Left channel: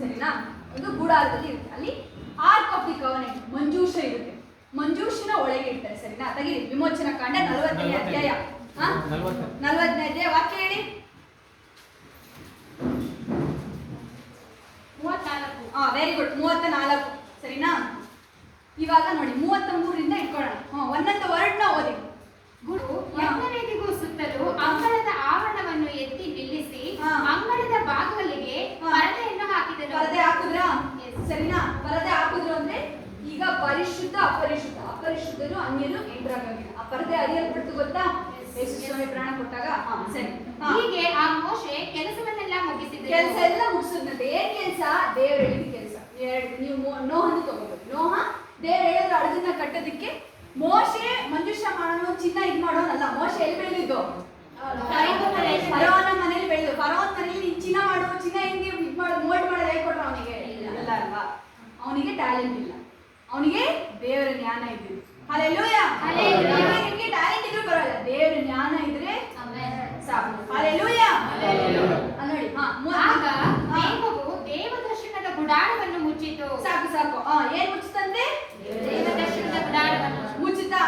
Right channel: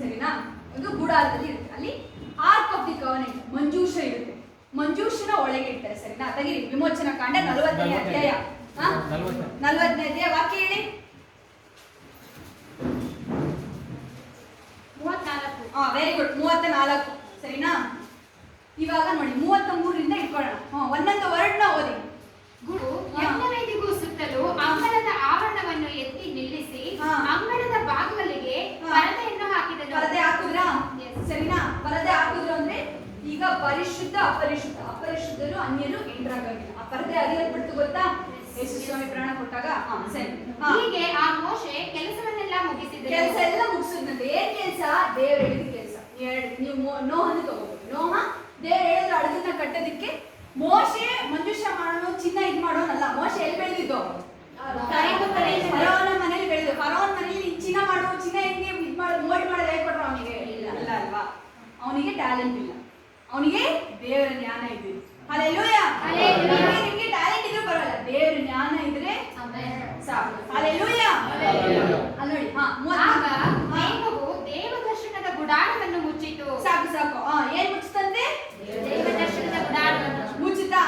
ಸರಿನಾ? ಒಂದು ಗುಡಾರದಲ್ಲಿ ಇರುತ್ತೆ. ಅಲ್ಲಿ ಆರ್ಕ್ ಆಫ್ ದಿ ಕವನೆಂಟ್ ಮಂಜೂಷ ಇರುತ್ತೆ. ಮಂಜೂಷನ ಒಳಗೆ ಇರ್ತಾರೆ. ಸರಿನಾ? ತೆಗೀರಿ ವಿಮೋಚನಾ ಕಾಂಡ 40ನೇ ಅಧ್ಯಾಯ. 40ನೇ ಅಧ್ಯಾಯ ವಾಕ್ಯ ಹೇಳಿ. 34. Very good. 34. ಸರಿನಾ? ಇವಾಗ ನೋಡಿ 33ರಿಂದ ಇಟ್ಕೊಳ್ಳೋಣ. ಒಂದೊಂದು ವರ್ಡ್ನ ಓದಿ. ಯಜ್ಞವೇದಿಗೂ ಸುತ್ತಲೂ ಅಂಗಳದ ಆವರಣವನ್ನು ಎತ್ತಿ ನಿಲ್ಲಿಸಿ ಅಂಗಳದ ಬಾಗಿಲಿಗೆ ಪರದೆಯನ್ನು ಹಾಕಿದರು. ಪರದೆ ಹಾಕಿದ್ರಾ? ಸರಿನಾ? ಪರದೆ ಹಾಕಿದ್ರು ಅಂದ್ರೆ ಈಗ ಪರಿಶುದ್ಧ ಅಪರಿಶುದ್ಧ, ಅಪರಿಶುದ್ಧರು ಅನ್ಯರು ಎಂಟ್ರಾಗಂಗಿಲ್ಲ. ಆ ಪರದೆ ಅರಿಯಲ್ಪಡ್ತು ಗೊತ್ತಾ? ಯೇಸು ಸ್ವಾಮಿ ಪ್ರಾಣ ಕೊಟ್ಟಾಗ. ಸರಿ. ಹೀಗೆ ಆ ಮೋಶೆ ಕೆಲಸವನ್ನೆಲ್ಲ ಮುಗಿಸಿದ್ರು. ಕೆಲಸ ಎಲ್ಲ ಮುಗಿಸಿದ್ನಂತೆ. ಏನ್ ಕೆಲಸ? ದೇವ್ರು ಹೇಳಿದ ಕೆಲಸ. ನೀವು ನೋಹನ್ನು ತಗೋಬಹುದು. ನೋಹ ದೇವ್ರು ಹೇಳಿದ್ರು ಹಡಗನ್ನ ಕಟ್ಟೋದಿಕ್ಕೆ. ಮೋಶೆ ಮಂಜೂಷ ಮಾಡೋನು, ಚಿನ್ನ ಇದ್ ಮಾಡೋನಲ್ಲ. ಮೋಶೆ ಎಲ್ಲಿ ಬೆಳೆದಿದ್ದು? ಫರೋನ ಮನೇಲಿ ಬೆಳೆದು. ಫರೋನ್ ಮನೇಲಿ ನೀನ್ ಚಿನ್ನ ಮಾಡು, ಚಿನ್ನ ಹೆಂಗೆ ಇದ್ ಮಾಡೋದು, ಮೋಲ್ಡ್ ಮಾಡೋದು ಹೇಳ್ಕೊಟ್ರು ಅವನಿಗೆ? ಅಲ್ಲ ಅಲ್ವಾ? ಅವನಿಗೆ ಟ್ಯಾಲೆಂಟ್ ಇಲ್ಲ, ಅವನಿಗೆ ದೇವರ ಜ್ಞಾನ ಇದ್ದಿದ್ದು. ಹಲ್ಲೆಲೂಯಾ. ನಿಮ್ಗೆ ಟ್ಯಾಲೆಂಟ್ ಇದ್ರೂ ಪರವಾಗಿಲ್ಲ, ದೇವರ ಜ್ಞಾನ ಇದ್ರೆ ಸಾಕು. ಹಲ್ಲೆಲೂಯಾ. ಅಲ್ಲಿ ನೋಡಿ. ಮೇಘವು ದೇವದರ್ಶನದ ಗುಡಾರವನ್ನು ಮುಚ್ಚಿತು. ಸಾಕು ಸಾಕು. ಏನ್ ಮುಚ್ಚುತ್ತಂತೆ? ದೇವದರ್ಶನದ ಗುಡಾರವನ್ನು ಮುಚ್ಚುತ್ತಾ?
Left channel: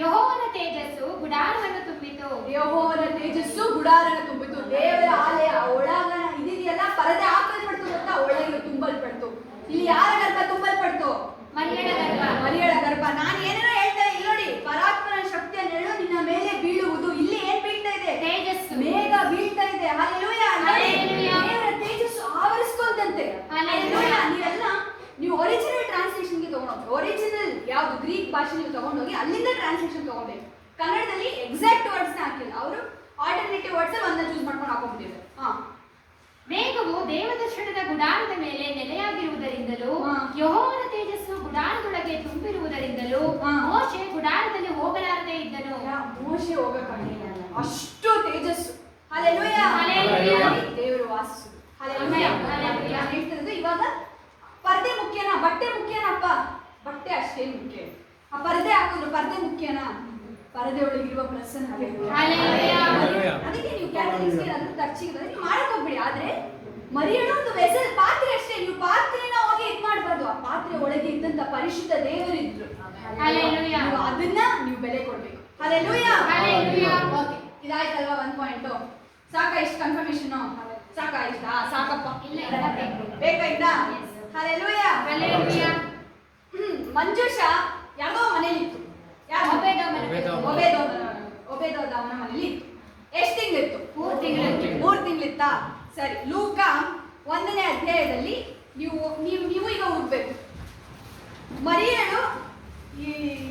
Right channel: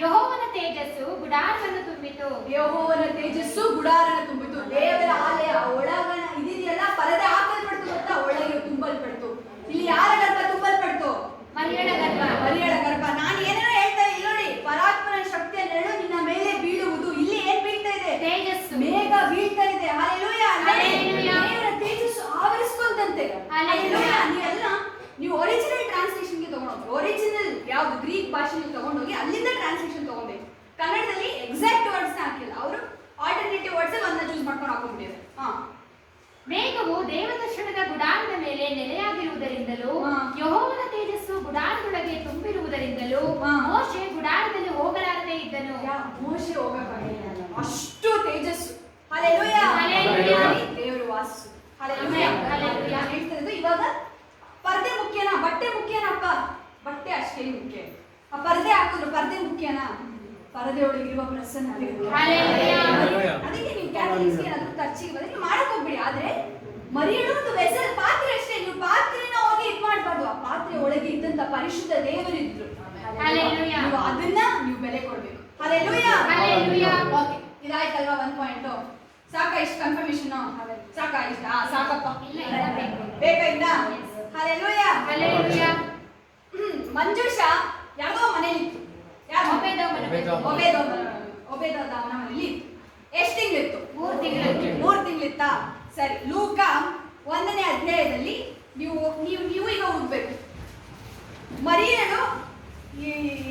ಯೆಹೋವನ ತೇಜಸ್ಸು ಗುಡಾರವನ್ನು ತುಂಬಿತು. ಯೆಹೋವನ ತೇಜಸ್ಸು ಗುಡಾರನ ತುಂಬಿತು. ದೇವರ ಆಲಯ ಒಳಗಣ ಇದೆಯಲ್ಲ, ಪರದೆ ಹಾಕಲ್ಪಡ್ತು ಗೊತ್ತಾ? ಒಳಗೆ ತುಂಬಲ್ಪಡ್ತು. ಇಲ್ಲಿ ಯಾರ ಗರ್ಭ ತುಂಬಲ್ಪಡ್ತು? ಮರಿಯಳ ಗರ್ಭ. ಮರಿಯಳ ಗರ್ಭ. ನಾನು ಏನೇನೋ ಹೇಳ್ತಾ ಇಲ್ಲ ನೋಡಿ. ಪರಾತ್ಮನ ಶಕ್ತಿಯ ನೆರಳು ನಿನ್ನ ಮೇಲೆ ಬೀಳುವುದು. ಇಲ್ಲಿ ಏನ್ ಬೀಳ್ತಾ ಇದೆ? ತೇಜಸ್ಸು. ಮೇಘ ಬೀಳ್ತಾ ಇದೆ. ಹಲ್ಲೆಲೂಯಾ. ದೇವರ ತೇಜಸ್ಸು ಆವರಿಸ್ಕೊಂತಂತೆ. ಹಲ್ಲೆಲೂಯಾ. ನೀವು ಒರಿಜಿನಲ್ ಟ್ರಾನ್ಸ್ಲೇಷನ್ಗೆ ತಗೊಂಡೋಗಿ, ಒರಿಜಿನಲ್ ಯಾವ್ದು ಗ್ರೀಕ್ ಭಾಷೆ ನೀವು ತಗೊಂಡೋಗಿ ಅಲ್ಲಿಂದ ಟ್ರಾನ್ಸ್ಲೇಷನ್ ತಗೋಬೇಕು. ಕನ್ನಡದಲ್ಲಿ ಎಕ್ಸಾಕ್ಟ್ ವರ್ಡ್ಸ್ ನ ಹಾಕಿಲ್ಲ ಅವರು, ಆಲ್ಟರ್ನೇಟಿವ್ ವರ್ಡ್ಸ್ ಒಂದನ್ನ ಚೂಸ್ ಮಾಡ್ಕೊಂಡು ಹಾಕೊಂಡ್ಬಿಟ್ಟಿದ್ದಾರೆ. ಮೇಘವು ದೇವದರ್ಶನದ ಗುಡಾರದ ಮೇಲೆ ನೆಲೆಯಾಗಿರುವುದರಿಂದಲೂ ಯೆಹೋವನ ತೇಜಸ್ಸು ಗುಡಾರದೊಳಗೆ ತುಂಬಿರುವುದರಿಂದಲೂ ಮೋಶೆ ಗುಡಾರದಲ್ಲಿ ಹೋಗಲಾರದೆ ಇದ್ದನು. ಮೋಶೆ ಹೋಗಕ್ಕಾಗಲಿಲ್ಲ, ಅಷ್ಟು ತೇಜಸ್ಸು. ಹಲ್ಲೆಲೂಯಾ. ದೇವರು ವಾಸಿಸು. ಹಲ್ಲೆಲೂಯಾ. ನಾನು ಹೇಳ್ತಾ ಇರೋದು ಇವಾಗ ಪರ್ದೆ ಮುಖ್ಯನಾ, ಬಟ್ಟೆ ಮುಖ್ಯನಪ್ಪ? ಬಟ್ಟೆ ಅಷ್ಟೇ ಮುಖ್ಯ. ಆ ಪರ್ದೆ ಹಾಕಿದ್ರು ಪರ್ದೆ ಮುಖ್ಯನಾ? ಪರದೆ ಒಳಗಿರುವ ಪ್ರಸನ್ನತೆ. ಅದಕ್ಕೆ ನೀವು ಕ್ಯಾಥಲಿಕ್ಸ್ಗೆ ಏನಾದ್ರೂ ಚರ್ಚಿಗೆ ಬಂದ್ರೆ ನೀವು ಮಾಡಕ್ ಹೋಗ್ಬಿಡಿ. ಆದ್ರೆ ಮರಿಯಳು ಒಂದು ವೆಸಲ್, ಪಾತ್ರೆ ಅಷ್ಟೇ. ನೀವು ಪಾತ್ರೆನ ಹೋಗಿ ಇದ್ ಮಾಡ್ಬಾರ್ದು. ಆ ಪಾತ್ರೆ ಒಳಗೆ ಇದ್ದಂತ ಪರಿಶುದ್ಧ ದೇವರಿದ್ರು. ನೀವು ಅದನ್ನ ನೀವು ಬೆಲೆ ಕೊಡ್ಬೇಕು. ಹಲ್ಲೆಲೂಯಾ. ಓಕೆ, ಇದಾಯ್ತಲ್ವಾ? 1 ಪಾಯಿಂಟ್ ಸಾಕಾ? ಇಷ್ಟು ಕನ್ಫರ್ಮೇಶನ್ ಸಾಕಾ? ಇಷ್ಟ ಸಾಕಪ್ಪ? ಬೇಕಾಯ್ತಾ? ಹಲ್ಲೆಲೂಯಾ. ಮಂಜೂಷ ಯಾರೋ ಮನೇಲಿ ಇತ್ತು. ಯಾರು? ಒಬೇದೋಮನ ಮನೇಲಿ ಇತ್ತು. ಎಷ್ಟು ತಿಂಗಳಿತ್ತು? 3 ತಿಂಗಳಿತ್ತಾ? ಸರಿ. ಲೂಕ 1ನೇ ಅಧ್ಯಾಯದಲ್ಲಿ ನೀವು ಈಗ ಹೋಗ್ಬೇಕು. ಮರಿಯಳು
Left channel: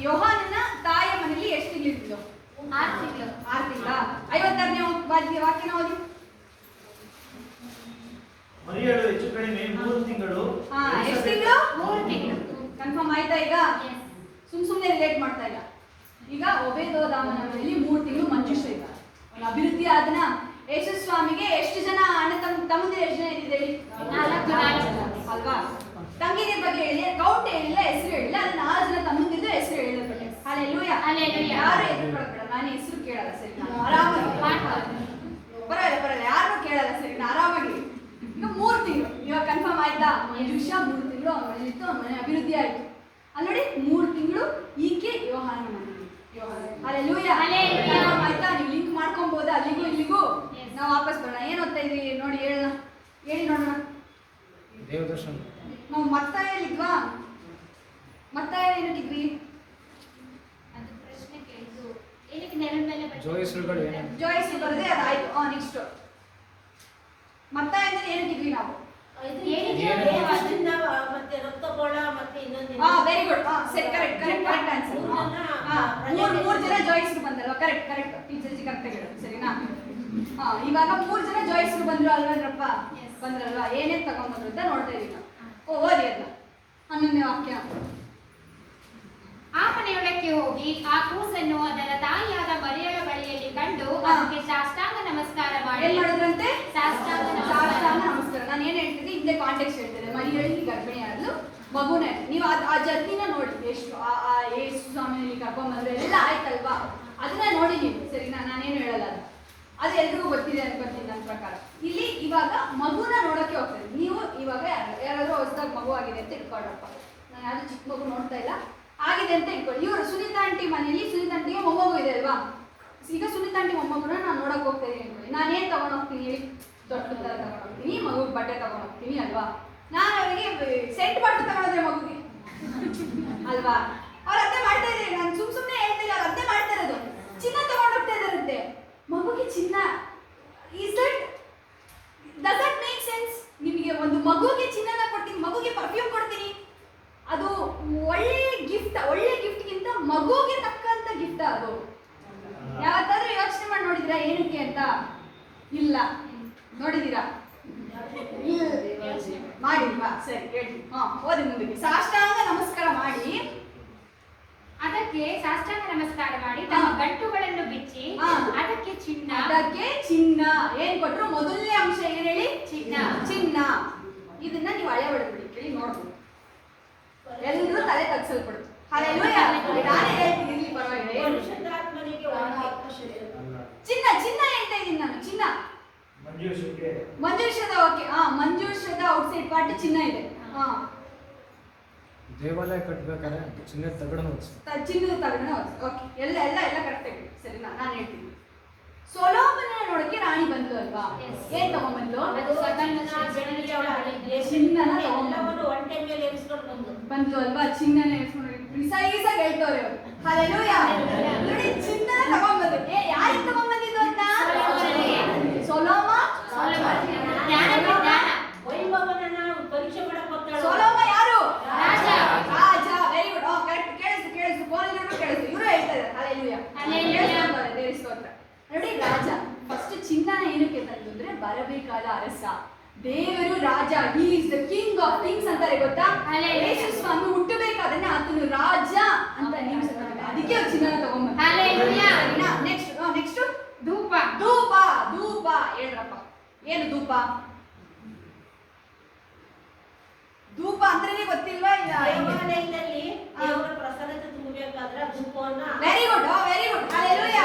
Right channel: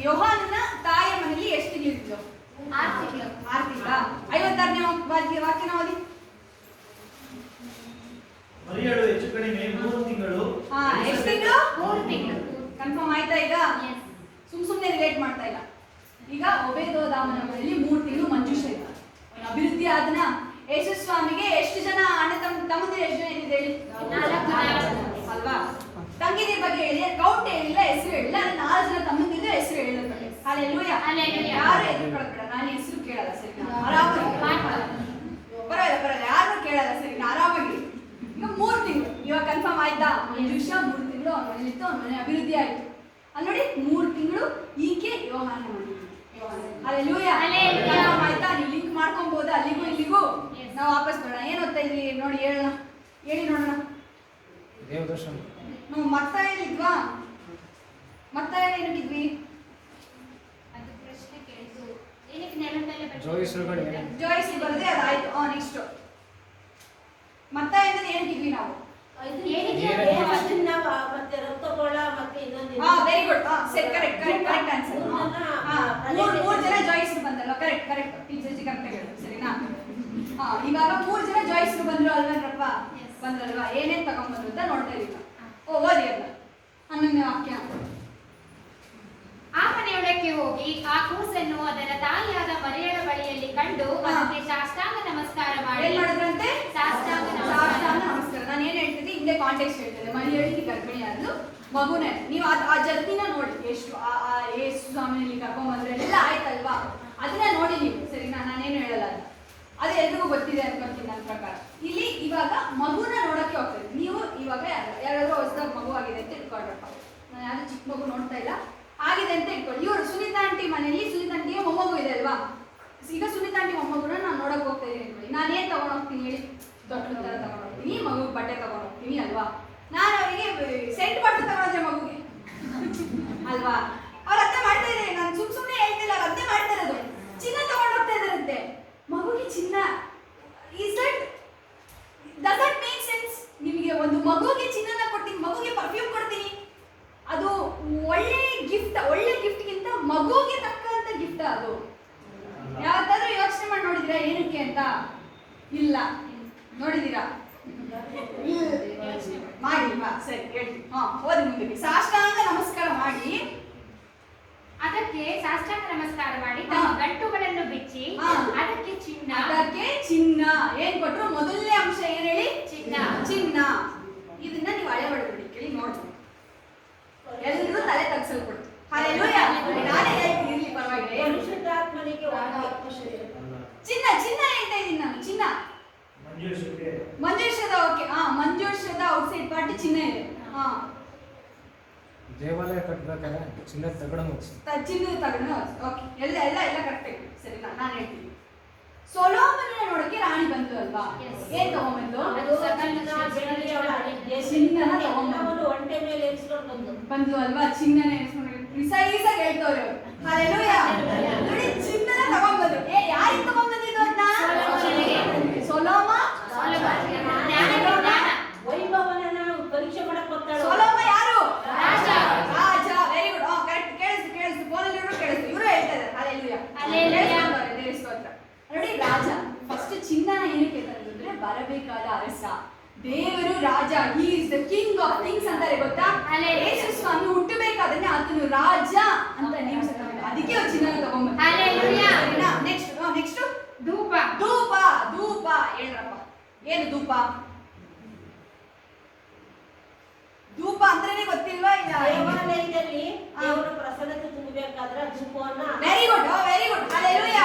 ಯೋಹಾನನ ತಾಯಿಯ ಮನೆಯಲ್ಲಿ ಎಷ್ಟು ತಿಂಗಳಿತ್ತು? 6 ತಿಂಗಳ. 56ನೇ ವಾಕ್ಯನ ಓದಿ. ಮರಿಯಳು ಹೆಚ್ಚು ಕಡಿಮೆ 3 ತಿಂಗಳು. ಎಷ್ಟು ತಿಂಗಳು? 3 ತಿಂಗಳು. ಕನ್ಫರ್ಮ್ ಆಯ್ತಾ? ಈಗ ಸುಮ್ಮನೆ ರಿಲೇಟ್ ಮಾಡ್ತಾ ಇಲ್ಲ. ಈಗ ಒಬೇದೋದಾಮನ ಮನೆಯಲ್ಲಿ 3 ತಿಂಗಳು ಮಂಜೂಷ ಇದ್ದ. ಅಭಿವೃದ್ಧಿ ಆದನ. ಯೇಸು ಸ್ವಾಮಿಗೆ ಎಷ್ಟು ಜನ ಅಣ್ಣ ತಮ್ಮಂದಿರು? ಎಷ್ಟು ಜನ ಇದ್ದಿದೆ ಹೇಳಿ? 4 ಅಲ್ವಾ? ತಂಗಿದಿರ ಬಗ್ಗೆ ಹೇಳಿದೆ, ಕೌಂಟ್ ಹೇಳಿಲ್ಲ, ಹೆಸರು ಹೇಳಿಲ್ಲ. ಅದು 4 ಜನ ತಮ್ಮಂದಿರದು ಹೆಸರು ಹೇಳಿದ್ರೆ. ಹಲ್ಲೆಲೂಯಾ. ಯಾರು ಎದುರುಕೊಳ್ಬೇಡ, ನಾನು ಹೆಸರು ಕೇಳಲ್ಲ. ಸರಿ, ನಾನು ಆರಾಮಾಗಿ ಪರವಾಗಿಲ್ಲ, ಯಾರನ್ನೂ ಕೇಳಲ್ಲ. ಸರಿ, ನಾನು ಆರಾಮಾಗಿ. ಈಗ 3 ತಿಂಗಳು ಇವಾಗ ಕನ್ಫರ್ಮ್ ಆಯ್ತಾ? ಮಂಜೂಷ 3 ತಿಂಗಳು ಅವ್ನ ಮನೇಲಿತ್ತು, ಅವ್ನ ಮನೆ ಅಭಿವೃದ್ಧಿ ಆಯ್ತು. ಅಲ್ಲಿ ನೋಡಿ 3 ತಿಂಗಳು ಈಕೆ ಯೋಹಾನ ಮನೆ. ಹಲ್ಲೆಲೂಯಾ. ಕನ್ಫರ್ಮ್ ಆಯ್ತಾ? ನೀವು ಲಿಂಕ್ ಮಾಡ್ಕೊಬೋದಾ ಅಲ್ಲಿಗೂ ಇಲ್ಲಿಗೂ? ನಾವು ವಾಪಸ್ ಬರೋಣ. ಏನು ಓದ್ತಾ ಇದ್ವಿ ನೋಡಿ, ಹೇಳೋಣ, ಹೇಳಿ ನೋಡೋಣ. ನಾವು ಮತ್ತಾಯಲ್ಲಿದ್ವಾ? ಮತ್ತಾಯ ಏನಕ್ಕಿದ್ವಿ? ಜೋಯಿಸ್ರು ಬರದೆ ಅದಾಯ್ತು. ನೆಕ್ಸ್ಟ್ ಮತ್ತಾಯ ಅಂದ್ರೆ ಏನಕ್ಕಿದ್ವಿ ನಾವು? Very good. ಸರಿ, ಕರೆಕ್ಟ್ ಆನ್ಸರ್. 3 ಜನ ಜಾಯ್ಸ್ರು ಬಂದಲ್ವಾ? ಕರೆಕ್ಟ್ ಟೀಚರ್ಜಿ ಕರೆಕ್ಟ್ ಹೇಳಿ. ಸರಿನಾ? ಇವಾಗ 3 ಜನ ಜಾಯ್ಸ್ರು ಬಂದ್ರು ಅಲ್ವೇನ್ರಪ್ಪ? ಬಂದ್ರಲ್ವಾ? ಏನೇನ್ ತಗೊಂಡ್ಬಂದ್ರು ಅಂತ ನೋಡ್ತಾ ಇದೀವಿ. ಓದಿ ಅಲ್ಲ 11ನೇ ವಾಕ್ಯ. ಆ ಮನೆಯೊಳಕ್ಕೆ ಹೋಗಿ ಆ ಕೂಸನ್ನು ಅದರ ತಾಯಿಯಾದ ಮರಿಯಳ ಬಳಿಯಲ್ಲಿ ಕಂಡು ಅದಕ್ಕೆ ಸಾಷ್ಟಾಂಗ ನಮಸ್ಕಾರ ಮಾಡಿ. ಏನ್ ಮಾಡಿದ್ರಂತೆ? ಸಾಷ್ಟಾಂಗ ನಮಸ್ಕಾರ. ನಾನು ಏನ್ ಹೇಳ್ತಿದ್ದೆ ಹಿಂದೆ ಕಾಂಟೆಕ್ಸ್ಟ್ ಹೇಳ್ತಿದ್ದೆ. ಮರಿಯಳಿಗೆ ಗರ್ಭಿಣಿ ಆದ್ಲು, ಮಗುನೇ. ನೀವು ಆ ಜರ್ನಿನ ನೋಡಿ, ಎಷ್ಟು ಯೇಸು ಸ್ವಾಮಿನಲ್ಲಿ ಕರ್ಕೊಂಡ್ಬಂದ್ರೆ ಎಲ್ಲ ಆಯ್ತಲ್ವಾ? ಅದನ್ನ ನೋಡಿ ನೀವು. ಸರಿ, ನಾನೇನು ಹೇಳಲ್ಲ. ಅದು ಎಲ್ರಿಗೂ ಗೊತ್ತಿದೆ ಅನ್ಕೊಳ್ತೀನಿ ನನ್ನ ಪ್ರಕಾರ. ಇಲ್ಲಿ ಇವಾಗ ಮಗುನ ನೋಡಕ್ಕೆ ಹೋಗ್ತದೆ. ನೀವು ಇವಾಗ ಮಗು ಆಗಿದೆ ಅಂತ ಇಟ್ಕೊಳ್ರಪ್ಪ. ನಾನು ಯಾವ್ದು ಚಿಕ್ಕ ಮಗು ನೋಡ್ತಾ ಇಲ್ಲ, ಆಗಿದೆ ಅಂತ ಇಟ್ಕೊಳ್ಳಿ. ಇವರು ಸುನೀತಾ ಆಂಟಿ ಮನೆಯಲ್ಲಿ ಸುನೀತಾ ಆಂಟಿಗೆ ಮೊಮ್ಮಗು ಇದೆ ಅಲ್ವಾ? ಈಗ ಸುನೀತಾ ಆಂಟಿ ಮೊಮ್ಮಗುನ ನಾನು ನೋಡಕ್ ಹೋಗ್ತಾ ಇದ್ದೀನಿ ಅನ್ಕೊಳ್ಳಿ. ನಾನು ಏನು ತಗೊಂಡು ಹೋಗ್ತೀನಿ ಹೇಳಿ? ದೊಡ್ಡ ಥರ ತಗೊಂಡು ಹೋಗ್ತೀನಿ, ಮಗು ಬಟ್ಟೆ ತಗೊಂಡು ಹೋಗ್ತೀನಿ ಅಲ್ವಾ? ನಾನು ಅವರಿಗೆ ಸೆಂಟ್ ಬಟ್ಟೆ ತಗೊಂಡ್ರೆ ಮಗುಗೆ ಅಲ್ವಾ? ಅವ್ರು ಅದೇ ಮಾಡ್ತಾ ಇದ್ದಾರೆ. ನಾನು ಸುಮ್ಮನೆ ಹೇಳ್ತಿಲ್ಲ, ಅವ್ರು ಅದೇ ಮಾಡ್ತಾ ಇರೋದು. ಚಿನ್ನ ತಗೊಂಡು ಹೋಗ್ತಾ ಇದ್ದಾರಂತೆ ಮಗುಗೆ. ಚಿನ್ನ ಡಸ್ ದಟ್ ಮೇಕ್ ಸೆನ್ಸ್? ನಿಮಗೆ ಒಂದು ಮಗುಗೆ ಚಿನ್ನನ ಕೊಡ್ತೀನಿ, ಮಗುಗೆ ಪರ್ಫ್ಯೂಮ್ ಕೊಡ್ತೀನಿ, ಅದು ಒಳ್ಳೆ ಗಿಫ್ಟ್ಗಿಂತ ಮಗುಗೆ ತಕ್ಕಂತ ಗಿಫ್ಟ್ ಅದು. ಯಾವತ್ತಾದ್ರೂ ಯೋಚನೆ ಮಾಡಿ ನೋಡಿದಿರಾ ಏನಕ್ಕೆ ಅಂತ? ಇಲ್ಲ. ನೋಡಿದೀರಾ? ಮಾಡಿಲ್ವಾ? ಸರಿ ಹೇಳ್ತೀನಿ. ಓದಿ ಮುಂದಕ್ಕೆ. ಸಾಷ್ಟಾಂಗ ನಮಸ್ಕಾರ ಮಾಡಿ, ಅದಕ್ಕೆ ಸಾಷ್ಟಾಂಗ ನಮಸ್ಕಾರ ಮಾಡಿ ತಮ್ಮ ಗಂಟುಗಳನ್ನು ಬಿಚ್ಚಿ ಅದಕ್ಕೆ ಚಿನ್ನ ಏನ್ ಕೊಟ್ರು? ಮೊದಲನೇ ಅಂಶ ಏನ್ ಹೇಳಿ? ಚಿನ್ನ. ಇದನ್ನ ನೀವು ಹಳೆ ಹೊಡೆದ್ಬಿಡಿ, ಕೇಳಿ ನೋಡ್ಬೋದು. ಎಲ್ಲರೂ ತಲೆ ತಗ್ಸಲ್ಪಡ್ತು. ಹಲ್ಲೆಲೂಯಾ. ನಾನೇ ಹೇಳ್ತೀನಿ, ಇರ್ಲಿ ಪರವಾಗಿಲ್ಲ. ಚಿನ್ನ ಹೇಳ್ತಾ ಇದ್ದೀನಿ ನಾನು. ಚಿನ್ನ ಮಂಜೂಷದ. ಓಕೆ, ಮಂಜೂಷದ ಔಟ್ಸೈಡ್ ಪಾರ್ಟ್ ಚಿನ್ನ ಇದೆ. ದೇವಾಲಯ ಕಟ್ಟಬೇಕಾದ್ರೆ ಚಿನ್ನದ ತಗಡನ್ನು ಚಿನ್ನದ ತಗಡನ್ನು. ಓಕೆ, ಎಲ್ಲ ಕರೆಕ್ಟ್ ಆಗಿ ಸರಿನಾ? ನಾನು ಹೇಳ್ತೀನಿ. ಸೊಲೊಮೋನನ ನೋಡಕ್ಕೆ ರಾಣಿ ಬಂದ್ಲು ಅಲ್ವಾ? ಏನ್ ತಗೊಂಡ್ಬಂದ್ಲು? ಚಿನ್ನನ ತಗೊಂಡ್ಬಂದ್ಲು ಅಲ್ವಾ? ಚಿನ್ನನ ಪ್ರಿಸೈಸ್ ಆಗಿ ಹೇಳ್ತವ್ರೆ ಅವರು. ಹಲ್ಲೆಲೂಯಾ. ನೋಡಿ, ಚಿನ್ನನ ತಗೊಂಡ್ಬಂದ್ರು. ಯಾರಿಗೆ ತಗೊಂಡ್ಬಂದಿದ್ದು ಅಂತ? ಸೊಲೊಮ ಯಾರು? ರಾಜ. Very good. ಕರೆಕ್ಟ್. ಕೇಳಿಸ್ತು ಫೋನಲ್ಲಿ ಕೇಳಿಸ್ತು. ಇವರು ಹೇಳ್ತಾ ಇದ್ದಾರೆ. ಹಲ್ಲೆಲೂಯಾ. ದೇವರ ಸ್ತೋತ್ರ. ನೋಡಿ, ರಾಜ ಫಸ್ಟ್ ಚಿನ್ನನ ಏನಕ್ಕೆ ತಂದ್ರು ಅಂದ್ರೆ ಬರಬೇಕಾದ ಅರಸ, ದೇವರು ರಾಜ. He is the king of kings ಅಂತಾರೆ ಗೊತ್ತಾ? ಯೇಸು ಸ್ವಾಮಿ ಹುಟ್ಟಬೇಕಾದ್ರೆ ಆತನು ರಾಜ ಅಂತ ನೇಮಿಸಿದ್ದಾರೆ. ಅದಕ್ಕೆ ಅವ್ರು ಚಿನ್ನನ ತಗೊಂಡ್ಬಂದ್ರು. ನೆಕ್ಸ್ಟ್ ಧೂಪ ಹೇಳ್ರಪ್ಪ. ಏನು ಧೂಪ? ಧೂಪ ಅಂದ್ರೇನೆ ಗೊತ್ತಿಲ್ವಾ? Very good. ಹಲ್ಲೆಲೂಯಾ.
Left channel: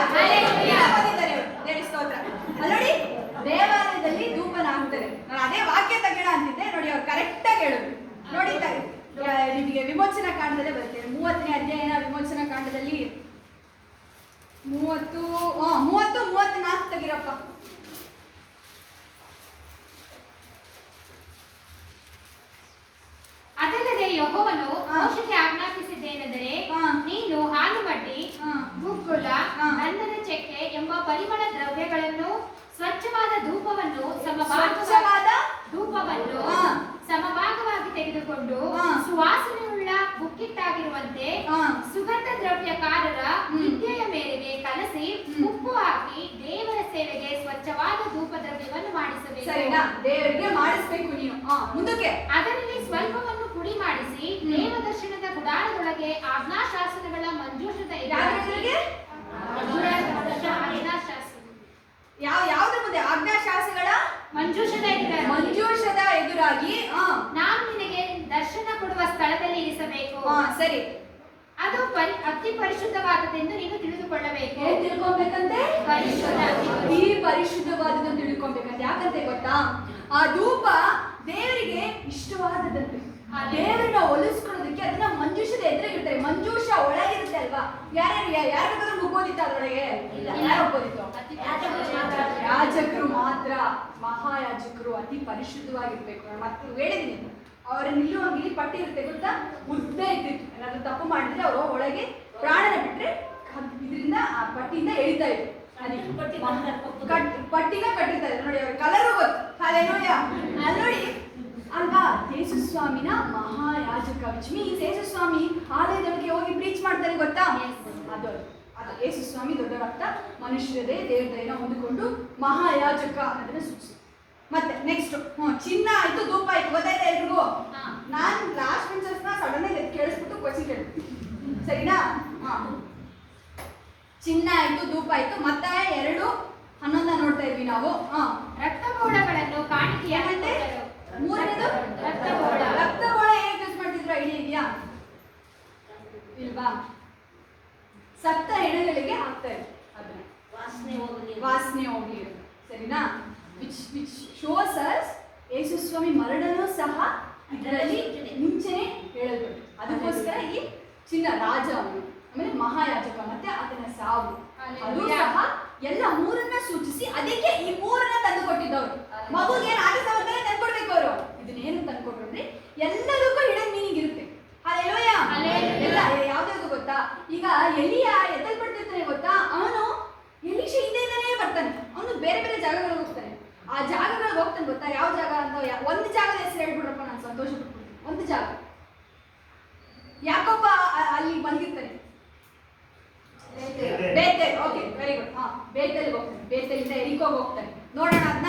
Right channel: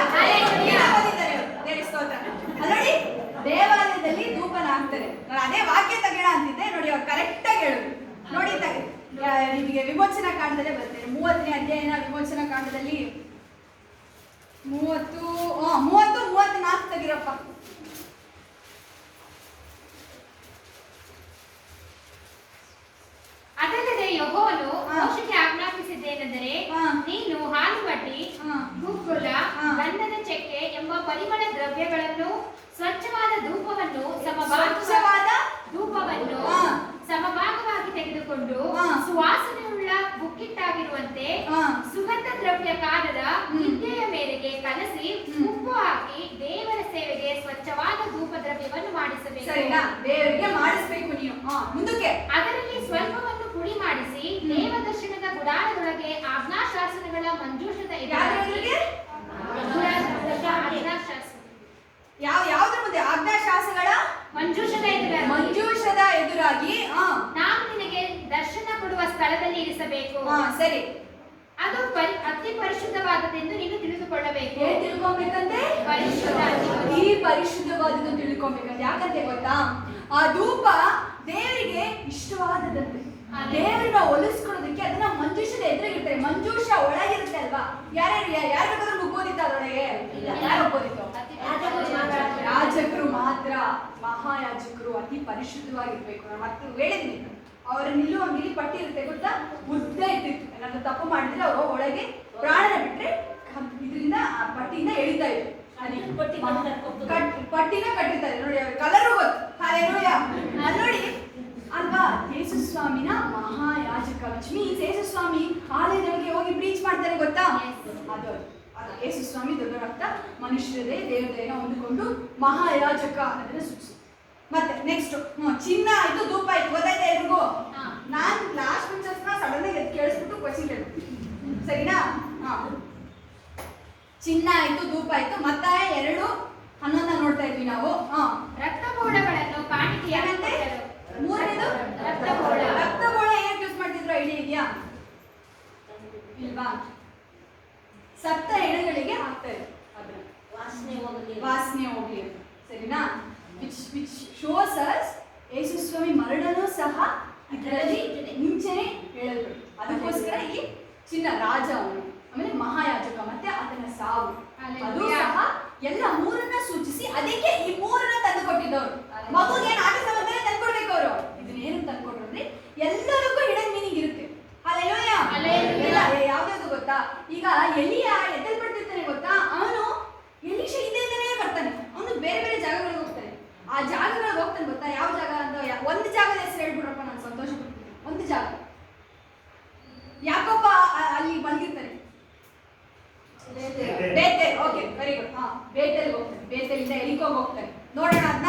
ಓದಿದ್ದಾರೆ ಅವರು. ದೇವರ ಸ್ತೋತ್ರ. ನೋಡಿ, ದೇವಾಲಯದಲ್ಲಿ ಧೂಪನ ಹಾಕ್ತಾರೆ. ನಾನು ಅದೇ ವಾಕ್ಯ ತೆಗೆಣ ಅಂತಿದ್ದೆ. ನೋಡಿ, ಅವ್ರು ಕರೆಕ್ಟ್ ಆಗಿ ಹೇಳಿದ್ರು. ನೋಡಿ, ನಿಮಗೆ ವಿಮೋಚನಾ ಕಾಂಡದಲ್ಲೇ ಬರ್ತೇನೆ. 30ನೇ ಅಧ್ಯಾಯನ ವಿಮೋಚನಾ ಕಾಂಡದಲ್ಲಿ 34 ತೆಗಿರಪ್ಪ. ಅದಲ್ಲದೆ ಯೆಹೋವನು ಮೋಶೆಗೆ ಆಜ್ಞಾಪಿಸಿದ್ದೇನೆಂದರೆ, ನೀನು ಹಾಲುಬಡ್ಡಿ, ಗುಗ್ಗುಲ, ಗಂಧದ ಚೆಕ್ಕೆ ಎಂಬ ಪರಿಮಳ ದ್ರವ್ಯಗಳನ್ನು, ಸ್ವಚ್ಛವಾದ ಧೂಪವನ್ನು ಸಮಭಾಗವಾಗಿ ತೆಗೆದುಕೊಂಡು ಸುವಾಸನೆಯುಳ್ಳ ಬುಕ್ಕಿಟ್ಟಾಗಿರುವಂತೆ ಸುಗಂಧ ದ್ರವ್ಯಕಾರರ ವಿದ್ಯೆಯ ಮೇರೆಗೆ ಕಲಸಿ ಉಪ್ಪು ಹಾಕಿ ದೇವರ ಸೇವೆಗೆ ಸ್ವಚ್ಛವಾದ ಧೂಪ ದ್ರವ್ಯವನ್ನು ಮಾಡಿಸಬೇಕು. ಸರಿನಾ? ದೇವರಿಗೆ ಮಾಡಿಸಬೇಕು ನೀವು. ಮುಂದಕ್ಕೆ ಅದರಲ್ಲಿ ಸ್ವಲ್ಪವನ್ನು ಪುಡಿ ಮಾಡಿಸಿ ದೇವದರ್ಶನದ ಗುಡಾರದೊಳಗೆ ಆಜ್ಞಾಶಾಸನಗಳ ಮಂಜೂಷದ ಯಾವ್ದ್ರ ಮುಂದೆ? ಆಜ್ಞಾಶಾಸನಗಳ ಮಂಜೂಷದ ಎದುರಾಗಿ ನಾನು ನಿನಗೆ ದರ್ಶನ ಕೊಡುವ ಸ್ಥಳದಲ್ಲಿ ಇರಿಸಬೇಕು. ಸರಿ. ಅದು ಅತಿ ಪರಿಶುದ್ಧವಾದದೆಂದು ನೀನು ತಿಳಿದುಕೊಳ್ಳಬೇಕು. ಏನ್ ತಿಳ್ಕೊಬೇಕಂತೆ? ಈ ಪರಿಶುದ್ಧವಾದದ್ದು ತಿಳ್ಕೊಬೇಕಂತೆ. ಯಾಕಂತೆ ಗೊತ್ತಾ? ಆ ಧೂಪ ದೇವರಿಗೆ ಇಷ್ಟವಾದದಂತೆ. ದೇವರನ್ನ ಒಲಿಸ್ಕೊಳ್ಳೋದಕ್ಕೆ ಅದನ್ನ ಮಂಜೂಷದ ಎದುರಿಗಿರ್ತಾರೆ. ಮಂಜೂಷ ಒಳಗಿರುತ್ತೆ ಅಲ್ವಾ? ಯಾರು ಬೇಕಾದ್ರೂ ಮುಗ್ಗೋದಿತ್ತ ಅದರೊಳಗೆ? ಯಾರು ಒಪ್ಪೋದಿತ್ತು? ಯಾಜಕರು ಮಾತ್ರ. ಮಹಾಯಾಜಕರು ಅತಿ ಪರಿಶುದ್ಧವಾಗಿರ್ಬೇಕು. ನಾನು ಮತ್ತೆ ಹೇಳಿದೀನಿ, ಅವರ ನಿಲ್ಲುವಂಗಿಲಿ ಪಟ್ಟಿ ಇರುತ್ತೆ ಗೊತ್ತಾ? ಉದ್ದ ಇರ್ತಿತ್ತು. ಏನಾದ್ರು ತಪ್ಪು ಮಾಡಿದ್ರೆ ಅವರು ಒಳಗೆ ಪ್ರಾಣನ ಬಿಟ್ರೆ ಇದರಿಂದ ಆ ಪಟ್ಟಿಯಿಂದ ಎಳಿತಾ ಇದ್ರು. ಪಟ್ಟಿನ ಕಟ್ಟಿರ್ತಾರೆ. ನೋಡಿ, ಅವ್ರ ಕಲರು ಗೊತ್ತು. ಹಲ್ಲೆಲೂಯಾ. ಅಲ್ಲಿ ನೋಡಿ ಅಲ್ವಾ? ಯೇಸು ಸ್ವಾಮಿನ ಮಹಾಯಾಜಕ, ವಿಚ್ ಮೀನ್ಸ್ ಯೇಸು ಸ್ವಾಮಿ ಆಲಯದೊಳಗೆ ಹೋಗಿ ಪ್ರೀಚ್ ಮಾಡ್ತಾರೆ ಗೊತ್ತಾ? ಅದು ಯೇಸು ಸ್ವಾಮಿ ದೊಡ್ಡವರಾಗ್ತಾ ಮನುಷ್ಯರದೇ ದೇವತೆಯನ್ನು ಹೊಂದಿಕೊಂಡು ಮಹಾಯಾಜಕ ಅನ್ನೋದನ್ನ ಸೂಚಿಸಿ. ಮತ್ತೆ ನೆಕ್ಸ್ಟ್ ಚಿನ್ನ ಆಯ್ತು, ಧೂಪ ಆಯ್ತು. ಗೊತ್ತಾಯ್ತಾ ಎಲ್ರಿಗೂ? ನಾನು ಲಾಸ್ಟ್ ಬೆಂಚರ್ಸ್ನ ಸಡನ್ ಆಗಿ ಕೇಳಿಸ್ಬಿಟ್ಟು ಕ್ವಶನ್ ಕೇಳ್ತೀನಿ, ಸರಿನಾ? ಚಿನ್ನ ಆಯ್ತು, ಧೂಪ ಆಯ್ತು. ಮತ್ತಾಯ 2:11 ನೋಡ್ತಾ ಇದ್ವಿ ನಾವು. ರಕ್ತಬೋಳಗಳನ್ನು ಕಾಣಿಕೆ ಏನಂತೆ? ಮೂರನೇದು ರಕ್ತಬೋಳ. ಹೇಗೆ ಯೂಸ್ ಮಾಡ್ತಿದ್ರು ಐಡಿಯಾ ಇದೆಯಾ? ಇಲ್ವಾ? ಸತ್ತ ಹೆಣಗಳಿಗೆ ಹಾಕ್ತಾರೆ ಅದನ್ನ, ವಾಸನೆ ಹೋಗ್ಲಿ ಅಂತ. ಸರಿನಾ? ವಿಚ್ ಶೋಸ್ ಅಸ್ ಯೇಸು ಸ್ವಾಮಿ ಮರಣನೂ ಸಹ ಇದರಲ್ಲಿ ಅದಕ್ಕೋಸ್ಕರ ಈ ಚಿನ್ನ ರಾಜ ಅವನು, ಆಮೇಲೆ ಮಹಾಯಾಜಕ, ಮತ್ತೆ ಆತನ ಸಾವು, ಅದು ಸಹ ಎಲ್ಲ ಮೂರನ್ನ ಸೂಚಿಸಿ ಅದಕ್ಕೆ ಈ ಮೂರನ್ನ ತಂದು ಕೊಟ್ಟಿದ್ದವರು. ಮಗುಗೆ ಏನು ಆಟ ಸಮಯದಲ್ಲಿ ತಂದ್ಕೊಡ್ಬೇಕು ಅವರು. ಇದನ್ನೇನು ತಂದ್ಕೊಟ್ರು ಅಂದ್ರೆ ಎಲ್ಲದಕ್ಕೂ ಹಿಡನ್ ಮೀನಿಂಗ್ ಇರುತ್ತೆ. ಹಲ್ಲೆಲೂಯಾ. ಎಲ್ಲ ಯಾವ್ದಾದ್ರು ಗೊತ್ತಾ, ಈಗ ಎಲಿಯ ಎದ್ದಲ್ಪಡ್ತಿರ್ತಾನೆ ಗೊತ್ತಾ, ಅವನು ಎಲೀಷ ಹಿಂದೆಯಿಂದನೇ ಬರ್ತಾನೆ, ಅವನು ಬೇರೆ ಬೇರೆ ಜಾಗಗಳಿಗೆ ಹೋಗ್ತಾನೆ. ಆ ಜಾಗಗಳಿಗೆ ಹೋಗ್ತಾನೆ ಗೊತ್ತಾ, ಯಾವ ಜಾಗ ಅಂತ ಒಂದು ಜಾಗದ ಹೆಸರು ಹೇಳ್ಬಿಡ್ರಪ್ಪ, ನಾನು ಸಂತೋಷ ಪಡ್ತೀನಿ. ಒಂದು ಜಾಗ ಯಾಕೊಬ್ಬ ಅಲ್ಲಿ ಮಲಗಿರ್ತಾನೆ, ಬೇತೇಲ್. Okay, very good. ಹಾ, ಬೇತೇಲ್ಗೆ ಹೋಗ್ತಾನೆ. ಬೇತೇಲಿಂದ ಎರಿಕೋಗೆ ಹೋಗ್ತಾನೆ. ನೋಡೋಣ ಅದನ್ನ,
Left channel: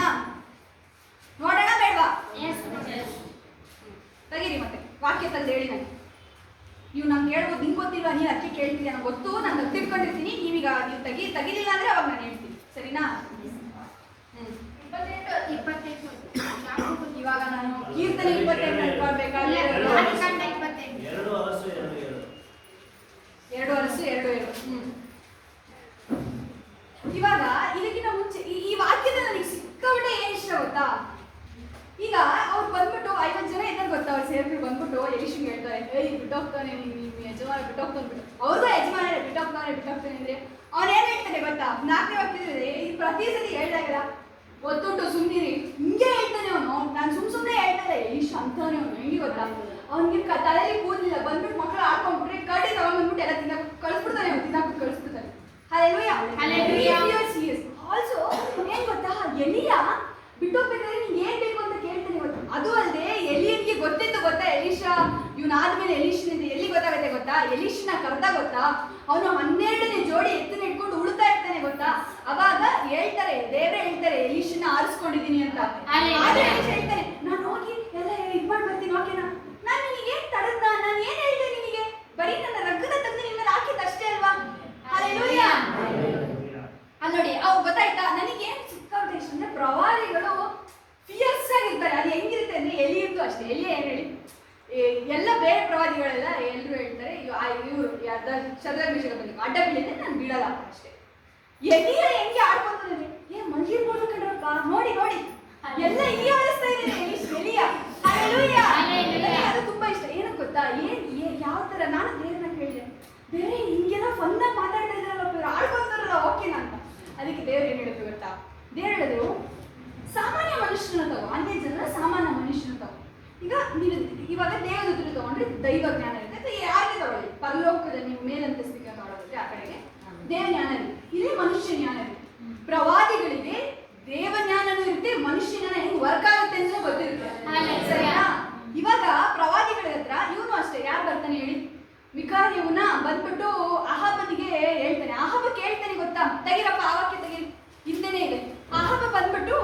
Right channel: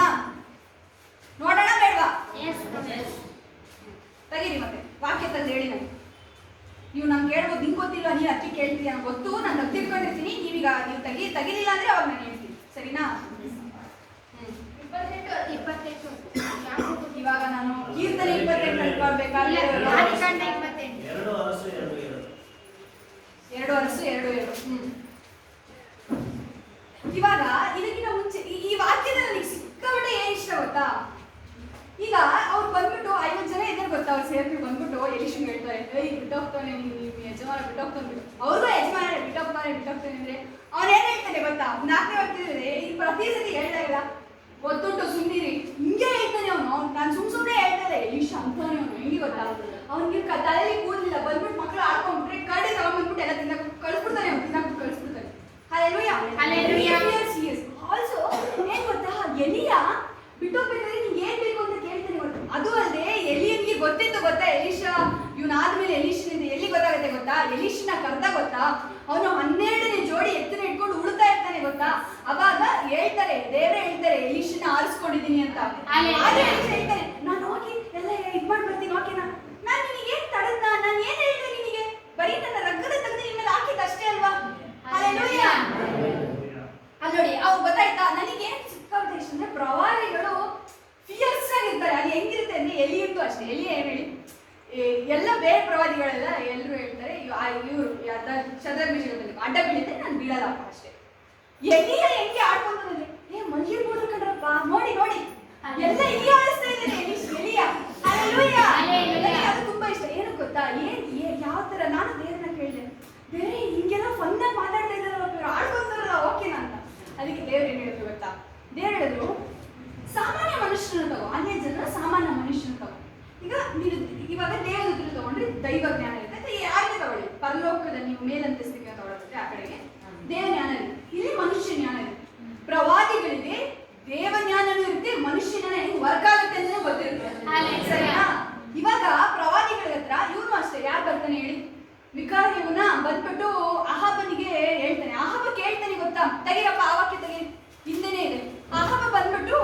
ನೋಡೋಣ ಬೇಡವಾ? ತೆಗೀರಿ ಮತ್ತೆ ವಾಕ್ಯ ತಂದು ಹೇಳಿ ನನಗೆ. ನೀವು ನಂಗೆ ಕೇಳ್ಬೋದು, ನಿಂಗೆ ಗೊತ್ತಿಲ್ವಾ, ನೀನು ಅದಕ್ಕೆ ಕೇಳ್ತಿದ್ದೆ, ನನಗೆ ಗೊತ್ತು, ನಾನು ತಪ್ಪು ತಿಳ್ಕೊಂಡಿರ್ತೀನಿ. ನೀವೀಗ ನೀವು ತೆಗಿಲಿಲ್ಲ ಅಂದ್ರೆ ಅವಾಗ ನಾನು ಹೇಳ್ತೀನಿ, ಸರಿನಾ? ಇವಾಗ ನಾನು ಕೀರ್ತನೆ 28 ಅನ್ಕೊಳ್ಬೇಕಾದ್ರೆ 2 ಅರಸು 2:2. ಇವಾಗ ಇದಕ್ಕಿಂತ ಮುಂಚೆ ಈ ವಾಕ್ಯದಲ್ಲಿ ನನಗೆ ಸಿಕ್ಕಾಬಿಟ್ಟೆ ಏನ್ ಇಷ್ಟ ಗೊತ್ತಾ, ಈಗ ಅವ್ರು ಬಂದ್ಬಿಟ್ಟು 50 ಜನ ಇದ್ದಾರೆ ಗೊತ್ತಾ, ಅವ್ರು ಸೇರ್ಬಿಟ್ಟು ಬಂದ್ಬಿಟ್ಟು ಎಲಿಷನ್ಗೆ ಹೇಳ್ತಾರೆ, ಏಯ್ ಬಿಟ್ಟೋಗ್ತಾನೆ ನೀವು ಯಜಮಾನ ಬಿಟ್ಟೋಗ್ತಾನೆ ಬಿಟ್ಟು. ಅವ್ರಿಗೂ ಯಜಮಾನ ಬಿಟ್ಟೋಗ್ತಾನೆ ಅಂದ್ರೆ ಅವ್ನು ಏನ್ ಹೇಳ್ತಾನೆ ಗೊತ್ತಾ, 4ನೇ ವಾಕ್ಯದಲ್ಲಿ ಈ ಪ್ರತಿ ಸತಿ ಹೇಳ್ದಾಗಲ್ಲ, ಗೊತ್ತುಂಟು ಸುಮ್ಮನಿರಿ, ಹಿಂಗೆ ಹೇಳ್ತಾನೆ ಅವನು. ನಾನು ಸುಮ್ಮನೆ ಹೇಳ್ತಾರೆ, ಎಲಿಷ ಅಂತಾನೆ ಅವನು. ಹೆಂಗೆ ಗೊತ್ತಾ, ಅವ್ನಿಗೆ ತಲೆಯಲ್ಲಿ ಕೂದಲಿಲ್ಲ, ಬಂದ್ಬಿಟ್ಟು ಮಕ್ಕಳು ಆಡ್ಕೊಂಡ್ಬಿಟ್ರೆ ಕಡ್ಡಿ ತಗೊಂಡ್ಬಂದ್ಬಿಟ್ಟು ಎಲ್ಲ ತಿನ್ನಕ್ ಕಳಿಸ್ಬಿಡ್ತಾನೆ, ಅವ್ನು ತಿನ್ನಕ್ ಕಳಿಸ್ಬಿಡ್ತಾನೆ. ಆಲ್ಸೋ ಏನ್ ಗೊತ್ತಾ, ಎಲಿಯ ಬಿಟ್ಟೋಗ್ಬೇಕಾದ್ರೆ ನಿಂಗೆ ಏನ್ ಬೇಕು ಅಂತ ಕೇಳ್ತಾನೆ ಗೊತ್ತಾ. ಅದು ಅಲ್ಲದೆ ಎಲಿಯನ್ಗೆ ಗೊತ್ತಿತ್ತು ಗೊತ್ತಾ, ಎಲೀಷ ಇವನಾದ್ಮೇಲೆ ಎಲೀಷನಿಂದ ಎಲ್ಲಿ ಗೊತ್ತಾಗುತ್ತೆ ಗೊತ್ತಾ, ಎಲೀಷನ ಕರ್ದ ಗೊತ್ತಾ, ಅವನು 12ನೇ ಜೋಡಿ ಎತ್ತನ ಇಟ್ಕೊಂಡು ಉಳ್ತಾ ಇರ್ತಾನೆ ಗೊತ್ತಾ. ಅವಾಗ ಹೇಳ್ತಾರೆ, ದೇವ್ರೆ ಹೇಳ್ತಾರೆ ಎಲೀಷನ ಆರಿಸ್ಕೊಂಡಿದೀನಿ ಅಂತ. ಆದ್ರೆ ಎಲೀಷ ಹೇಳ್ತಾನೆ, ನಾನು ಹೋಗಿ ಎಲ್ಲ ಇದ್ ಮಾಡಿ ಬರ್ತೀನಿ, ಓಕೆನಾ? ನಾನು ನಿನಗೆ ಏನ್ ತಡದ್ನ, ನಾನು ಏನ್ ಹೇಳಿದೆ ನಿನಗೆ, ಬರೀ ನನ್ನ ರಕ್ತದ ತೆಗೆದು ನಿಮ್ಮ ಮೇಲೆ ಹಾಕಿದ ಅಷ್ಟೇ ಅಲ್ವಾ? ಹಲ್ಲೆಲೂಯಾ. ಅಲ್ಲಿ ನೋಡಿ, ಅವ್ ಗೊತ್ತಾಯ್ತಾ, ನನಗೆ ಏನ್ ಸಿಕ್ಕಾಬಿಟ್ಟೆ ಇಷ್ಟ ಅಂದ್ರೆ ಪ್ರವಾದಿಗಳು ಫಿಯರ್ಸ್ ಆಗಿರ್ತಾರೆ. ಅದು ಹೆಂಗಿರುತ್ತೆ ಅಂದ್ರೆ ಎಲಿಯಂತೂ ಅಷ್ಟೇ. ಎಲಿ ಏನ್ ಹೇಳಿ, ಎಲ್ಲ ಬೇರೆ ಪ್ರವಾದಿಗಳೆಲ್ಲ ಎಲ್ಲರೂ ಹೇಳ್ತಾರೆ, ಇವರು ಶದ್ರಕ್ ಮೇಷಕ್ ಬಂದಿದ್ದು ಅಡ್ಡ ಬೀಳಿದ್ರೆ ನಾನು ಬೀಳಲ್ಲ ಅಷ್ಟೇ. ಎಲಿಯ ಹೆಂಗೆ ಆಡ್ಕೊಂತಾರೆ, ಮಲಗಿರ್ಬೋದು ಕಣ್ರಪ್ಪ, ನೋಡಿ ಎಲ್ಲ ಇಲ್ಲಿ ಆಡಿಸ್ತಾ ಇದ್ದಾರೆ ಎಲಿಯ. ಹಲ್ಲೆಲೂಯಾ. ನನಗೆ ಅದು ತುಂಬಾ ಇಷ್ಟ. ಏನು ಗೊತ್ತಾ, ಯಾವ ತರ ನಾನು ದೇವ್ರನ್ನ ಕೇಳಿದೆ, ಬೇರೆ ಹಿಂಗೆಲ್ಲ ಫನ್ನಾಗಿ ಮಾತಾಡ್ತಾ ಇದ್ದಾರಲ್ಲ ಇವ್ರು, ಆಡ್ಕೊಂತಾರಲ್ಲ, ಓಕೆನಾ ಅಂತ. ಅದಕ್ಕೆ ದೇವ್ರು ಏನ್ ಹೇಳಿದ್ರು ಗೊತ್ತಾ, ದೇವ್ರು ಹೇಳಿದ್ರು ಸಾಮಾನ್ಯ ಮನುಷ್ಯನ ತಗೋ, ಅನ್ಯ ಜನರ ಸಾಮಾನ್ಯ ಮನುಷ್ಯನ ತಗೋ. ಈಗ ನೀವು ಇವಾಗ ದೇವದೂತರು ತಗೊಂಡ್ರೆ ದೈವ ಜ್ಞಾನ ಇರುತ್ತೆ, ಯಾರಿಗೆ ತಗೊಳ್ಳಿ, ಪರಲೋಕದ ನೀವು ಮೇಲಂತಸ್ತಿಗೆ ತಗೊಳ್ಳೋದ್ರೆ ಆ ಕಡೆಗೆ ದೇವ ಜ್ಞಾನ ಇರುತ್ತೆ, ಇಲ್ಲಿ ಮನುಷ್ಯ ಜ್ಞಾನ ಇರುತ್ತೆ. ಪ್ರವಾದಿಗಳಿಗೆ ದೇವ ಜ್ಞಾನನೂ ಇರುತ್ತೆ, ಮನುಷ್ಯ ಜ್ಞಾನ ಹೆಂಗ್ ವರ್ಕ್ ಆಗುತ್ತೆ ಅಂತ ಗೊತ್ತಿರುತ್ತೆ, ಸರಿನಾ? ಇವಾಗ ಪ್ರವಾದಿಗಳ ಹತ್ರ ಇವನು ಅಷ್ಟೇ, ಯಾರು ಬರ್ತಾನೆ ಹೇಳಿ, ಮಿಕಾಯನ ಬಂದ್ಬಿಟ್ಟು ಅಹಾಬನಿಗೆ ಹೇಳ್ತಾನೆ. ಅಹಾಬ ಕೇಳ್ತಾನೆ ಗೊತ್ತಾ, ತೆಗಿರಪ್ಪ ಆ ವಾಕ್ಯ ತೆಗೀರಿ, ಹಿಂದೆನೇ ಇದೆ. ಅಹಾಬ ಬಂದ್ಬಿಟ್ಟು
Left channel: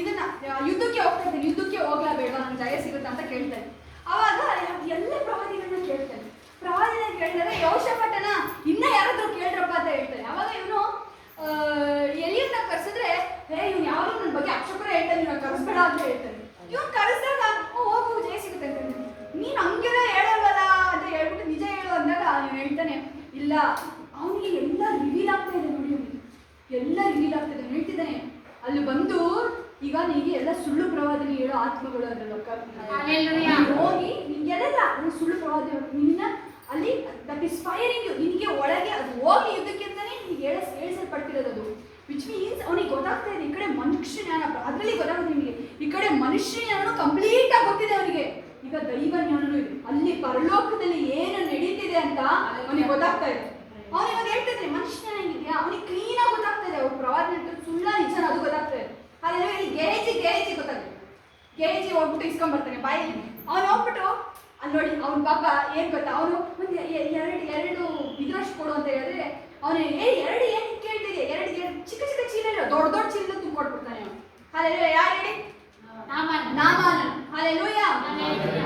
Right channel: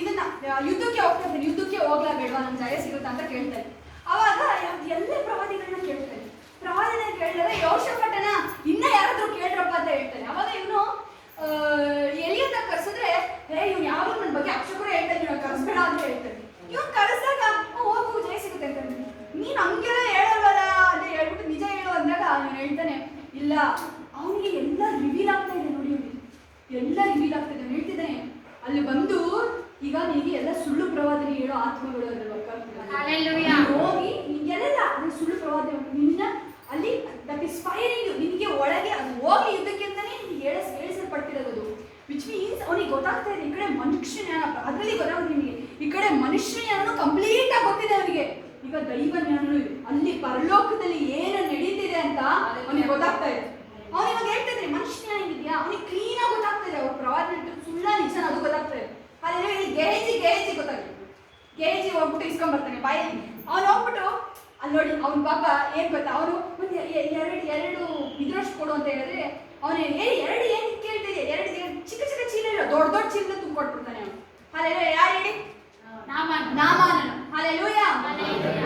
ಇದನ್ನ ಯುದ್ಧಕ್ಕೆ ಹೋಗ್ತಾ ಇದ್ದಾನೆ, ಯುದ್ಧಕ್ಕೆ ಹೋಗ್ಲಾ ಬೇಡವಾ, ನಂಗೆ ಜಯ ಸಿಗುತ್ತಾ ಅಂತ ಕೇಳ್ತಾನೆ. ಅವಾಗ ಎಲ್ಲ ಪ್ರವಾದಿಗಳನ್ನ ಕೇಳ್ತಾನೆ. ಪ್ರವಾದಿನ ಕೇಳಿದಾಗ ಯೋಷಾಫಾಟನ ಇನ್ನ ಯಾರಾದ್ರೂ ಕೇಳ್ರಪ್ಪ ಅಂತ ಹೇಳ್ತಾನೆ. ಅವಾಗ ಇವನು ಎಲಿಯನ್ನ ಕರ್ಸಿದ್ರೆ, ಇವ್ನು ಯಾರು ನನ್ನ ಬಗ್ಗೆ ಅಕ್ಷಕರ ಹೇಳ್ತಾನೆ, ಇವ್ನ ಕರೆಸ್ಬೇಡ ಅಂತ ಹೇಳ್ತಾನೆ. ಇವ್ನು ಕರೆಸ್ದಾಗ ಹೋಗು ಜಯ ಸಿಗುತ್ತೆ ಅಂತ. ನೀನು ಹಂಗೆಲ್ಲ ಹೇಳೋಲ್ಲ ಅಂತ ಹೇಳ್ಬಿಟ್ಟು ನಿಜ ಹೇಳು ಅಂದಾಗ ಇವನು ಹೇಳ್ತಾನೆ, ಇಲ್ಲ ಅವನಿಗೆ ಎಲ್ಲ ರಿವೀಲ್ ಆಗ್ತಾ ಇದೆ ನೋಡಿ, ಅವನಿಗೆ ಎಲ್ಲ ರಿವೀಲ್ ಆಗ್ತಾ ಇದೆ. ಹೇಳ್ತಿದ್ದಾನೆ, ಅಲ್ಲಿ ಬಂದು ಈಗ ನಿನಗೆ ಎಲ್ಲ ಸುಳ್ಳು ಪ್ರವಾದನೆ ಹೇಳೋ ಆತ್ಮಗಳು ಅದ್ರಲ್ಲಿ ವರ್ಕ್ ಆಗ್ತದೆ, ಹೋಗಿ ನಿನ್ಗೆಲ್ಲ ಅದು ಸುಳ್ಳು ಪ್ರವಾದನೆ ನಿನ್ನ ಅಲ್ಲಿ ದಟ್ ಇಸ್ ಫೈರಿಂಗ್ ಯು, ನಿನಗೆ ಒಳಗೆ ಅದು ಹೋಗಿ ಯುದ್ಧಕ್ಕೆ ಅಂತಾನೆ ನಿನಗೆ ಹೇಳಿಸಲ್ಪಡ್ತಿರೋದು ಅದು. ವಿಚ್ ಮೀನ್ಸ್ ಅವನಿಗೆ ಗೊತ್ತಾಗ್ತಾ ಇದೆ, ಈ ಕಡೆ ಮನುಷ್ಯ ಜ್ಞಾನ ಅದರಲ್ಲಿ ಗೊತ್ತಾಗುತ್ತೆ ನಿಮಗೆ, ಈ ಕಡೆ ಮನುಷ್ಯ ಜ್ಞಾನನು ಕಂಪ್ಲೀಟ್ ಆಗಿ ಗೊತ್ತಿದೆ ಅವನಿಗೆ, ಈಗ ದೈವ ಜ್ಞಾನನೂ ಇದೆ, ಅಲ್ಲಿ ಪರಲೋಕದಲ್ಲಿ ಏನು ನಡೀತಿದೆ ಅಂತ ಅವನಿಗೆ ಗೊತ್ತಾಗ್ತಾ ಇದೆ. ಅವನಿಗೆ ಹೇಳ್ತಾ ಇದ್ರೆ ಮನುಷ್ಯ ಜ್ಞಾನ ಹೆಂಗಿದ್ಯಾ, ಅವನಿಗೆ ಕ್ಲೀನ್ ಆಗಿ ಗೊತ್ತಾಗ್ತಾ ಇದೆ, ಅವ್ರು ಪ್ರವಾದನೆ ಸುಳ್ಳ ನಿಜ ಅದು ಗೊತ್ತಾಗ್ತಾ ಇದೆ. ಅಲ್ಲಿ ಗೆಹಜಿ ಗೊತ್ತಾಗುತ್ತೆ, ಗೆಹಜಿ ಹೋಗ್ಬಿಟ್ಟು ಇಸ್ಕೊಂಡ್ಬರ್ತಾನೆ ಬಾಯಲ್ಲಿ. ಅವನು ಹೋಗ್ಬಿಟ್ಟು ಅಲ್ಲಿ ನೋಡಿ, ಅವ್ನ ಪಾಪ ಏನ್ ಗೊತ್ತಾ, ಅವನು ಒಂದು ಎರಡು ಇದ್ರಷ್ಟು ಕೊಡು ಅಂತ ಹೇಳಿದ್ರೆ ಅವನು ಎರಡು ಏನು ಕೇಳ್ತಿದೆ, ಎರಡು ಚಿಕ್ಕ ಚಿಕ್ಕ ಚೀಲ ಇಲ್ಲ, ದೊಡ್ಡ ದೊಡ್ಡ ಚೀಲ ತುಂಬಿಕೊಟ್ಬಿಡ್ತಾನೆ ಅವನು. ಅಲ್ಲೆಲ್ಲ ಯಾರು ಹೇಳಿ, ನಾಮಾನ. ಅಲ್ಲೆಲ್ಲೂಯಾ.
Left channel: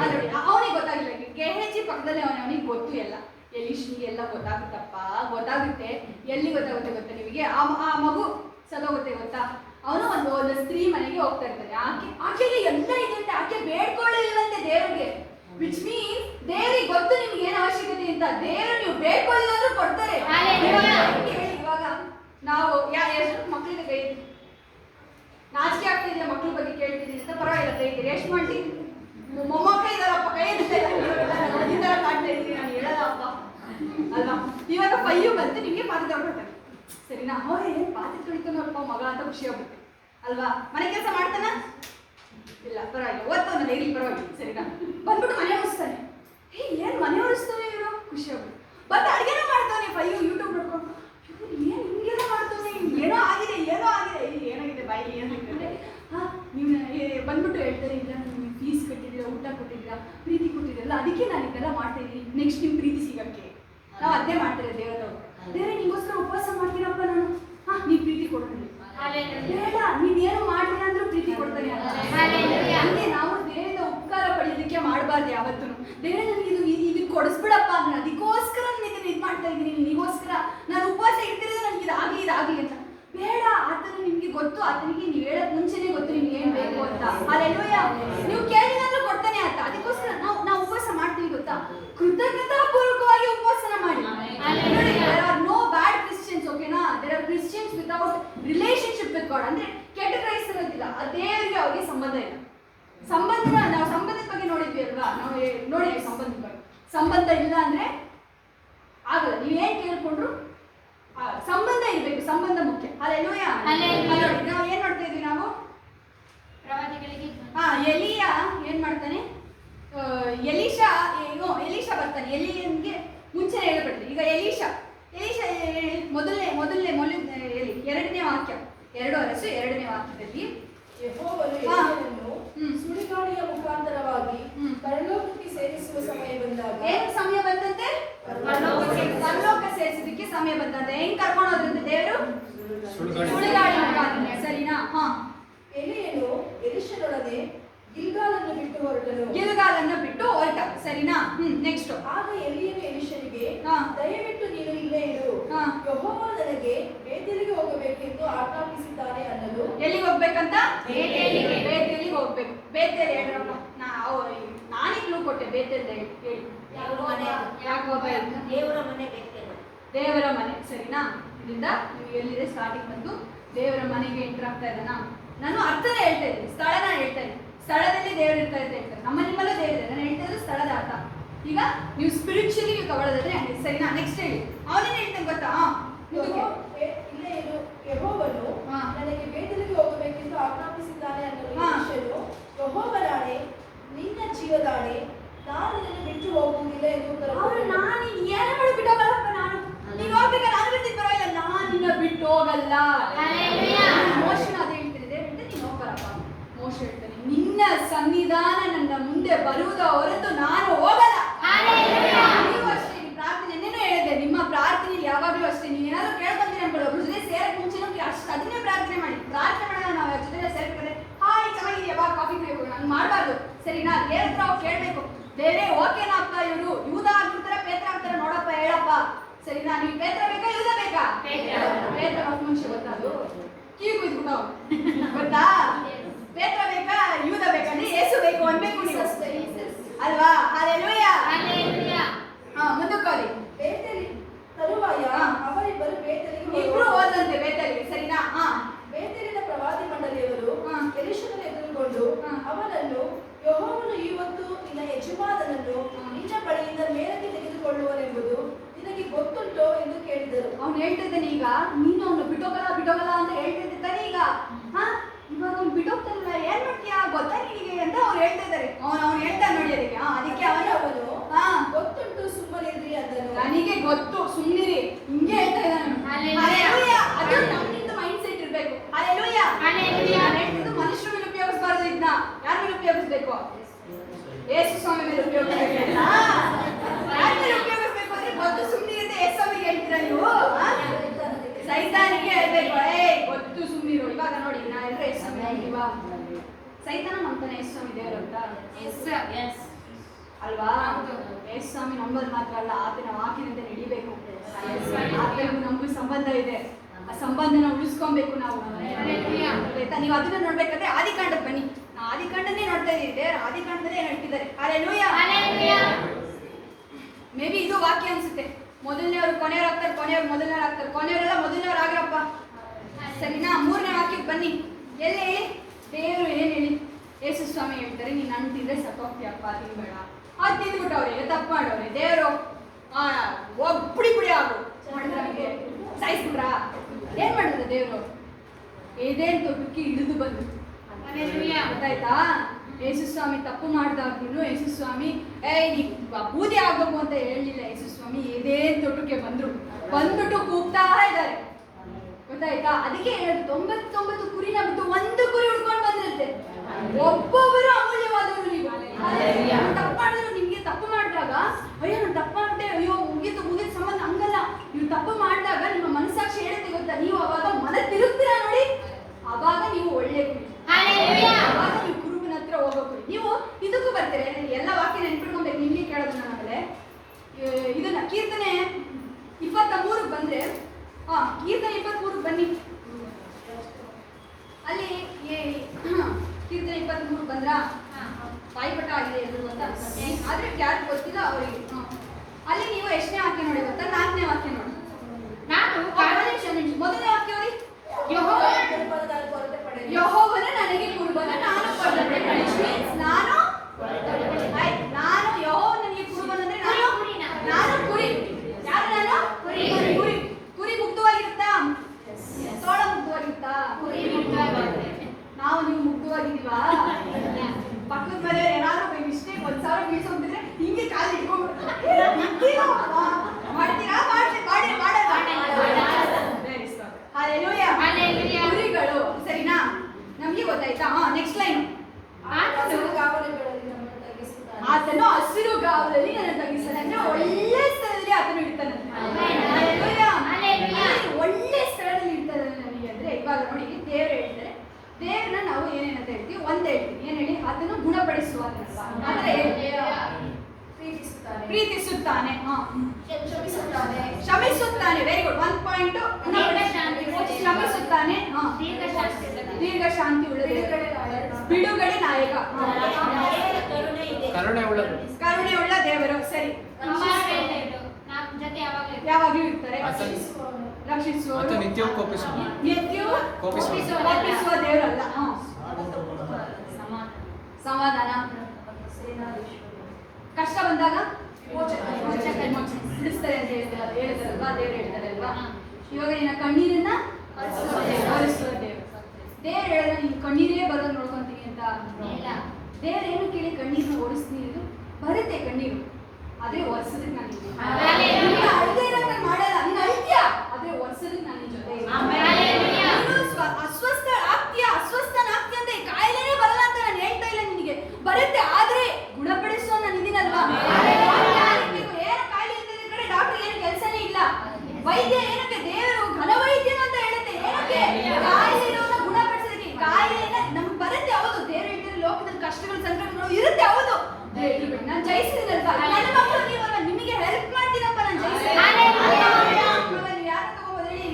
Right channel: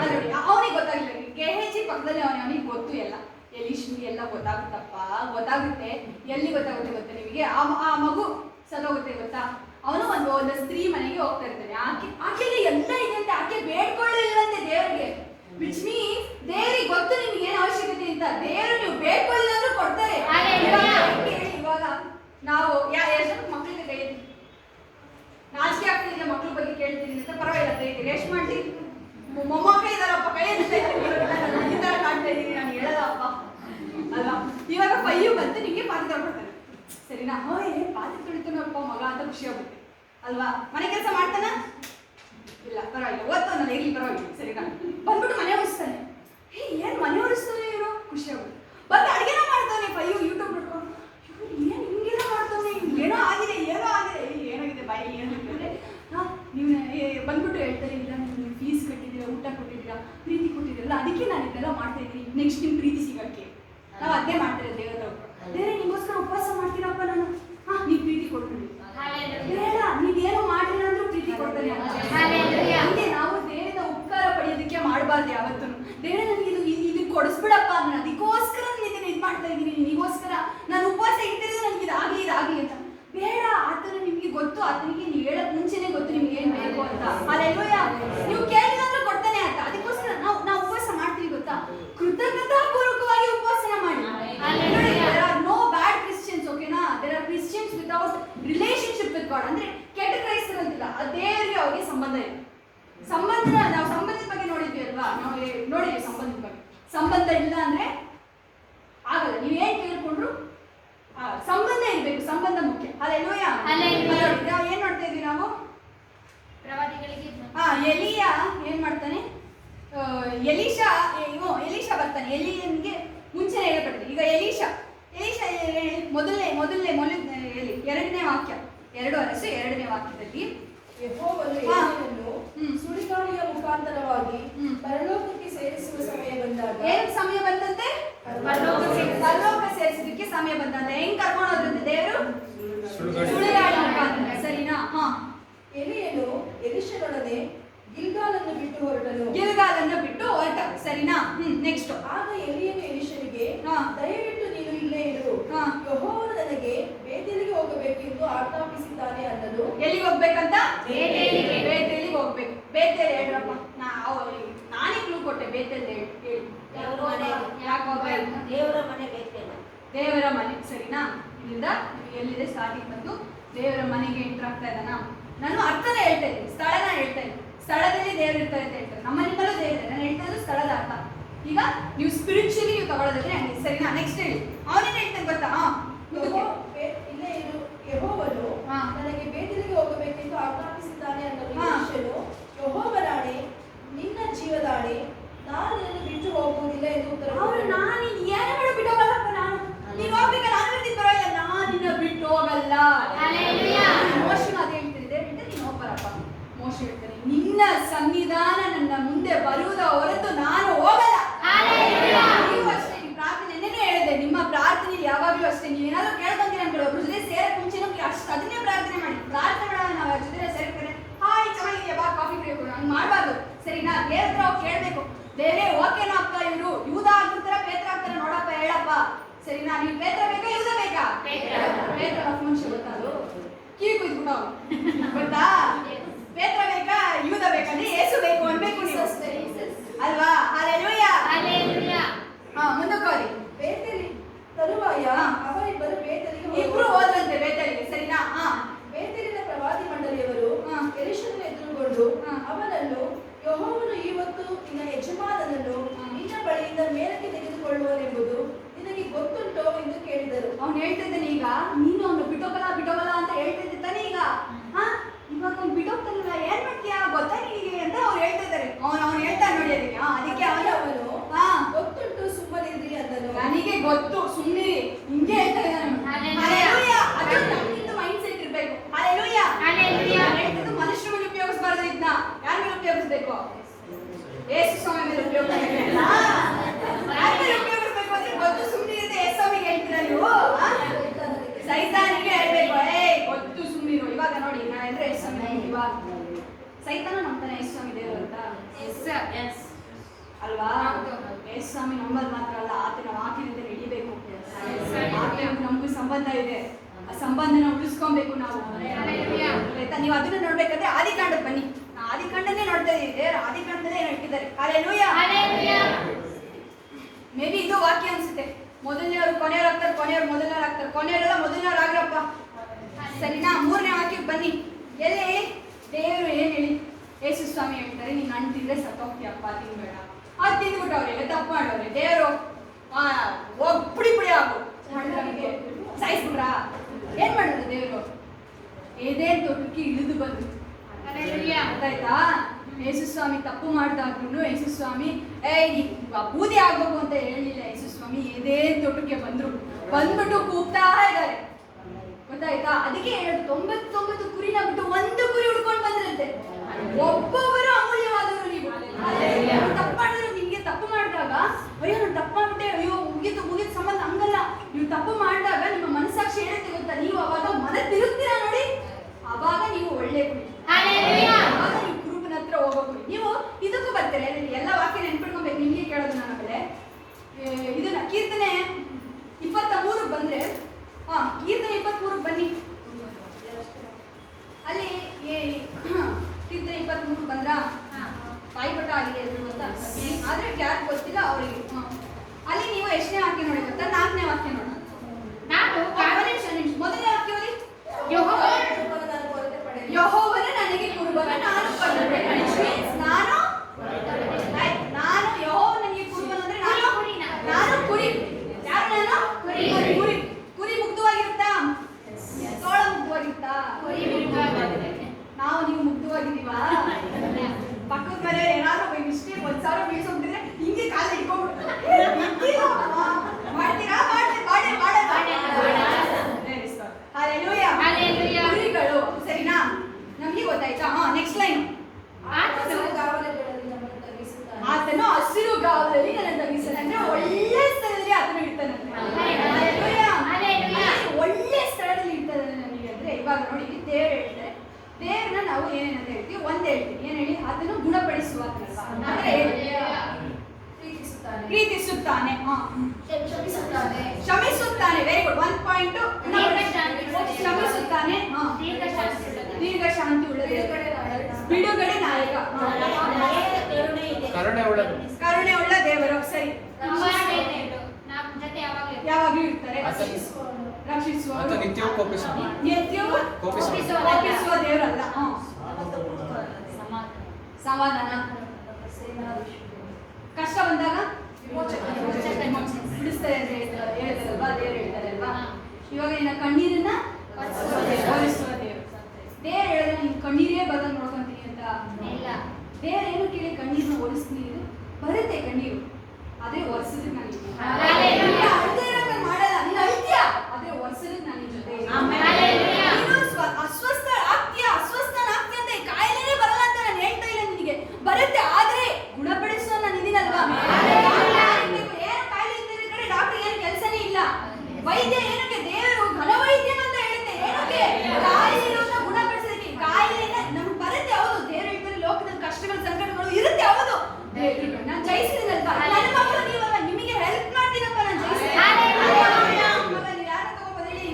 ಅಲ್ಲಿ ನೋಡಿ, ಅವನಿಗೆ ಗೊತ್ತಾಗಿಲ್ಲ, ಗೆಹಜಿ ಪಕ್ಕದಲ್ಲಿ ಅವನಿಗೆ ಗೊತ್ತು ಎಲ್ಲ, ಎಲೀಷನ್ಗೆ ಎಲ್ಲ ಗೊತ್ತಾಗುತ್ತಪ್ಪ, ಗೊತ್ತಾಗುತ್ತೆ. ಎಲ್ಲಿ ಗೊತ್ತಾಗುತ್ತೆ ಗೊತ್ತಾ ನಿಮಗೆ, ಆ ಮಗು ಸದೋಗುತ್ತೆ ಗೊತ್ತಾ. ಅವನು ಒಂದು ಸ್ತ್ರೀ ಮನೆಗೆ ಹೋಗ್ತಾ ಇರ್ತಾನೆ, ಆಕೆಗೆ ಎಲ್ಲ ಇದೆ ಅಂತ, ಆಕೆ ಬೇಡ್ಕೊಳ್ಳಿಲ್ವಂತೆ ದೇವರಿಗೆ. ವಿಚ್ ಮೀನ್ಸ್ ದೇವರಿಗೆ ಗೊತ್ತು ನಿಮ್ಗೆ ಏನ್ ಅವಶ್ಯಕತೆ ಅಂತ, ದೇವರು ನೀವು ಬೇಡ್ಕೊಳ್ಳಿಲ್ಲ ಕೊಡ್ತಾರೆ. ಇವಾಗ ನಾವು ಎಷ್ಟು ಮಕ್ಕಳಿಗೆ ಕೈ ನಾಚಿಕೆ ಆಗ್ತಿಲ್ಲ, ಮಕ್ಳ ಬಗ್ಗೆ ಕೇಳ್ತೀನಿ ಅಂತ, ಪರವಾಗಿಲ್ಲ ಕೈ ಎಷ್ಟು ಮಾಡ್ತೀವಿ, ಮೊಮ್ಮಕ್ಕಳು ಇದಾರಪ್ಪ ಕೈ ಎತ್ತಾ ಇದ್ದಾರೆ ಪಯ್ಯು ಬಂತು ನಿಮಗೆ ಪಾತ್ರೆ ತೊಳ್ಕೊಡ್ತಾನೆ ಸರಿನಾ. ಏನ್ ಪಾತ್ರೆ ತೊಳಿತಾನಪ್ಪ ಮಗ ಅಂತ ಖುಷಿ ಆಗುತ್ತೆ ಅಲ್ವಾ. ಮನೆ ಕೆಲಸ ಮಾಡ್ತಾನ ಇಲ್ಲ ಪರವಾಗಿಲ್ಲ, ಓದ್ತಾವಲ್ಲ ಇರ್ಲಿ ಪರವಾಗಿಲ್ಲ ಸರಿನಾ. ಬಂದ್ಬಿಟ್ಟು ಮನೆ ಒರೆಸ್ತಾನೆ. ಏನ್ ಮನೆ ಒರೆಸ್ತಾನೆ ಇವರು, ಖುಷಿ ಆಗುತ್ತೆ. ಬಂದು ಅಡುಗೆನ ಮಾಡ್ತಾನೆ ಪಯ್ಯು, ಯೂಟ್ಯೂಬ್ ನೋಡ್ಕೊಂಡು ಇವ್ರು ಏನ್ ಹಿಂಗೆಲ್ಲ ಮಾಡ್ತಾನೆ, ಏನೋ ಆಗಿದೆ ಏನಾಗಿದೆ ಬಾಯಿ ಏನಂತಂದ್ರೆ ನೀವು ಬಂದ್ಬಿಟ್ಟು ಹೇಳ್ತಾರೆ, ಇಲ್ಲ ನೀವು ಫೀಸ್ ಕಟ್ಟಿದ್ದೀರಾ, ಊಟ ಕೊಟ್ಟಿದ್ದೀರಾ, ಪ್ರೀತಿ ಕೊಟ್ಟಿದ್ದೀರಲ್ಲ, ಅದಕ್ಕೆ ನಾನು ಇದೆಲ್ಲ ಮಾಡ್ತಾ ಇದ್ದೀನಿ. ನೆಕ್ಸ್ಟ್ ನಿಮ್ಮ ಪ್ರೀತಿ ಸಿಗಕ್ಕೆ ನಾವು ಅದೇ ಮಾಡ್ತಾರೆ ದೇವರವ್ರು. ಬೇರೆ ನಿಮಗೋಸ್ಕರ ಉಪವಾಸ ಮಾಡ್ತೀನಪ್ಪ ನಾನು, ನೀವು ಪ್ರೀತಿ ಕೊಡು ನನಗೆ. ಬೇಡ ನೀವೇನು ಮಾಡಿಲ್ಲ ಅಂದ್ರೂ ಪ್ರೀತಿ ಕೊಡ್ತಾನೆ ಅಂತ. ಹಂಗೆ ನಾವು ದೇವರಿಂದ ಉಪಕಾರ ಪಡೆಯೋದಕ್ಕೆ ಮಾಡಬಾರ್ದು ಯಾವತ್ತೂ. ದೇವರ ನನಗೆ ಇದು ಕೊಡಿಸ್ಬಿಡಪ್ಪ, ನಾನು ಅದಕ್ಕೋಸ್ಕರ ನಾನು ಇದನ್ನ ಇದು ಮಾಡ್ತಾ ಇದ್ದೀನಿ, ನಿನಗೋಸ್ಕರ ನಾನು ಉಪವಾಸ ಇಡ್ತಿರೋದು ನನಗೆ ಇದಾಗಲಿ ಅಂತ. ಬೇಡ, ಆತನ ನಿಮ್ಗೆ ಗೊತ್ತು, ಆತನಿಗೆ ನೀವು ಹೇಳಕ್ ಮುಂಚೆನೆ ಗೊತ್ತು ನಿಮ್ಗೆ ಏನ್ ಬೇಕು ಅಂತ. ಅಲ್ಲೆಲ್ಲೂಯ್ಯ, ನೀವು ಕೇಳಿಲ್ಲ ಅಂದ್ರೂ ಕೊಡ್ತಾನೆ ಆತ. ಅದಕ್ಕೋಸ್ಕರ ನಾವು ಉಪವಾಸ ಮಾಡ್ತೀವಿ ಗೊತ್ತಾ, ಕೃತಜ್ಞತಾಪೂರ್ವಕವಾಗಿ ಉಪವಾಸನ ಮಾಡಿ. ನೋಡಿ, there are no bad Christians, ಓಕೆನಾ. There are Christians without relationship with God. ಅಂದ್ರೆ ಕೆಟ್ಟ ಕ್ರೈಸ್ತರಂತಿಲ್ಲ, ದೇವರಿಗೆ ಅವ್ರಿಗೆ ಸಂಬಂಧ ಇಲ್ಲ. ನಾವು ಸಂಬಂಧದ ಬಗ್ಗೆ ನೋಡಿದ್ವಿ ಅಲ್ವಾ, ನಾವು ನೋಡಿದ್ವಿ ಸಂಬಂಧದ ಬಗ್ಗೆ. ಸಂಬಂಧ ಇಲ್ಲ ಅಂದ್ರೆ ಆಗಲ್ಲ, ನೀವೇನ್ ಕೇಳ್ಕೊಂಡ್ರು ಸಂಬಂಧ ಇರ್ಬೇಕು, ಸಂಬಂಧ ಮುಖ್ಯ. ಅಲ್ಲೆಲ್ಲೂಯ್ಯ. ನಾವು ಏನ್ ಮಾಡ್ತಾ ಇದ್ವಿ ನಾವು, ಎಲಿಯ ಏನ್ ಮಾಡ್ತಾನೆ, ಎಲೀಶಾ ಬರ್ತಾನೆ. ಎಲಿಯನ್ಗೆ ಮುಂಚೆನೆ ಹೇಳಲ್ಪಟ್ಟಿದೆ. ಈಗ ಎಲೀಶಾ ಮೊದಲನೇ 2ನೇ ವಾಕ್ಯ, 2:2 ವಾಕ್ಯದಲ್ಲಿ ಯೆಹೋವನು ಎಲೀಯನನ್ನು ಸುಳಿಗಾಳಿಯ ಮುಖಾಂತರವಾಗಿ ಪರಲೋಕಕ್ಕೆ ಸೇರಿಸುವ ಸಮಯ ಬಂದಾಗ, ಏನ್ ಸಮಯ ಬಂದಂತೆ, ಪರಲೋಕ ಸೇರಿಸೋದಕ್ಕೆ ಸಮಯ ಬಂದಂತೆ. ಹೆಂಗ್ ಕರ್ಕೊಂಡು ಹೋದ್ರಂತೆ ದೇವರು, ಸುಳಿಗಾಳಿ ಮುಖಾಂತರ, ಸರಿನಾ. ಎಲೀಯನು ಎಲೀಷನೊಡನೆ ಗಿಲ್ಗಾಲನ್ನು ಬಿಟ್ಟು ಹೊರಟ, ಸರಿನಾ. ನೆಕ್ಸ್ಟ್. ಆಗ ಎಲೀಯನು ಎಲೀಷನಿಗೆ, ದಯವಿಟ್ಟು ನೀನು ಇಲ್ಲೇ ಇರು, ಯೆಹೋವನು ನನಗೆ ಬೇತೇಲಿಗೆ ಹೋಗಬೇಕೆಂದು ಆಜ್ಞಾಪಿಸಿದ್ದಾನೆ ಅನ್ನಲು. ಎಲ್ಲಿಗೆ ಹೋಗ್ಬೇಕಂತ, ಬೇತೇಲಿಗೆ ಹೋಗ್ಬೇಕು. ಬೇತೇಲಿ ಹೇಳ್ರಪ್ಪ, ನಾನೀಗ್ಲೂ ಕೊಟ್ಟೆ ಬೇತೇಲಿ ಹೇಳಿ. ದೇವರ ಮನೆ, ಸರಿನಾ. ಇದರಿಂದ ನೀವು ಎಲ್ಲಿದೆ ಸ್ಟಾರ್ಟಿಂಗ್ ಬಂದು ದೇವರ ಮನೆಗೆ ಎಂಟರ್ ಆಗ್ತಾ ಇದ್ದಾನ. ನಾನು ಅರ್ಥನೇ ಹೇಳ್ತಾ ಇದ್ದೀನಿ, ಸ್ಥಳನ ಹೇಳ್ತಾ ಇದ್ದೀನಿ. ಸ್ಥಳದಲ್ಲಿ ದೇವರು ಇರ್ತಾ ಅಂತ ಹೇಳ್ತಾರೆ, ನಮ್ಮ ನಿಮ್ಮಲ್ಲೂ ದೇವರಿದೆ. ನಾನು ಹೇಳ್ತಾ ಇರೋದು ಸ್ಥಳದ ಅರ್ಥ. ಈಗ ನೀವು ಸ್ಪಿರಿಚುಲಿ ನೀವು ತಗೊಳ್ಳೋದಾದ್ರೆ ಹಂಗೆ, ಸರಿನಾ. ನೆಕ್ಸ್ಟ್ ಹೇಳಿ, ಅವನೇನು ಹೇಳ್ತಾನೆ ಗೊತ್ತಾ, ಮುಂದಕ್ಕೆ. ಇಲ್ಲೇ ಇರು, ಯೆಹೋವನು ನನಗೆ ಬೇತೇಲಿಗೆ ಹೋಗಬೇಕೆಂದು ಆಜ್ಞಾಪಿಸಿದ್ದಾನೆ ಅನ್ನಲು ಎಲೀಷನು, ಯೆಹೋವನಾಣೆ, ನಿನ್ನ ಜೀವದಾಣೆ, ನಾನು ನಿನ್ನನ್ನು ಬಿಟ್ಟು ಹೋಗುವುದಿಲ್ಲ ಎಂದು ಉತ್ತರ ಕೊಟ್ಟನು. ನಾನು ಏನು ಮಾಡಿ ಬಿಟ್ಟು ಹೋಗಲ್ಲಪ್ಪ, ನೀನು ಹೋಗ್ಬೇಕಾ, ನಾನು ಬರ್ತೀನಿ ಪರವಾಗಿಲ್ಲ, ನಾನು ನಿನ್ನ ಬಿಟ್ಟು ಹೋಗಲ್ಲ. ಮೋಶನ ಅದೇ ಹೇಳ್ತಿದ್ದೆ, ನೀನು ಹೋಗ್ಬರಪ್ಪ. ಮೋಶ ಹೇಳ್ತಾನೆ, ನಿನ್ನ ಸನ್ನಿಧಾನ ನನ್ನ ಮುಂದೆ ಬರುವುದ ಹೊರತು ನಾನು ಹೋಗಲ್ಲ. ನೀವು ಅಷ್ಟೇ, ನಿಮ್ಮ ಪ್ರಾರ್ಥನೆಯನ್ನೇನು ಹೇಳಿದೆ, ನಿಮ್ಮ ಪ್ರಾರ್ಥನೆಯಲ್ಲಿ ಯಾವಾಗಲೂ ಅಷ್ಟೇ, ನೀವೇನಾದ್ರೂ ಕೇಳ್ಕೊಂತೀನಿ ಅನ್ಕೊಳ್ಳಿ, ಒಬ್ರ ಜೊತೆ ಸೇರಕ್ ಮುಂಚೆನೂ ಅಷ್ಟು ಅದನ್ನೇ ಪ್ರಾರ್ಥನೆ ಮಾಡಿ. ಪ್ರಾರ್ಥನೆ ಮಾಡೋಣ, ನಾವು ಅವ್ರ ಜೊತೆ ಸೇರ್ತಾರೆ, ಹಾಯ್ ಚೆನ್ನಾಗಿದೆಯಾ ಬಾ ಕಾಫಿ ಕುಡಿಯೋದು, ಹಂಗೆ ಮಾಡಬಾರ್ದು, ಸರಿನಾ. ದೇವ್ರ ಹತ್ರ ಹೋಗಿ ಕೇಳಬೇಕು, ಬೇರೆ ಓಕೆನಾ ಅಪ್ಪ, ಇವರು ಯೂದ ಆಗ್ತಾರ ಪೇತ್ರ ಆಗ್ತಾರ, ನೋಡಪ್ಪ ಹೇಳಪ್ಪ, ಸರಿನಾ. ನೀವು ಪೇತ್ರ ಬೇಕಾ ಯೂದ ಬೇಕಾ? ಪೇತ್ರ ಮನುಷ್ಯ ಗೊತ್ತಾ, ಅದು ಕಿವಿ ಕುಯ್ದ್ಬಿಟ್ಟು ಗೊತ್ತಾ. ಪೇತ್ರ ಬೇಕಾ ಯೂದ ಬೇಕಂದ್ರೆ ಏಸು ಬೇಕು ಅನ್ಬೇಕು ನೀವು ಅಲ್ವಾ. ಹಲ್ಲೆಲೂಯ. ಮುಂದಕ್ಕೆ ಹೋಗಿ ಬೇತೇಲಿ ತರುವಾಯ ಅವರಿಬ್ಬರು ಬೇತೇಲಿಗೆ ಇಬ್ರು ಹೋದಂತೆ ಬೇತೇಲಿಗೆ, ಸರಿನಾ. ಬೇತೇಲಿನ ಪ್ರವಾದಿ ಮಂಡಳಿಯವರು ಎಲೀಷನನ್ನು ಎದುರುಗೊಂಡು ಅವನನ್ನು, ಯೆಹೋವನು ಇವತ್ತು ನಿನ್ನ ಯಜಮಾನನನ್ನು ನಿನ್ನ ಬಳಿಯಿಂದ ಮೇಲಕ್ಕೆ ತೆಗೆದುಕೊಳ್ಳುವನೆಂಬುದು ನಿನಗೆ ಗೊತ್ತುಂಟೋ ಎಂದು ಕೇಳಿದರು. ಅವ್ನು ಹೇಳ್ತಿದ್ದಾನೆ, ಈಗ ನೀನು ಅವನು ಬಿಟ್ಟೋಗಲ್ಲ ಅಂತ ಹೇಳ್ತಿದ್ದೆ ತಾನೆ. ಈಗ ಇವಾಗ ಅವ್ನು ಬಿಟ್ಟೋಗ್ತಾನಲ್ಲ, ಏನ್ ಮಾಡ್ತೀಯಾ ಗೊತ್ತಾ ನಿನಗೆ ಅಂತ ಅವ್ರು ಹೇಳ್ತಾ ಇದ್ದಾರೆ. ಅವ್ನು ಹೇಳ್ತಾನೆ ನೋಡಿ, ಅದಕ್ಕೆ ಅವನು ಗೊತ್ತುಂಟು ಸುಮ್ಮನಿರ್ರಿ ಅಂದನು. ನನಗೆ ಗೊತ್ತು ಸುಮ್ಮನಿರಿ, ಹಿಂಗೆ ಹೇಳ್ತಾ ಇದ್ದಾನೆ. ಅದು ನಮ್ಮಿಂದ ಮೈಂಡ್ ಸೆಟ್ ಇರ್ಬೇಕು. ಹಲ್ಲೆಲೂಯ. ಹೇಳ್ತಿದ್ದು ಮನುಷ್ಯರ ಮೇಲೆ ಉಪಯೋಗಿಸಬಾರ್ದು, ಇದನ್ನ ಯಾರ ಮೇಲೆ ಉಪಯೋಗಿಸ್ಬೇಕು, ಯೇಸು ಸ್ವಾಮಿ ಮೇಲೆ ಉಪಯೋಗಿಸ್ಬೇಕು. ಯಾರ ಮೇಲೆ ಉಪಯೋಗಿಸ್ಬೇಕು ಅಂದ್ರೆ ಗೊತ್ತು ಸುಮ್ಮನಿರುತ್ತೆ. ಯೇಸು ಸ್ವಾಮಿಗೆ ಹೇಳ್ತೀರಾ ನೀವು, ಸೈತಾನಿಗೆ ಹೇಳ್ಬೇಕು, ಗೊತ್ತು ಸುಮ್ಮನಿರು. ಇವಾಗ ನೋಡಿ, ನಾ ಎಲ್ಲರೂ ಯೇಸು ಸ್ವಾಮಿ ಹೇಳ್ತೀವ, ಸೈತಾನ ನಂಬ್ತಾನೆ ಯೇಸು ಸ್ವಾಮಿ ದೇವರು ಅಂತ ಅಲ್ವಾ. ಯೇಸು ಸ್ವಾಮಿ ನಂಬೋದು ಮಾತ್ರ ಅಲ್ಲ, ಆತನ ವಾಕ್ಯದಿಂದ ನಡಿಬೇಕು. ಆತನಿಗೂ ನಮಗೂ ಸಂಬಂಧ ಇದೆ, ಆ ಸಂಬಂಧನ ಉಳಿಸ್ಕೊಬೇಕು ನಾವು, ಆಯ್ತಾ. ನೀವು ಅದನ್ನ ನೋಡ್ಬೇಕಾದ್ರೆ ಆದಿಕಾಂಡಕ್ಕೆ ಬನ್ನಿ. ಆದಿಕಾಂಡನೇ ನೋಡ್ತಾ ಇದ್ದೀವಿ, ಆದಿಕಾಂಡದಲ್ಲೇ ಏನು ಇಟ್ಟಿದ್ದಾರೆ. ಹಲ್ಲೆಲೂಯ. ಮೇ ಬಿ ಇದು ವಾಕ್ಯ ಅನ್ಸುತ್ತೆ, ಮೊದಲನೇವ್ರು ಕೊನೆಯವ್ರು ಆಗ್ತಾರೆ, ಕೊನೆಯವ್ರು ಮೊದಲನೇವ್ರು ಆಗ್ತಾರೆ, ಕೊನೆಯವರೆಲ್ಲ ಮೊದಲನೇವ್ರು ಆಗ್ರಪ್ಪ, ಸರಿನಾ. 3ನೇ ವಾಕ್ಯಕ್ಕೆ ಬನ್ನಿ. ಎಲ್ಲಿ ಹೇಳಿ, ದೇವರು ಏನು ಹೇಳಿ, ಯೇಸು ಸ್ವಾಮಿ ಹೇಳ್ತಾರೆ, ನೀನು ಹಣ್ಣು ತಿಂದ್ರೆ ಸತ್ತೋಗ್ತೀಯಪ್ಪ, ತಿನ್ಬೇಡ. ಅದು ತಿಂದ್ಬಿಟ್ಟು ಅವ್ರಿಗೆ ತಪ್ಪು ಮಾಡೋರೆ. ದೇವರು ಪುಡಿ ಆಗು, ಮಾಡಿದ್ರ ನಮಗೆ ಸಾಯಿಸ್ಬಿಟ್ರ? ಏನ್ ಮಾಡಿದ್ರು ದೇವರು? ಏದೇನ್ ತೋಟಕ್ಕೆ ಇಳಿದು ಬಂದ್ರು. Hallelujah. ಗೊತ್ತಾಯ್ತಾ? ಯೇಸು ಸ್ವಾಮಿ ತಪ್ಪು ಮಾಡಿದಾಗ್ಲೂ ಯೇಸು ಸ್ವಾಮಿ ನೀ ಬೂದಿ ಆಗ್ಬೇಕು ಅಂತ ಹೇಳಲಿಲ್ಲ. ಯೇಸು ಸ್ವಾಮಿ ಏದೇನ್ ತೋಟಕ್ಕೆ ಬಂದ್ಬಿಟ್ಟು ಕೂಗ್ತಾ ಇದ್ದಾರೆ. ಗೊತ್ತಾಯ್ತಾ? ಅದಕ್ಕೆ ಹೇಳೋದು 99 ಕುರಿನ ಬಿಟ್ಟು ಒಂದು ಕುರಿ ಹುಡ್ಕೊಂಡು ಬಂದಿರುತ್ತೆ. ಒಬ್ಬೊಬ್ಬರು ಅಮೂಲ್ಯವಾದವರು. ನೀವು ತಪ್ಪು ಮಾಡಿದ್ರು, ನಿಮ್ಗೆ ತಪ್ಪು ಮಾಡಿದಾಗ ಅಯ್ಯೋ ನಾನು ತಪ್ಪು ಮಾಡ್ಬಿಟ್ಟೆ, ಅಯ್ಯೋ ಮುಗಿತು ಸಂಬಂಧ, ಹಂಗಲ್ಲ. ನೀವು ತಪ್ಪು ಮಾಡಿದಾಗ ನಿಮ್ಮ ಮನಸ್ಸಾಕ್ಷಿ ಹೇಳುತ್ತೆ ಗೊತ್ತಾ? ನೀವು ಅವಾಗ ಮನ ತಿರುಗ್ತೀರಾ ನೋಡಿ, ಅವಾಗ ನೀವು ಒಳ್ಳೆ ಕುರಿ. ಅವಾಗ ನೀವು ಕುರುಬನ ಹತ್ರ ಹೋಗಬೇಕು. ನೀವು ಇದಕ್ಕೂ ಬರ್ತಾರೆ, ಎಲ್ಲ ವಾಕ್ಯ ನೆನ್ಪಿಟ್ಕೊಬೇಕು. ನಿಮಗೆ ಕೇಳೋದು ನನ್ನ ಮೇಲೆ ಇದನ್ನ ಕೀರ್ತನೆ 23 ಬಂದ್ರೆ ಕೀರ್ತನೆ 23 ಬನ್ನಿ. ಅಲ್ಲಿ ಕೀರ್ತನೆ 23 ಬಂದ್ರ ಬಾಯಿಪಟ ಆಗಿದೆ ಎಲ್ರು ಅಂತ. ಆದ್ರೆ ಯಾರು ಗೊತ್ತಿಲ್ಲ ಅವರಿಗೆ. ಅಲ್ಲಿ ನೀವು ಎಷ್ಟನೇ ವಾಕ್ಯ ನೋಡಿ ಗೊತ್ತಾ? 4ನೇ ವಾಕ್ಯ ನೋಡಿ. ನಿಮಿಷ ಮೊದಲನೇ ವಾಕ್ಯ ಓದಿ. ಯೆಹೋವನು ನನಗೆ ಕುರುಬನು, ನಾನು ನಾನು ಯೆಹೋವನು ನನಗೆ ಕುರುಬನು ಅಂದ್ರೆ ನಾನು ಕುರಿ. ಯಾರು ನಾನು? ಕುರಿ. ಕುರಿ ಮುಗ್ಧವಾಗಿರುತ್ತಾ? ತೋಳ ಮುಗ್ಧವಾಗಿರುತ್ತಾ? ನಾವು ನೀವು ಮುಗ್ಧವಾಗಿದ್ದೀವಾ? ಪಕ್ಕದ ಮನೆಯವ್ರು ಏನಾದ್ರೂ ಮಿಸ್ಟೇಕ್ 1,000 ಬೀಳ್ಸೋಗ್ಬಿಟ್ಟಿದ್ರೆ ಹಿಂಗೆ ಕಾಲು ಇಟ್ಕೊಂಡ್ಬಿಡ್ತಾರೆ. ಕುರಿಗಳು. ಸರಿನಾ? ನಮ್ಗೆ ಗೊತ್ತಾಯ್ತಾ? Next line. ಆತನು ಹಸಿರು ಗಾವಲಲ್ಲಿ ನನ್ನ ತಗ್ಗಿಸ್ತಾನೆ. ಅಂದ್ರೆ ಒಳ್ಳೆ ಸ್ಥಳದಲ್ಲಿ ಆತನು ಇಡ್ತಾನಂತೆ. ಒಳ್ಳೆ ಸ್ಥಳದಲ್ಲಿ ಇಡ್ತಾನೆ ನನಗೆ ಅಂದ್ರೆ ಇವಾಗ ನೋಡಿ, ದೇವ್ರು ಹೇಳಿದ್ರೆ ದೇವ್ರನ್ನ ನಾವು ಏನೇನಂತ ಹೇಳ್ತೀವಿ? ಒಂದ್ ಹೇಳ್ತೀವಿ. ಏನ್ ಹೇಳಿ? ಆತನು ಗುಣಪಡಿಸುವಾತನಲ್ವಾ? ಅಂದ್ರೆ ಪ್ರೀತಿಸುತ್ತಾನೆ, ಕ್ಷಮಿಸುತ್ತಾನೆ. Very good. 1 ಪಾಯಿಂಟ್. ಕ್ಷಮಿಸುತ್ತಾನೆ, ದೀರ್ಘ ಶಾಂತಿ ಉಳ್ಳ ದೇವರು, ಬಿಡುಗಡೆ ನಾಯಕ, ಕರುಣೆ ಉಳ್ಳ ದೇವರು. ಸರಿ, ಯಾವಾಗ್ಲೂ ಇರ್ತಾರೆ. ರಕ್ಷಿಸುವವರು, ನಿತ್ಯವೂ ಕೋಪಿಸುವ ದೇವರಲ್ಲ. ಸಮಾಧಾನ, ಕಷ್ಟ ಬಂದಾಗ ಬಿಡಿಸ್ತಾರೆ ಅಂತ ಹೇಳಿದಾರಲ್ವಾ? ದೇವ್ರು ಹೇಳ್ತಾರೆ ಅಲ್ವಾ? ಇವಾಗ ನಿನ್ನ ಕಣ್ಣೀರನ್ನ ಒರೆಸುವ ದೇವರು. ದೇವ್ರು ಹೇಳಿದ್ರೆ ನೀನು ಕಣ್ಣೀರೇ ಬರೋದು ನೋಡ್ಕೊಂತೀನಿ ಅಂತ ದೇವ್ರು ಏನು ಕೇಳಿ ಕಣ್ಣೀರನ್ನ ಒರೆಸ್ತೀನಿ? ಬರುತ್ತೆ ಕಣ್ಣೀರು, ಆದ್ರೆ ಒರೆಸೋದಕ್ಕೆ ನಾನು ಮಾಡಲ್ಲ. ನೀನು ಅಳ್ತೀಯ, ಆದ್ರೆ ಒರೆಸೋದಕ್ಕೆ ನಾನು ನಿನ್ ಜೊತೆ ಅಸ್ವಸ್ಥನಾಗ್ತೀಯ ಅಂತ ಕಾಯಿಲೆನೇ ಬರಲ್ಲ ಅಂತ ನಾನು ಹೇಳ್ತಾ ಇಲ್ಲ ನಿನಗೆ. ಬರುತ್ತೆ, ಆದ್ರೆ ಗುಣಪಡಿಸೋ ನಾನು ಇದೀನಲ್ವಾ? ಏನು ಕಾಯಿಲೆ ಇದ್ದ ಕಡೆ ಡಾಕ್ಟರ್ ಏನು ಕೆಲಸನೇ ಇಲ್ಲ. ವೈದ್ಯ ಏನಕ್ಕೆ? ದೇವರು ಘನವೈದ್ಯನು ಅಂತ ಹೇಳುತ್ತೆ. ಏನಕ್ಕೆ? ಕಾಯಿಲೆನ ಗುಣಪಡಿಸೋದಕ್ಕೆ. ಕಾಯಿಲೆನ ನಮ್ಗೆ ಬರುತ್ತೆ, ಹೌದು. ದೇವರು ಹೇಳ್ತಾರೆ ಲೋಕದಲ್ಲಿ ಕಷ್ಟಗಳು ಸಂಕಟಗಳು ಇರುತ್ತೆ, ಹೌದು. ನಾನು ಜಯಿಸಿದ್ದೀನಲ್ವಾ? ನನ್ನ ಮಕ್ಕಳು ನೀವಲ್ಲ, ನಿಮಗೆ ಹೆಲ್ಪ್ ಮಾಡ್ತೀನಪ್ಪ. ನಾನು ಜಯಿಸಿದ್ದೀನಿ. ನೀವು ಯಾರು ತಗೋಬೋದು ಹೇಳಿ?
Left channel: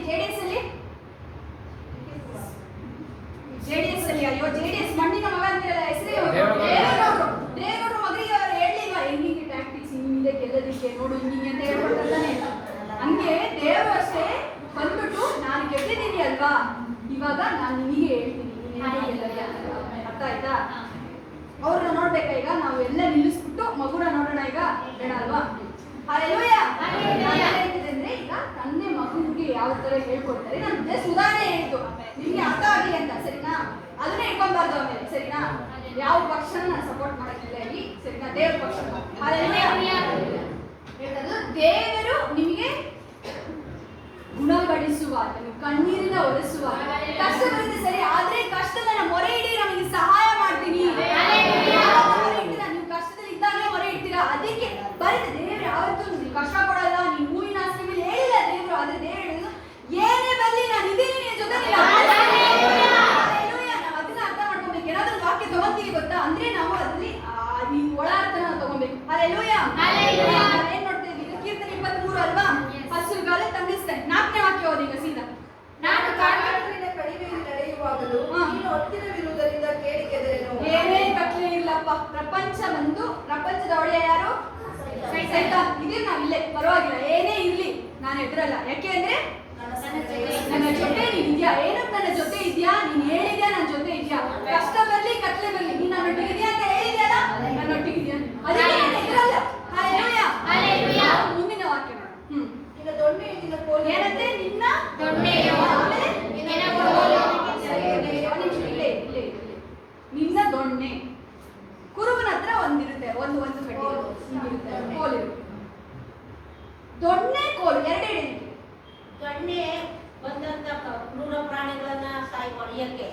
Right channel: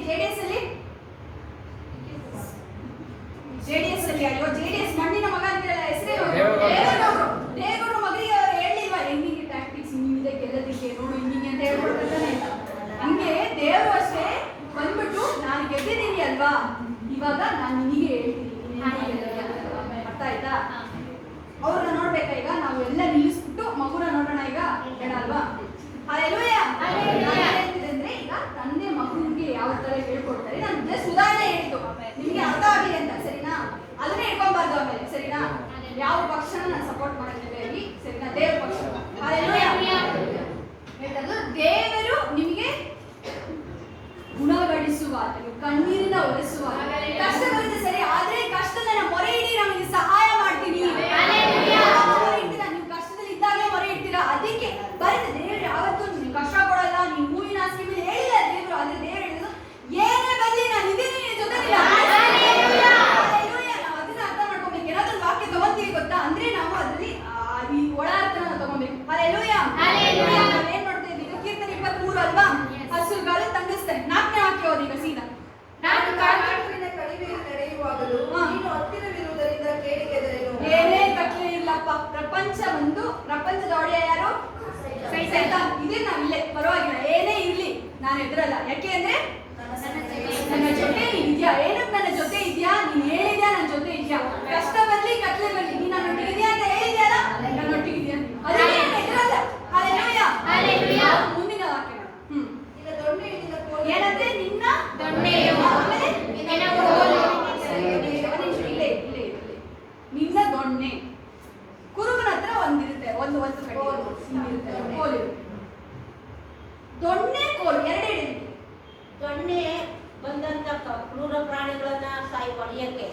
JDS ಅಲ್ಲಿ ಅಯ್ಯೋ JDS ಮಣ್ಣಿನ ಮಗ ಅಂತಿರಲ್ಲ, ಹೆಸರೇ ದೇವೇಗೌಡರು ಮಗನಿಗೆ ಅವರು ಹೇಳಿಲ್ವಾ? ಹೆಂಗಿಗೆ ಟ್ಯಾಕ್ಟಿಕ್ಸ್ ಹಿಂಗಿದೆ ಗೆಲ್ಲೋದಿಕ್ಕೆ ನೋಡು ಹಿಂಗಿಂಗೆ ಅಂತ ಹೇಳ್ಕೊಡ್ತಾನೆ. ಹಂಗೆ ದೇವರು ಅಷ್ಟೇ ಬಂದ್ಬಿಟ್ಟು ನಾನು ಗೆದ್ದಿದ್ದೀನಿ ಅಲ್ವಾ, ಇವಾಗ ನಾನು ನಿನಗೆ ಹೇಳ್ತೀನಿ ನೀನು ಹೇಗೆ ಗೆಲ್ಲೋದು. ಅರ್ಥ ಆಯ್ತಾ? ಅವ್ರನ್ನ ನೋಡ್ಬೇಕಾ? ಈಗ ನಾವು ಎಲ್ಲ ನಿಲ್ಲಿಸ್ಬಿಟ್ಟು ಮಗುನ ನೋಡೋಣ ಈಗ, ಬೇಡ ಅಲ್ವಾ? ಹಲ್ಲೆಲೂಯಾ. ಅಂದ್ರೆ ಈಗ ತಂದೆ ಮಗುವಿಗೆ ಯಾವ ತರ ಹೇಳ್ಕೊಡ್ತಾರೆ, ನಾನು ಜಸ್ಟ್ ಉದಾಹರಣೆ ಹೇಳಿದ್ದು ನಿಮ್ಗೆ ಅರ್ಥ ಆಗಲಿ ಅಂತ. ಸರಿನಾ? ಅದನ್ನ ಇಟ್ಕೊಂಬಾರ್ದು ಆಮೇಲೆ. ಸರಿನಾ? ಯಾವ ಪಕ್ಷನ ನಾನು ಸಪೋರ್ಟ್ ಮಾಡಕ್ಕಿಲ್ಲ ಇಲ್ಲಿ. ಸರಿನಾ? ದೇವ್ರ ಪಕ್ಷ. ಹಲ್ಲೆಲೂಯಾ. ಹೇಳ್ತಾರೆ ದೇವರು ನಿಮಗೆ ಗುಣಪಡಿಸುವಾತನು, ಕಣ್ಣೀರಿನ ಒರೆಸುವಾತನು. ಕಷ್ಟ ಬರುತ್ತೆ ಸರಿ, ಆದ್ರೆ ಕಷ್ಟದ ಮೊರೆ ಇಡಿ, ನಮಗೆ ಸಹಾಯ ಮಾಡ್ತೀನಿ. ನೀವು ಕಷ್ಟದಲ್ಲಿ ಇದ್ದಾಗಲೇ ಮೊರೆ ಇಡ್ತೀರಾ, ಅದಕ್ಕೆ ಬರುತ್ತೆ. ದೇವ್ರು ಯಾವತ್ತೂ ಕಷ್ಟ ಕೊಡಲ್ಲ. ನೀವು ಹೂವಿನ ಹಾಸಿಗೆ ಮೇಲೆ ಹೇಳಿಲ್ಲ ದೇವ್ರು, ಆದ್ರೆ ದೇವ್ರು ಹೇಳಿದ್ರು ಏನೇ ಬರಲಿ ನಾನು ಇದೀನಿ ನಿನ್ನ ಜೊತೆ. ನಾವು ಅದನ್ನ ಅರ್ಥ ಮಾಡ್ಕೊಬೇಕು. ಏನಾದ್ರೂ ವಾಕ್ಯ ತಗೊಂತೀವಿ ಗೊತ್ತಾ ಅಂದ್ರೆ ನಾವು ಅದ್ರಲ್ಲಿ ಈ ಒಳ ಅರ್ಥ ನಾವು ತಗೊಬೇಕು. ಹಲ್ಲೆಲೂಯಾ. ನಾವೇನ್ ನೋಡ್ತಾ ಇದ್ದೀವಿ? ಕೀರ್ತನೆ 23 ಅಲ್ವಾ? ಹಸುರುಗಾಲ ತಂಗಿಸ್ತಾನೆ. 4ನೇ ವಾಕ್ಯ ಓದಿ ಈಗ ಸೀದಾ. ನಾನು ಕಾಡಿನಿಂದ ಕಣಿವೆಯಲ್ಲಿ ನಡೆಯುವಾಗಲೂ ನೀನು ಹತ್ತಿರವಿರುವುದರಿಂದ ಕೇಳಿಗೆದರೆನು. ಏನೇ ಕಟ್ಲೆ ಇಲ್ಲಪ್ಪ. ಪ್ರಪಂಚದ ಒಳ್ಳೆಯ ಯಾರು? ಸೈತಾನ್. ಇದೇ ನಾವು ಇಲ್ಲೇ ಪರವಾಗಿಲ್ಲ, ಏನೇ ಇರ್ಲಿ ನಾನು ಎದುರಲ್ಲ. ಯಾಕೆ ಅಂದ್ರೆ ನನ್ನ ಜೊತೆ ನೀನ್ ಇದ್ಯಾ. ಏನಕ್ಕೆ ನನ್ನ ಜೊತೆ ಇದ್ಯಾ? ನೀನ್ ಹೇಳಿದ್ಯಾ ನನ್ನ ಜೊತೆ ಇದ್ಯಾ. ಕಷ್ಟ ಬರ್ಲಿ ಕಟ್ಲೆ ಬರ್ಲಿ ನೀನ್ ನನ್ನೊಟ್ಟಿಗೆ ಇದೆಯಾ ಅಂತ ಹೇಳಿದ್ಯಲ್ಲ, ನನ್ನೊಟ್ಟಿಗೆ ಇದೆಯಾ. ಅದಕ್ಕೆ ನಾನು ಎದುರಲ್ಲ. ಹಲ್ಲೆಲೂಯಾ. ಮುಂದಿನ ವಾಕ್ಯ ನೋಡು. ನಿನ್ನ ದೊಣ್ಣೆಯು ನಿನ್ನ ದೊಣ್ಣೆ. ಕುರುಬನ ಹತ್ರ ಒಂದಿರುತ್ತೆ, ಒಂದು ಕಡ್ಡಿ ಹಿಂಗಿರುತ್ತೆ, ಕೋಲು ಇರುತ್ತೆ. ದೊಣ್ಣೆ ಕೋಲು ಎರಡೇ ಹಿಡಿಲಿಕ್ಕೆ. ದೊಣ್ಣೆ ಬಂದಂತ ಕ್ರೂರ ಪ್ರಾಣಿಗಳನ್ನ ಹೊಡಿಯಕ್ಕೆ.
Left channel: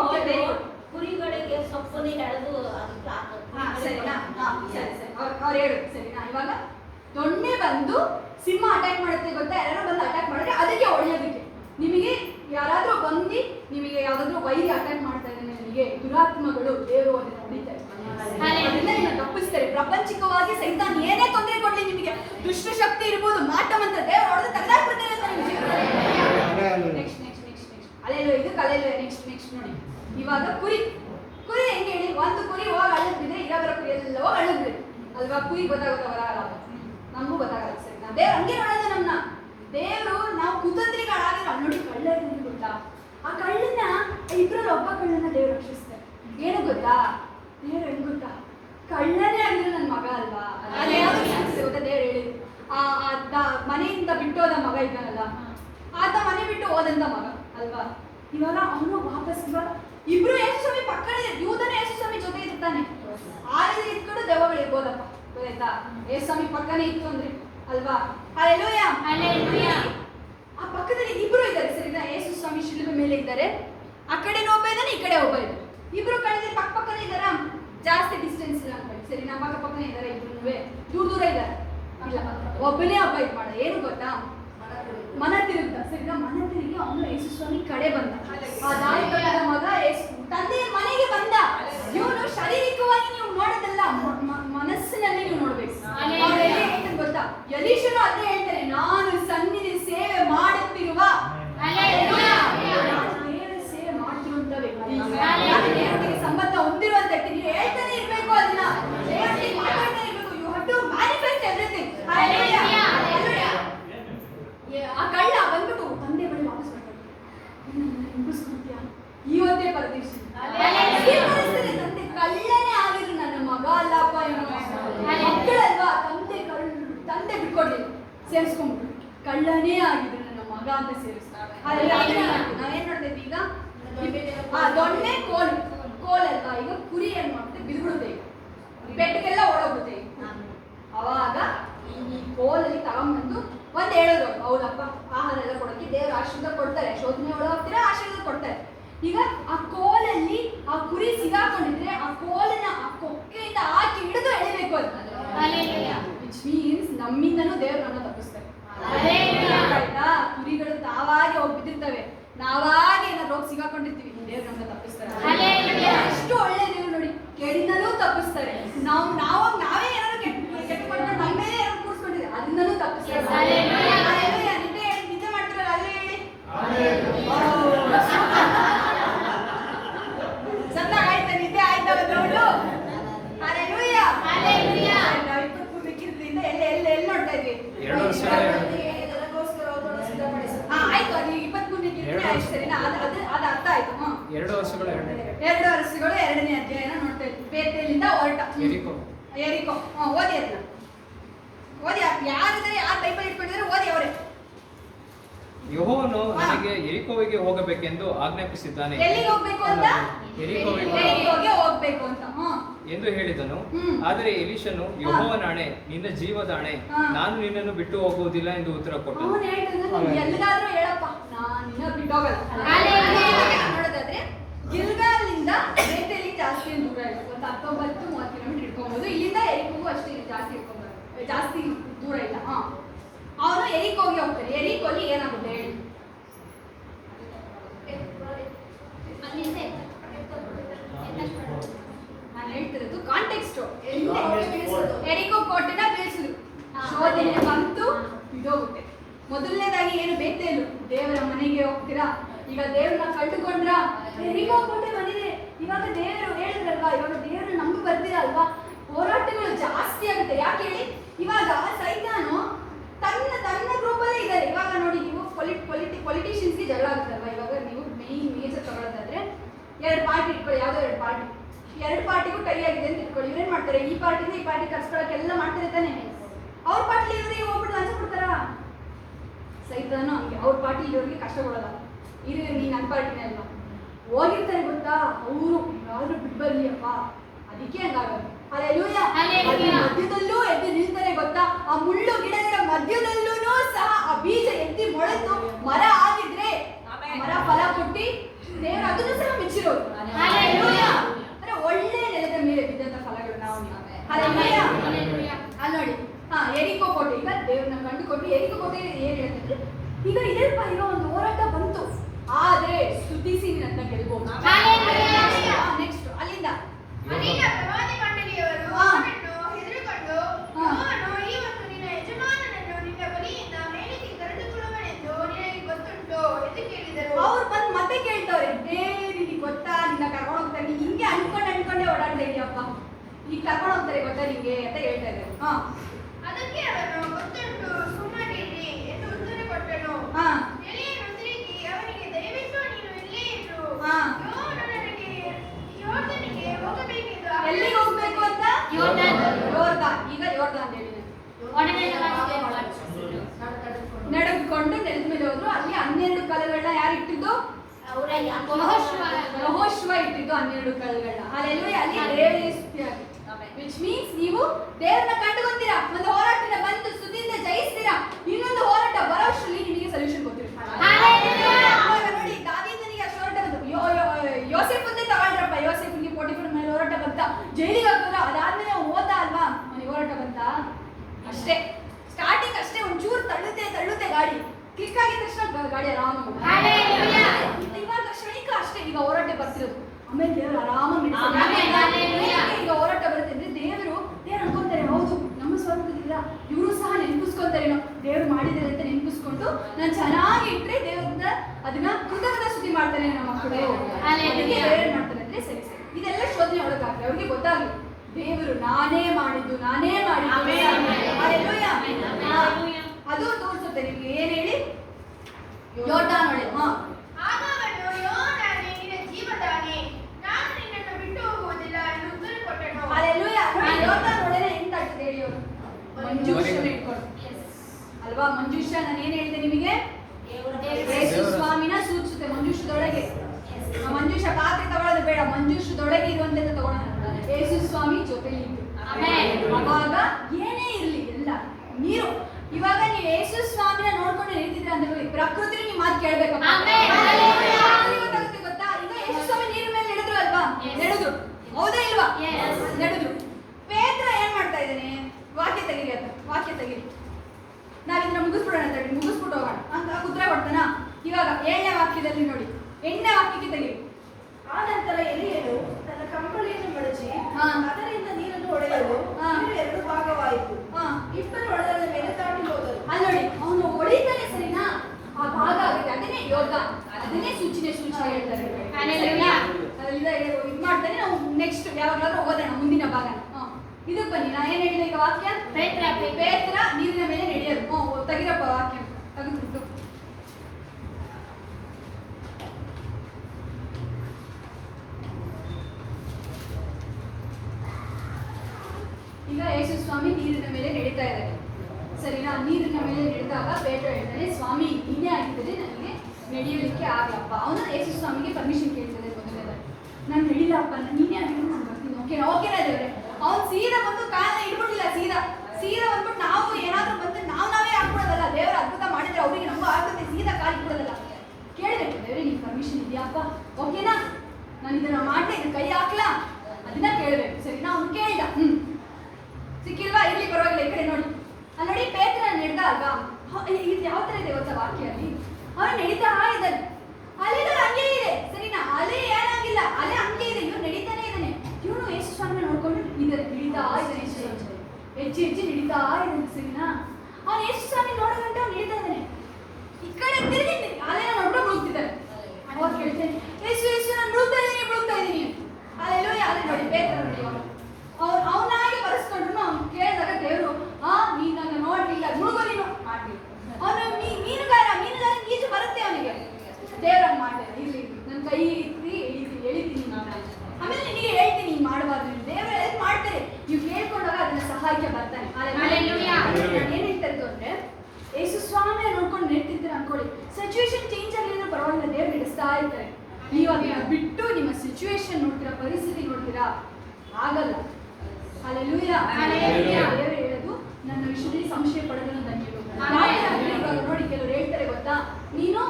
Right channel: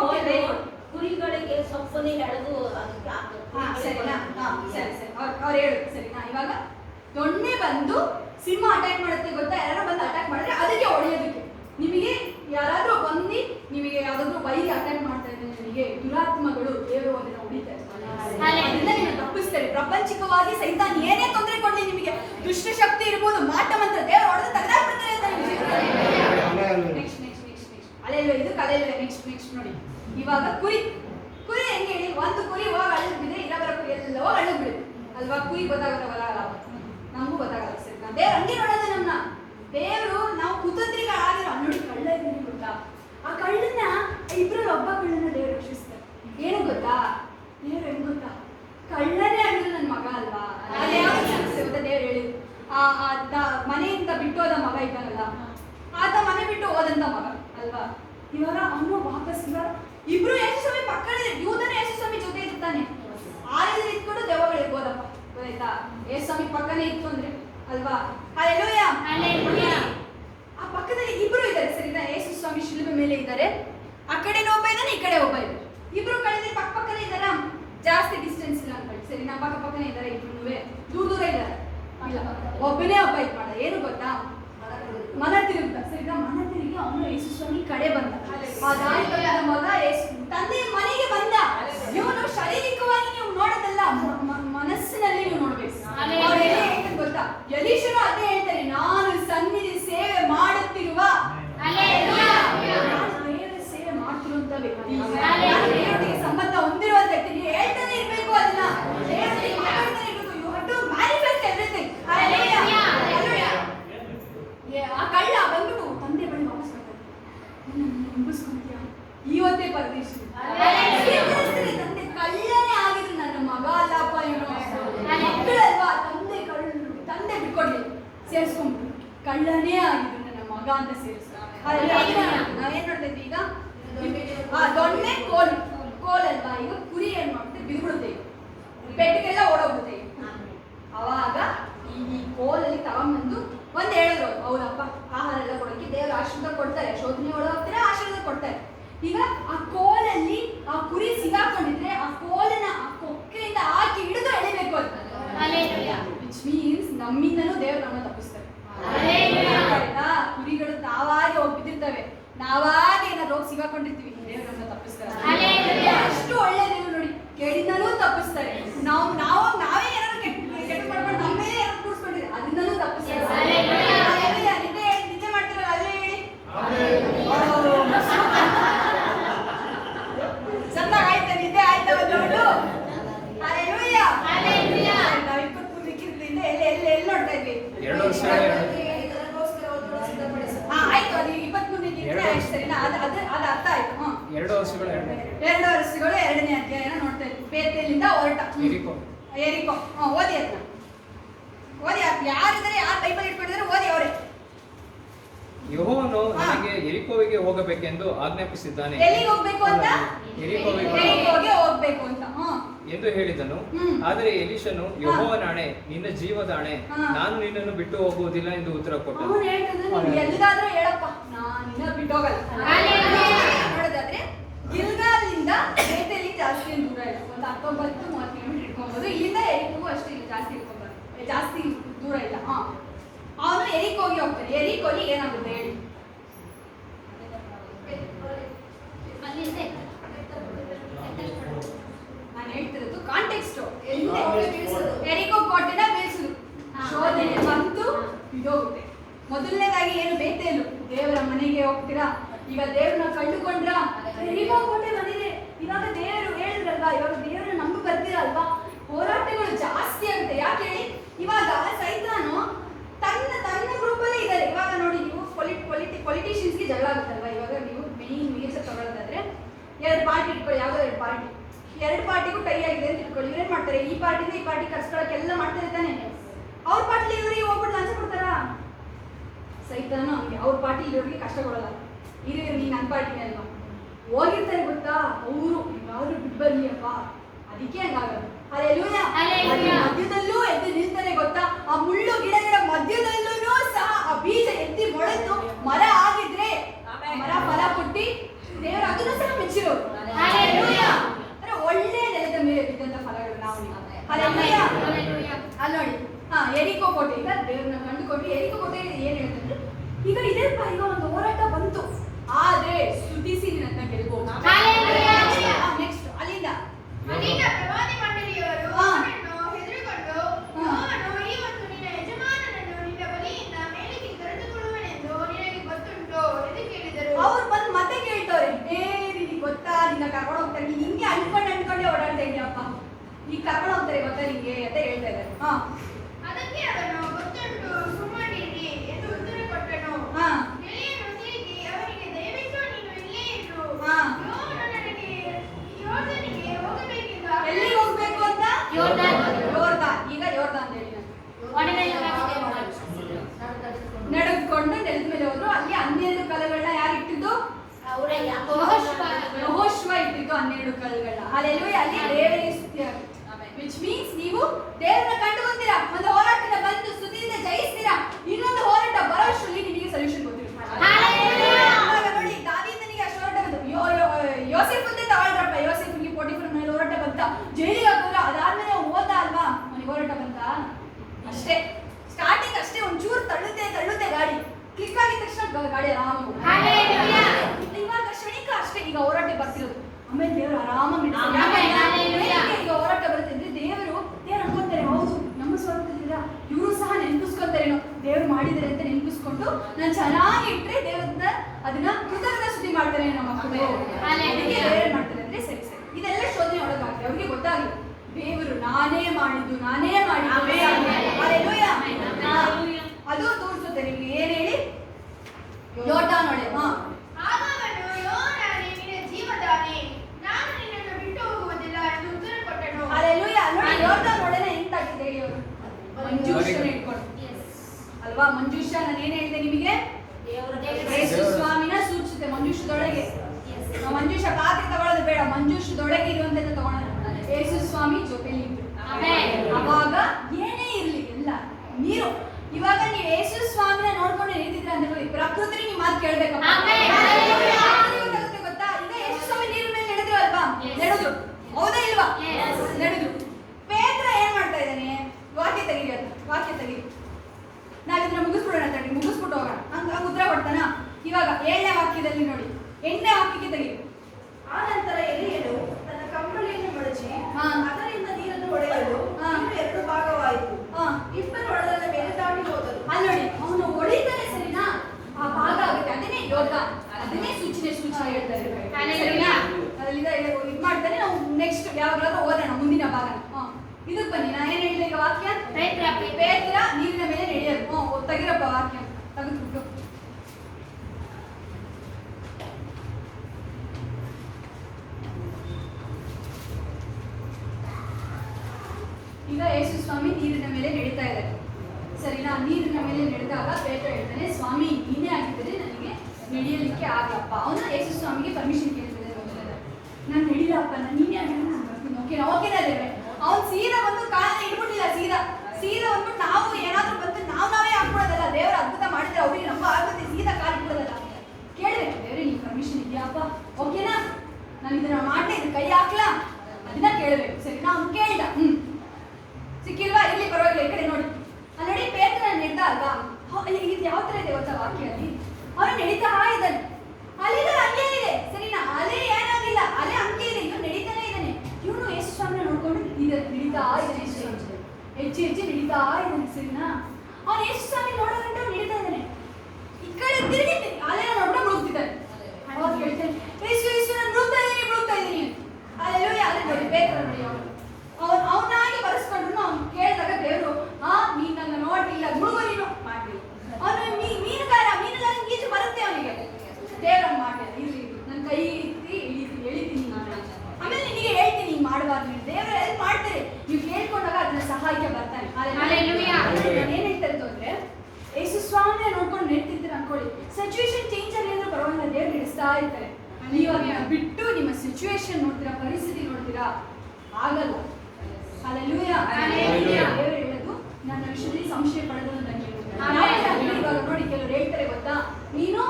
Okay, very good. ಕುರಿಗಳಿಗೆ ಸೊಪ್ಪನ್ನ ಎಳೆದು ಅದಕ್ಕೆ ಹಾಕೋದು. ಸರಿನಾ? ಸರಿ ಅವ್ರು ಹೇಳು ಸರಿನಾ. ಇವಾಗ ದೊಣ್ಣೆ ಬಂದು ಸಿಂಹ ಅಟ್ಯಾಕ್ ಮಾಡುತ್ತೆ ಗೊತ್ತಾ? ಯಾರು ಬಂದು ಅಟ್ಯಾಕ್ ಮಾಡಿದ್ರೆ ಅದಕ್ಕೆ ಹೊಡೆಯೋದಕ್ಕೆ. ನಿಮಗೆ ಯಾರಾದ್ರೂ ಬಂದು ನಿಮಗೆ ಯಾವ್ದಾದ್ರು ವೈರಿ ಅಟ್ಯಾಕ್ ಮಾಡ್ತಾ ಇದ್ದಾನೆ, ನಿಮಗೆ ದುರಾತ್ಮಗಳು, ದೇವರು ಅದನ್ನ ಹೊಡಿತಾರೆ, ಅದನ್ನ ನಿನ್ನ ತಪ್ಪಿಸ್ತಾರೆ. ಪ್ರಾಪಂಚಿಕವಾಗಿ ಸೈತಾನ್ ಏನೇ ತೊಂದರೆ ಕೊಡ್ಲಿ, ನಿಮಗೆ ದುಷ್ಟ ಶಕ್ತಿ ಇರ್ಬೋದು, ಮಾಟ ಮಂತ್ರ, ದೇವರು ಹೊಡೆದು ತೆಗೆದಾಕ್ಬಿಡ್ತಾರೆ ಅಂತ ನಿಮಗೆ. ನೆಕ್ಸ್ಟ್ ಅಲೆಲ್ಲ ಇದು ಕಲೆಲ್ಲ. ನೆಕ್ಸ್ಟ್ ನೋಡಿ, ಇವಾಗ ಕುರಿ ಹೆಂಗೆ ಹೇಳಿ? ಒಂದು ಕುರಿ ಹೋಗಿ ಹಳ್ಳಕ್ ಬಿದೆ, ಇರೋಬರ ಕುರಿ ಎಲ್ಲ ಹೋಗಿ ಹಳ್ಳಕ್ ಬಿಡುತ್ತೆ ಅಲ್ವಾ? ಕುರಿ ಗೊತ್ತಾಗಲ್ಲ, ನಮಗೂ ಗೊತ್ತಾಗಲ್ಲ. ಸರಿ, ದೇವ್ರು ಹಂಗೆ ನೋಡೋದು ನಮ್ಮನ್ನ. ದೇವರು ನಾವು ಕುತಂತ್ರಿಗಳಾಗಿರೋ ನೋಡಿ, ಕಳ್ಳ ಇದ್ದೀನಿ ಗೊತ್ತಾ? ಆ ಕಳ್ಳನ್ನ ಇಬ್ರಲ್ಲಿ ಒಬ್ಬ ಕಳ್ಳನ್ನ ದೇವ್ರು ರಕ್ಷಿಸ್ತಾರೆ. ಏನು ಗೊತ್ತಾ? ದೇವ್ರು ಹೆಂಗ್ ಗೊತ್ತಾ? ಕಳ್ಳನೇ ಆಗಿದ್ರು ನನ್ನ ಮಗ ಅಲ್ವಾ? ಅದು ಯಾವಾಗ ಅನ್ಸುತ್ತೆ ಗೊತ್ತಾ? ದೇವ್ರು ಹೇಳಿದ್ರು, ಮನೆಯಿಂದ ಬಿಟ್ಟೋದ ಮಗ ಇದ್ದಾನಲ್ಲ, ಆತ ಮನೆ ಬಿಟ್ಟು ಹೋದಂತ ಮಗ ಅಲ್ವಾ? ಇವಾಗ ಅವನು ವಾಪಸ್ ಇವಾಗ ಇಬ್ರು ಯೇಸು ಸ್ವಾಮಿ ಪಕ್ಕನೇ, ಯೂದನೇ ಯೇಸು ಸ್ವಾಮಿ ಜೊತೆ ಇರ್ತಾನೆ. ಆಲಯದಲ್ಲಿ ಇಟ್ಕೊಂಡು ದೆವ್ವಗಳು ಇರ್ಬೋದಪ್ಪ, ಗೊತ್ತಾಯ್ತಾ? ಯೇಸು ಸ್ವಾಮಿ ಪಕ್ಕನೇ ಇತ್ತು ಅಂದ್ರೆ ಅಲ್ವಾ? ಹಲ್ಲೆಲೂಯಾ. ಆ ಪಕ್ಕದಲ್ಲಿ ಇಬ್ರು ಇದ್ದಾರೆ ಸರಿನಾ? ಯೇಸು ಸ್ವಾಮಿ ಶಿಲುಬೆ ಮೇಲೆ ಇದ್ದಾರೆ, ಆ ಕಡೆನೂ ಒಬ್ಬ ಇದ್ದಾನೆ, ಈ ಕಡೆ ಒಬ್ಬ ಇದ್ದಾರೆ. ಇಬ್ರು ಕಳೆದ್ರೆ ಪಕ್ಕನೇ ಇದ್ದಾರಾ? ಜಾಸ್ತಿ ಡಿಸ್ಟೆನ್ಸ್ ಇಲ್ಲ ಅನ್ಕೊಳ್ಳಿ ಸರಿನಾ? ಪಕ್ಕನೇ ಇದ್ದಾರೆ, ಇಬ್ರು ದೂರ ಇದ್ದಾರೆ. ಇಲ್ಲ, ಒಬ್ಬನೇ ಒಬ್ಬ ಇದು ಮಾಡ. ಏನು ಗೊತ್ತಾ? ಮನ ತಿರುಗ್ದ ಸರಿನಾ? ಮನ ತಿರುಗಿ ಅವನು ಯೇಸು ಸ್ವಾಮಿ ಕಡೆ ಬಂದ. ಆ ದಾರಿ ತಪ್ಪಿದ ಮಗ ತಂದೆಯ ಮನೆಗೆ ಬಂದ. ಇವನು ಶಾರೀರಿಕವಾಗಿ ನೀವು ನೋಡೋದಲ್ಲ, ಮನಸ್ಸಿನಲ್ಲಿ ನೀವು ನೋಡ್ಬೇಕು. ಅವ್ರು ಹೇಳ್ತಾರೆ ಗೊತ್ತಾ? ಎಲೀಷನು ಅದೇ ಹೇಳ್ತಾರೆ, ನಾನು ಸನ್ನಿಧಿ ಸೇವೆ ಮಾಡುತ್ತಿರುವ, ನಾನು ದೇವರ ಸೇವೆ ಮಾಡ್ತಿರುವಂತ ವ್ಯಕ್ತಿ, ನಾನು ದೇವರಿಗೆ ಸಂಬಂಧ ಹೊಂದಿರುವಂತ ವ್ಯಕ್ತಿ. ನೀವು ಹೇಳ್ತಾನೆ ಇರ್ಬೇಕು, ಅದನ್ನ ದೇವರಿಗೆ ಮಾತಾಡ್ತಾನೆ ಇರ್ಬೇಕು. You have to manifest everything. ಆ ಕಳ್ಳ ಬಂದ್ಬಿಟ್ಟು ತಂದೆ ಬಳಿ ವಾಪಸ್ ಬರ್ತಾರೆ. ಮುಗಿಸ್ಕೊಂತೀಯ ಇವತ್ತೇ ಪರದೇಶಿ ತಂದೆ ಕಳ್ಳನೇ ಆಗಿದ್ರು ನನ್ನ ಮಗ ಅಲ್ಲಪ್ಪ, ಇವನು ಮಕ್ಕಳಲ್ವಾ? ತಂದೆ ಬಿಟ್ಕೊಡ್ಲಿ, ಸೇರಿಸ್ಕೊಂಡ್ಬಿಟ್ಟು ಕಳ್ಳನೇ ಆಗಿದ್ರು ನನ್ನ ಮಗ ಅಂತ ಸೇರಿಸ್ತಾರೆ. ನಾವೇನ್ ನೋಡ್ತಾ ಇದ್ವಿ ಈಗ? ದೊಣ್ಣೆ ಕೋಲಲ್ವಾ? ಈಗ ಕುರಿ ಏನ್ ಮಾಡ್ತಾರೆ? ಬಿದ್ಬಿಡುತ್ತೆ, ಬೆಟ್ಟಗೆಲ್ಲ ಓಡೋಗ್ಬಿಡುತ್ತೆ. ಅವಾಗ ಈ ಕೋಲಲ್ಲಿ ತಗೊಂಡ್ಬಂದು ಒಂದ್ ಹೇಳಿದ್ರು, ಹೌದಪ್ಪ ಆಹಾರ ಎಲ್ಲ ಕೊಡೋಕೆ ದೇವ್ರು ಆಶೀರ್ವಾದ ಕೊಡ್ತಾರೆ, ಶೋಧನೆ ಒಳಗಾಗ್ತಾರೆ, ಆಶೀರ್ವಾದ ಕೊಡ್ತಾರೆ. ಈಗ ಆ ಕೋಲಲ್ಲಿ ಆ ಕುರಿ ಸಿಗಾಕೊಂಡಿದ್ರೆ ಆ ಕೋಲನ್ನ ಆ ಕೊಕ್ಕೆಯಿಂದ ಹಾಕಿ ಹಿಡಿದು ಎಳಿಬೇಕು ಅದು. ವಿಚ್ ಮೀನ್ಸ್ ನಮ್ಮಿಂದನೂ ದೇವ್ರು ನಮ್ಮ ತಪ್ಪಿಸ್ತಾರೆ. ಆಯ್ತಾ? ಕುರಿಗಳು ತಾವಾಗಿ ಹೋಗಿ ಬಿದ್ದಿರ್ತವೆ, ನಾವಾಗಿ ಏನಾದ್ರು ಹೋಗಿ ಸಿಗಾಕೊಂಡಿರ್ತೀವಿ, ದೇವ್ರು ನಮ್ಮನ್ನ ತಪ್ಪಿಸ್ತಾರೆ. ಎಷ್ಟು ಒಳ್ಳೆ ದೇವ್ರು ನೋಡಿ, ಕೆಡಿಂದನೂ ತಪ್ಪಿಸ್ತಾರೆ. ನಾವೇ ಏನಾದ್ರು ಕೆಟ್ಟ ಮಾಡ್ಕೊಂಡು ನಮ್ಮ ಮೇಲೆ ಯಾರು ಕೂರಿಸ್ಕೊಂಡಿದ್ರೆ ಅದರಿಂದನೂ ತಪ್ಪಿಸ್ತಾರೆ. ನಿದ್ದೆ ಮಾಡ್ತಿರಲ್ಲ, ಅಲ್ಲೇ ಹೇಳಿ ಸತ್ತಾಗಾಯ್ತ, ನಿದ್ದೆ ಆಯ್ತಾ ಒಂದು? ಹಲ್ಲೆಲೂಯಾ. ನಾವು 23 ಮಿಕ್ಕಿದ್ರಿಂದ ಎಲ್ಲಿ ನೋಡ್ತಾ ಇದ್ವಿ? ಆಯ್ತು, ಅದು 23 ಮಿಕ್ಕಿದ್ರೆ ಆಯ್ತು ಸರಿನಾ? ಅದು ಅರ್ಥ ಆಯ್ತು. 2 ವರ್ಷಗಳು 2ನೇ ಅಧ್ಯಾಯನ ನೋಡ್ತಾ ಇದ್ವಿ. ಬೇತೇಲಿಂದ ಹೊರಟ ಎರಿಕೋ. ಓದಿ ಅದನ್ನ, ಓದಿ. ಯಾರಿದ್ದಾರೆ, ಯಾರು ಬೈಬಲ್ ಇಟ್ಕೊಂಡಿದ್ದಾರೆ ಓದಿ ಅವರೇ. ಯೆಹೋವನು ನನಗೆ ಯೆರಿಕೋವಿಗೆ ಹೋಗಬೇಕೆಂದು ಆಜ್ಞಾಪಿಸಿದ್ದಾನೆ. ಎಲ್ಲಿಗೆ ಹೋಗ್ಬೇಕು ಅಂತ? ಯೆರಿಕೋಗೆ ಹೋಗ್ಬೇಕು ಅಂತ ಎಂದು ಹೇಳಿದನು. ಆದರೆ ಎಲೀಷನು, ಯೆಹೋವನಾಣೆ, ನಿನ್ನ ಜೀವದಾಣೆ, ನಾನು ನಿನ್ನನ್ನು ಬಿಟ್ಟು ಹೋಗುವುದಿಲ್ಲ ಎಂದು ಉತ್ತರ ಕೊಟ್ಟನು. ಅವನು ಹೇಳ್ತಾನೆ, ಎಲ್ಲಿಗಾದ್ರೂ ಹೇಳಪ್ಪ, ನಾನು ನಿನ್ನ ಬಿಟ್ಟು ಹೋಗಲ್ಲ. ನೋಡೋದಾದ್ರೆ ಗಿಲ್ಗಾಲಿಂದ ಬೇತೇಲಿ ಜಾಸ್ತಿ ದೂರ ಇಲ್ಲ, ಒಂದು 19-30 ಕಿಲೋಮೀಟರ್ ಇಟ್ಕೊಬಹುದು. ಇಲ್ಲಿಂದ ಎರಿಕೋಗೂ ಅಷ್ಟೇ ಜಾಸ್ತಿ ದೂರ ಇಲ್ಲ. ಅವನು ಎರಿಕೋಗೆ ಹೋಗ್ತಾನೆ. ಎರಿಕೋಲಿ ಏನಾಗುತ್ತೆ ಹೇಳಿ? ನಾನು ಹೇಳ್ತಿರೋದು ಕಾಂಟೆಕ್ಸ್ಟ್. ಎರಿಕೋ ಕೋಟೆನ ಬೀಳ್ಸಿದ್ರು, ಶೋಧನೆ ಬಂತು, ಬಿಡೋಗುತ್ತೆ. ಮೊದಲನೇದಾಗಿ ಏನು? ಬೇತೇಲು, ದೇವರ ಮನೆಗೆ ಹೋಗ್ತೀರಾ. ಈಗ ದೇವ್ರನ್ನ ಕಂಡುಕೊಂಡ್ರ, ಎರಿಕೋ ಕೋಟೆ ಬಂದಿದೆ. ಇವಾಗ ದೇವರು ಹೇಳಿದ್ರಲ್ವಾ, ಇವಾಗ ದೇವ್ರನ್ನ ನಂಬಿ ಬರ್ತೀರಾ ಅಲ್ವಾ? ಹೋರಾಟಗಳು ಜಾಸ್ತಿ ಆಗುತ್ತೆ. ಯಾಕೆ ಹೇಳಿ? ಇವಾಗ ಸೈತಾನು ತನ್ನ ಗ್ರೂಪಲ್ಲೇ ಇದ್ದಾರೆ. ಇವಾಗ ನೋಡಿ, ನೀವು ಪೊಲಿಟಿಷಿಯನ್ಸ್ಗೆ ಜಗಳ ಆಗುತ್ತಲ್ವಾ? ಇವಾಗ ನೀವು ಮೇಜರ್ ತಗೊಳ್ಳೋದಾದ್ರೆ 2 ಪಾರ್ಟಿ ಇಟ್ಕೊಳ್ಳಿ, ಯಾವುದೋ 2 ಪಾರ್ಟಿಗೂ ಟೈ ಆಗಿದೆ ಅಂತ ಇಟ್ಕೊಳ್ಳಿ. ಇವ್ರೇನ್ ಮಾಡ್ತಾರೆ? ಈ ಪಾರ್ಟಿಯಿಂದ ಈ ಪಾರ್ಟಿ ಕರ್ಸ್ಕೊಳಕ್ಕೆಲ್ಲ ಮಾಡ್ತಾರೆ ತಾನೆ. ಅವ್ರ ಪಾರ್ಟಿ ಇವ್ರಿಗೆ ಹೋಗ್ಬಿಟ್ಟು ಲಂಚ ಕೊಡ್ತಾರ? ಸೈತಾನು ಹಂಗೆ, ಅವ್ರ ಪಾರ್ಟಿ ಇರೋರಿಗೆ ಕಷ್ಟ ಕೊಡೋಲ್ಲ. ನೀನು ನನ್ನ ಪಾರ್ಟಿನೇ ಅಲ್ವಾ? ಹೋಗಿರ್ತಾರೆ ಗೊತ್ತಾ, ಅವರು ಯಾರು ಬಿಟ್ಟು ಬರ್ಲಿ ಅಪ್ಪ, ಅದಕ್ಕೆ ಹಂಗಾಗದು. ಹಲ್ಲೆಲೂಯಾ. ಹಲ್ಲೆಲೂಯಾ. ಮಧ್ಯದಲ್ಲೂ ಎದ್ದು ನಿಲ್ತಾರೆ ಗೊತ್ತಾ, ಆ ಮುಳ್ಳು ಗಿಡಗಳ ಮಧ್ಯದಲ್ಲೂ ಸಹ ಆ ಬೀಜ ಎತ್ತಿ ಮೊಳೆತು ಮರ ಆಗಿದ್ರೆ ಮರ ಫಲ ಕೊಟ್ಟಿ ದೇವರು ಅದನ್ನು ಸಹ ಮೆಚ್ಚಿರೋರು. ಹಲ್ಲೆಲೂಯಾ. ಅಂದ್ರೆ ಒಳ್ಳೆ ನೆಲದ ಮೇಲೆ ಬಿದ್ದಂತ ಫಲಗಳು ನಾವು ನೀವು. ಹಲ್ಲೆಲೂಯಾ. ಅಲ್ಲಿ ನೋಡಿ, ಎರಿಕೋ ಕೋಟೆ, ಈಗ ದೇವ್ರನ್ನ ಕಂಡುಕೊಟ್ಟು ಎರಿಕೋ ಕೋಟೆ ಏನ್ ಹೇಳ್ತಂದ್ರೆ, ಈಗ ಇದೇಪ್ಪ, ಈಗ ಒಂದು ಹೋರಾಟ ಬಂತು, ಆದ್ರೆ ಸ್ತುತಿಸಿ ನಿನ್ನ ಗೆಲ್ಬಹುದು. ನೆಕ್ಸ್ಟ್ ಅಲ್ಲಿಂದ ಪ್ರವಾದಿ ಮಂಡಳಿಯವರು ಅವನನ್ನು ಹೆದರಿಕೊಂಡು, ಅವನು ಇವತ್ತು ನಿನ್ನ ಯಜಮಾನನನ್ನು ನಿನ್ನ ಬಳಿಯಿಂದ ಮೇಲಕ್ಕೆ ಕರೆದುಕೊಳ್ಳುವನೆಂದು ನಿನಗೆ ಗೊತ್ತುಂಟು ಎಂದು ಕೇಳಿದರು. ಅವ್ರು ಬಂದು ಮತ್ತೆ ಕೇಳ್ತವ್ರೆ, ನಿನಗೆ ಗೊತ್ತಾ, ನಿನ್ನ ಕರ್ಕೊಂಡು ಹೋಗ್ತಾರೆ, ನೀನ್ ಹಿಂಗೆ ಅನ್ಕೊಂಡೇ ಓಡಾಡ್ತಾ ಇದೀಯಪ್ಪ, ಈಗ ಕರ್ಕೊಂಡು ಹೋಗ್ತಾರೆ ಗೊತ್ತಾ ನಿಂಗೆ ಅಂತ ಹೇಳ್ತಾ ಇದ್ದಾರೆ. ಅದಕ್ಕೆ ಅವನು ಗೊತ್ತುಂಟು, ಸುಮ್ಮನಿರಿ ಎಂದು ಉತ್ತರ ಕೊಟ್ಟನು. ಎಲೀಯನು ತಿರುಗಿ ಅವನಿಗೆ, ದಯವಿಟ್ಟು ನೀನು ಇಲ್ಲೇ ಇರು, ಯೆಹೋವನು ನನಗೆ ಯೋರ್ದನಿಗೆ ಹೋಗಬೇಕೆಂದು ಎಲ್ಲಿಗೆ ಹೋಗ್ಬೇಕು ಅಂತ? ಯೋರ್ದಾನ್. ಈಗ ಯೋರ್ದಾನ್ ಹೇಳಿ ನಡೆದುಕೊಂಡು ನೆಲದ ಮೇಲೆ ಹೋದ್ರು. ಅಲ್ಲಿ 12 ಕಲ್ಲುಗಳನ್ನ ಯಾರು ಇಟ್ಟಿದ್ದು? ಅವರೇ ಯೆಹೋಶುವ ಇಟ್ಟಿದ್ದು 12 ಕಲ್ಲುಗಳನ್ನ. ಹಲ್ಲೆಲೂಯಾ. ಅಲ್ಲಿ ದೇವರಿಗೆ ಸ್ತುತಿಯಾಗಲಿ. ವಿಚ್ ಮೀನ್ಸ್ ನೀವು ದೇವರನ್ನ ಕಂಡುಕೊಂತೀರಾ, ಒಂದು ಹೋರಾಟನ ಬಂದು ಸ್ತುತಿಯಿಂದ ಜಯಿಸ್ತೀರಾ, ಇನ್ನೊಂದು ಹೋರಾಟ ಬರೋಷ್ಟರಲ್ಲಿ ನಿಮಗೆ ಸೊಲ್ಯೂಷನ್ ಗೊತ್ತಿರುತ್ತೆ. ಆವಾಗ ನೋಡಿ, ದಾವೀದನಿಗೆ ಅಷ್ಟು ಹೋರಾಟ ಬಂತು. ಯೋಸೆಫ್ ಅಂತ ತಗೊಳ್ರಪ್ಪ, ಯೋಸೆಫ್ಗೆ ಪೋಟಿಫರ್ ಮೇಲೆ ಹೋರಾಟ ಬಂತ, ಜೈಲಿಗೆ ಹಾಕಿದ್ರು. ಅದಾದ್ಮೇಲೆ ಅವ್ನು ಹೋದ ಅಲ್ವಾ, ಅವನಿಗೆ ಹೋರಾಟ ಬಂತ ಅಷ್ಟೇ. ಸ್ಟಾರ್ಟಿಂಗ್ ಅಷ್ಟೇ ಒಂಚೂರು ತಳ್ಳುತ್ತೆ ಗಾಡಿ, ಕ್ಲಿಕ್ ಆಗಿದ ತಕ್ಷಣ ಗಾಡಿ ಆರಾಮ. ಇವಾಗ ಕ್ಷಣಿಕ ಅಷ್ಟೇ, ಈಗ ಹೋರಾಟ ಬರ್ತಿರೋದು. ಆಮೇಲೆ ದೇವರು ಆರಾಮಾಗಿ ಈಗ ಹೋರಾಟ ಬರುತ್ತೆ ಅಂದ್ರೆ ದೇವರು ಅನ್ಕೊಂತಾರೆ, ಹೌದು ನಮ್ಮ ಸ್ವರೂಪದಿಲ್ಲ, ಇವರು ಸಹ ನೆನಪಿಸ್ಕೊಂತಾರೇನೋ, ದೇವ್ರು ಮಾಡಿದ್ದಾರೆ ಅಂತ ನೆನಪಿಸ್ಕೊಂಡು ನಾನು ಚೆನ್ನಾಗಿ ಇಟ್ಟರೆ ದೇವರನ್ನ ಅದನ್ನ ಕೃತಜ್ಞತಾ ಸ್ತುತಿ ಮಾಡ್ತಾರೆ ನಮ್ಮ ಮಕ್ಕಳು. ಅದಕ್ಕೆ ದೇವ್ರು ಮಾಡ್ತಾರೆ ಅಂದ್ರೆ ಸರಿ. ಇದೆಲ್ಲ ಶೋಧನೆ ಒಳಗಾಗ್ಲಿ, ಅವ್ರಿಗೆ ಗೊತ್ತಾಗ್ಲಿ ದೇವರು ನಾನೇ ಮಾಡಿದ್ದು. ಹಲ್ಲೆಲೂಯಾ. ಅದು ತೋರಿಸುತ್ತೆ ನಿಮ್ಗೆ. ಏನ್ ಹೇಳಿ? ಯೋರ್ದಾನ್ ಒಳ್ಳೆ. ಆಗ ಅವನು, ಯೆಹೋವನೇ, ನಿನ್ನ ಜೀವದಾಣೆ, ನಾನು ನಿನ್ನನ್ನು ಬಿಟ್ಟು ಹೋಗುವುದಿಲ್ಲ ಎಂದು ಉತ್ತರ ಕೊಟ್ಟನು. ಹಲ್ಲೆಲೂಯಾ. ನೋಡಿ, ಯೋರ್ದಾನ್ ಒಳ್ಳೆನ ಎಂತಾಗಿದೆ ಹೇಳಿ, ಅವರು ಮಂಜೂಷನ ಇಟ್ಕೊಂಡು ಅಲ್ವಾ. ಮಂಜೂಷ ನಾನು ಏನ್ ಹೇಳಿದೆ ನಿಮಗೆ? ಯೇಸು ಸ್ವಾಮಿನ ಸೂಚಿಸುತ್ತೆ. ಮಂಜೂಷದೊಳಗೆ ಮಂಜೂಷ ಪಾತ್ರೆ ತಗೊಳ್ಳೋದು ಬೇಡ, ಮಂಜೂಷದೊಳಗೆ ಇರುವಂತದ್ದು ತಗೊಳ್ಳೋಣ. ಯೇಸು ಸ್ವಾಮಿ ಜೊತೆಲಿ ಇದ್ರು. ಅವಾಗ ಏನೇ ಇರ್ಲಿ ಎಲ್ಲ ನೀರು. ಇವಾಗ ನೀವು ಯೇಸು ಸ್ವಾಮಿನ ನೋಡ್ಕೊಂಡು ನಿಂತಿದ್ರೆ ಅಂತ ಹೇಳಿ ಪ್ರಕೃತಿ ನಿಮ್ ಮಾತು ಕೇಳ್ಬೇಕಪ್ಪ. ಗೊತ್ತಾಗುತ್ತೆ ಗೊತ್ತಾ? ಈಗ ಯೇಸು ಸ್ವಾಮಿ ನೀರು ಮೇಲೆ ನಡೆದ್ರು ಅಲ್ವಾ, ನಡೆದ್ರು, ಹೌದಾ ಇಲ್ವಾ? ನಡೆದ್ರು. ಪೇತ್ರ ಏನ್ ಮಾಡ್ತಾ ಇದ್ದಾನೆ? ವಾಕ್ಯ ತೆಗೀರಿ ಅಂತ, ವಾಕ್ಯ ತೆಗೀರಿ. ನಾವಿದನ್ನ ಮುಗಿಸ್ಬಿಡೋಣ, ತಡಿ, ಮುಗಿಸ್ಬಿಟ್ಟು ಹೋಗೋಣ ಅಂತ ಉತ್ತರ ಕೊಡ್ತಾನ. ಇವಾಗ 7ನೇ ವಾಕ್ಯದಲ್ಲಿ ನೋಡಿ, 8ನೇ ವಾಕ್ಯಕ್ಕೆ ತೆಗೀರಿ. ಆ ನಂತರ ಎಲೀಯನು ತನ್ನ ಕಂಬಳಿಯನ್ನು ಮಡಚಿ ಅದರಿಂದ ನೀರನ್ನು ಹೊಡೆಯಲು ನೀರು 2 ಭಾಗವಾಯಿತು. ಇಬ್ಬರು ಒಳದಲ್ಲ ಮೇಲೆ ದಾಟಿ ಹೋದರು. ಅಲ್ಲಿ ನೋಡಿ, ಅವನು ಹೊಡಿತಾನೆ ಸರಿನಾ, ಆ ಭಾಗ ಆಗುತ್ತೆ. ಅದನ್ನೇ ಯೋರ್ದಾನ್, ಅದನ್ನೇ ಸೂಚನೆ ಹೇಳ್ತಾರೆ ಸರಿನಾ. ಇದು ಮಾಡ್ತಾನೆ. ನಾವು ನೆಕ್ಸ್ಟ್ ಯಾವಾಗಲಾದ್ರೂ ಓದೋಣ ಮುಂದಿನ ಭಾಗನ. ಇದಕ್ಕೆ ಬನ್ನಿ, ನಾ ಏನ್ ಹೇಳಿದೆ ಈಗ ವಾಕ್ಯ? ಪೇತ್ರ ನೀರಿನ ಮೇಲೆ ನಡೆಯೋದು. ತೆಗಿರಪ್ಪ ವಾಕ್ಯ, ತೆಗೆದ್ಬಿಟ್ಟು. ಈಗ ಯೇಸು ಸ್ವಾಮಿ ನೀರಿನ ಮೇಲೆ ನಡೀತಾ ಇದ್ದಾರೆ ಸರಿನಾ. ನೀರಿನ ಮೇಲೆ ನಡೆದಾಗ ಪೇತ್ರ ಹೇಳ್ತಾನೆ, ಸ್ವಾಮಿ ನೀನೇ ಆಗಿದ್ದರೆ ನನಗೆ ನಡೆಯಲಿಕ್ಕೆ ಆಗಲ್ಲಪ್ಪ. ಅವನು ಯೇಸು ಸ್ವಾಮಿಗೆ ಪರ್ಮಿಷನ್ ಕೇಳ್ತಾನೆ ಮೊದಲನೇದಾಗಿ. ನಾನು ನಡಿಲಪ್ಪ, ನೀನೇ ಆಗಿದ್ರೆ ನಾನು ಬರ್ತೀನಿ. ಓಕೆನಾ ದೇವ್ರೆ? ಅವ್ನು ಸೀದಾ ಬಂದು ಕಾಲನ ಇಟ್ಬಿಟ್ಟಿಲ್ಲ, ಸೀದಾ ಬಂದ್ಬಿಟ್ಟು ನಾವು ಏನಾದ್ರೂ ಬಂದು ನಾವೇ ಹಾಕ್ಬಿಡೋದಲ್ಲ. ದೇವ್ರ ಅದ್ಭುತ ಮಾಡಿದ್ರೆ ಅವ್ರಿಗೆ ನಮಗೂ ಆಗುತ್ತೆ, ಸೀದಾ ಕಾಲು ಇಟ್ಬಿಡೋದಲ್ಲ. ಕೇಳಬೇಕು, ದೇವ್ರೆ ನಿನ್ ಪರ್ಮಿಷನ್ ಇದೆಯಪ್ಪ, ಓಕೆನಾ, ನಾನು ಇದನ್ನ ಮಾಡ್ಲೇ, ಇದನ್ನ ಕೈ ಹಾಕ್ಲಾ, ಅದನ್ನ ಕೇಳಬೇಕು ಸರಿನಾ. ಅವ್ನು ಕೇಳ್ದ, ಸಿಕ್ಕಿಲ್ವಾ? ಇಲ್ಲಿ ಪರವಾಗಿಲ್ಲ, ಈ ಕಡೆ ನೋಡಿ. ಅಲ್ಲಿ ನೋಡಿ, ಪೇತ್ರ ನಡೆದ ಅಲ್ವಾ, ಇದು ಯಾವ ತರ ಇದೆ ಗೊತ್ತಾ ವಾಕ್ಯ? ಅಲ್ಲಿ ಅವನು ನಡೀತಾ ಇದ್ದಾನೆ, ಅಲೆದ ಹಂಗೆ ಇದೆ ಸರಿನಾ. ಅಲೆ ಏನಾಗಿಲ್ಲ, ಅಲೆ ಹಂಗೆ ಇದೆ, ಇವನು ನಡೀತಾನೆ ಇದ್ದಾನೆ. ಇವನು ಯೇಸು ಸ್ವಾಮಿನ ನೋಡ್ಕೊಂಡು ನಡೀತಾ ಇದ್ದಾನೆ, ಯೇಸು ಸ್ವಾಮಿ ಹೆಚ್ಚು ನಡೀತಾ ಇದ್ದಾನೆ ಸರಿನಾ. ಅವನು ಯೇಸು ಸ್ವಾಮಿ ನೋಡೋ ಗಂಟೆ ಅವ್ನು ನಡೀತಾ ಇದ್ದಾನೆ. ಈ ಕಡೆ ತಿರುಗಿ ಅಲೆನ ನೋಡ್ಕೊಂಡು ಮುಳುಗ್ತಿದ್ದಾನೆ. ಅವಾಗ ಕೇಳ್ತೇನೆ, ಯೇಸು ನಾನು ಮುಳುಗ್ತಾ ಇದ್ದೀನಿ. ಅಲ್ಲೆಲ್ಲೋ ಅದೇ ನೋಡಿ, ಪೇತ್ರ ನೋಡಿ, ಅವನಾಗೆ ಬರೆಸ್ಕೊಂಡ್ರು. ಅವ್ನು ಕೇಳಿದಾಗ ದೇವರು, ನೀನ್ ನನ್ನ ನೋಡ್ಲಿಲ್ಲ, ಮುಳುಗು ನೀನು ಮಾಡ್ಲಿ. ಅವನು ಮೀನುಗಾರ ಈಜು ಬರುತ್ತೆ ಅವನಿಗೆ. ದೇವ್ರಂಗ್ ಮಾಡ್ಲಿಲ್ಲ, ಇರ್ಲಿ ನನ್ನ ಕೈ ಎತ್ತಿ ಎಳಿತೀನಿ, ಆಮೇಲೆ ನಿನಗೆ ಹೇಳ್ತೀನಿ ಹಿಂಗ್ ಮಾಡಬಾರ್ದು. ದೇವ್ರ ಹೆಲ್ಪ್ ಮಾಡ್ತಾರೆ, ನೀವು ಹೇಳ್ಕೊಂಡಾಗ ಅದನ್ನ ಸಹಾಯಕ್ಕೆ ಬರ್ತಾನೆ. ನಾನು ಏನ್ ಹೇಳ್ತಾ ಇರೋದು ಅಂದ್ರೆ, ಯೇಸು ಸ್ವಾಮಿಯ ನೋಡ್ಕೊಂಡು ನೆಡ್ತಿರ್ತಾರೆ ಅನ್ಕೊಳ್ಳಿ, ಸಿಚುವೇಶನ್ ಚೇಂಜ್ ಆಗಲಿ ಅಂದ್ರೆ ಪರವಾಗಿಲ್ಲ, ದೇವ್ರು ನಡೆಸ್ತಾ ಇರ್ತಾರೆ. ನೀವು ಅದನ್ನ ಬಿಟ್ಟು ನಿಮ್ಮ ಸಿಚುವೇಶನ್ ನೋಡ್ತೀರಾ, ಪರಿಸ್ಥಿತಿ ನೋಡ್ತೀರಾ, ಆಗಲ್ಲ. ಹಲ್ಲೆಲೂಯಾ. ದೇವರು ಹೇಳೋದು ನನ್ನ ವಿಷಯದಲ್ಲಿ ಸಂಶಯ ಪಡೆದನು ಧನ್ಯರು. ಇವಾಗ ನೋಡಿ ಕೆಲವರು ಹೇಳ್ತಾರೆ ಗೊತ್ತಾ, ನೀನು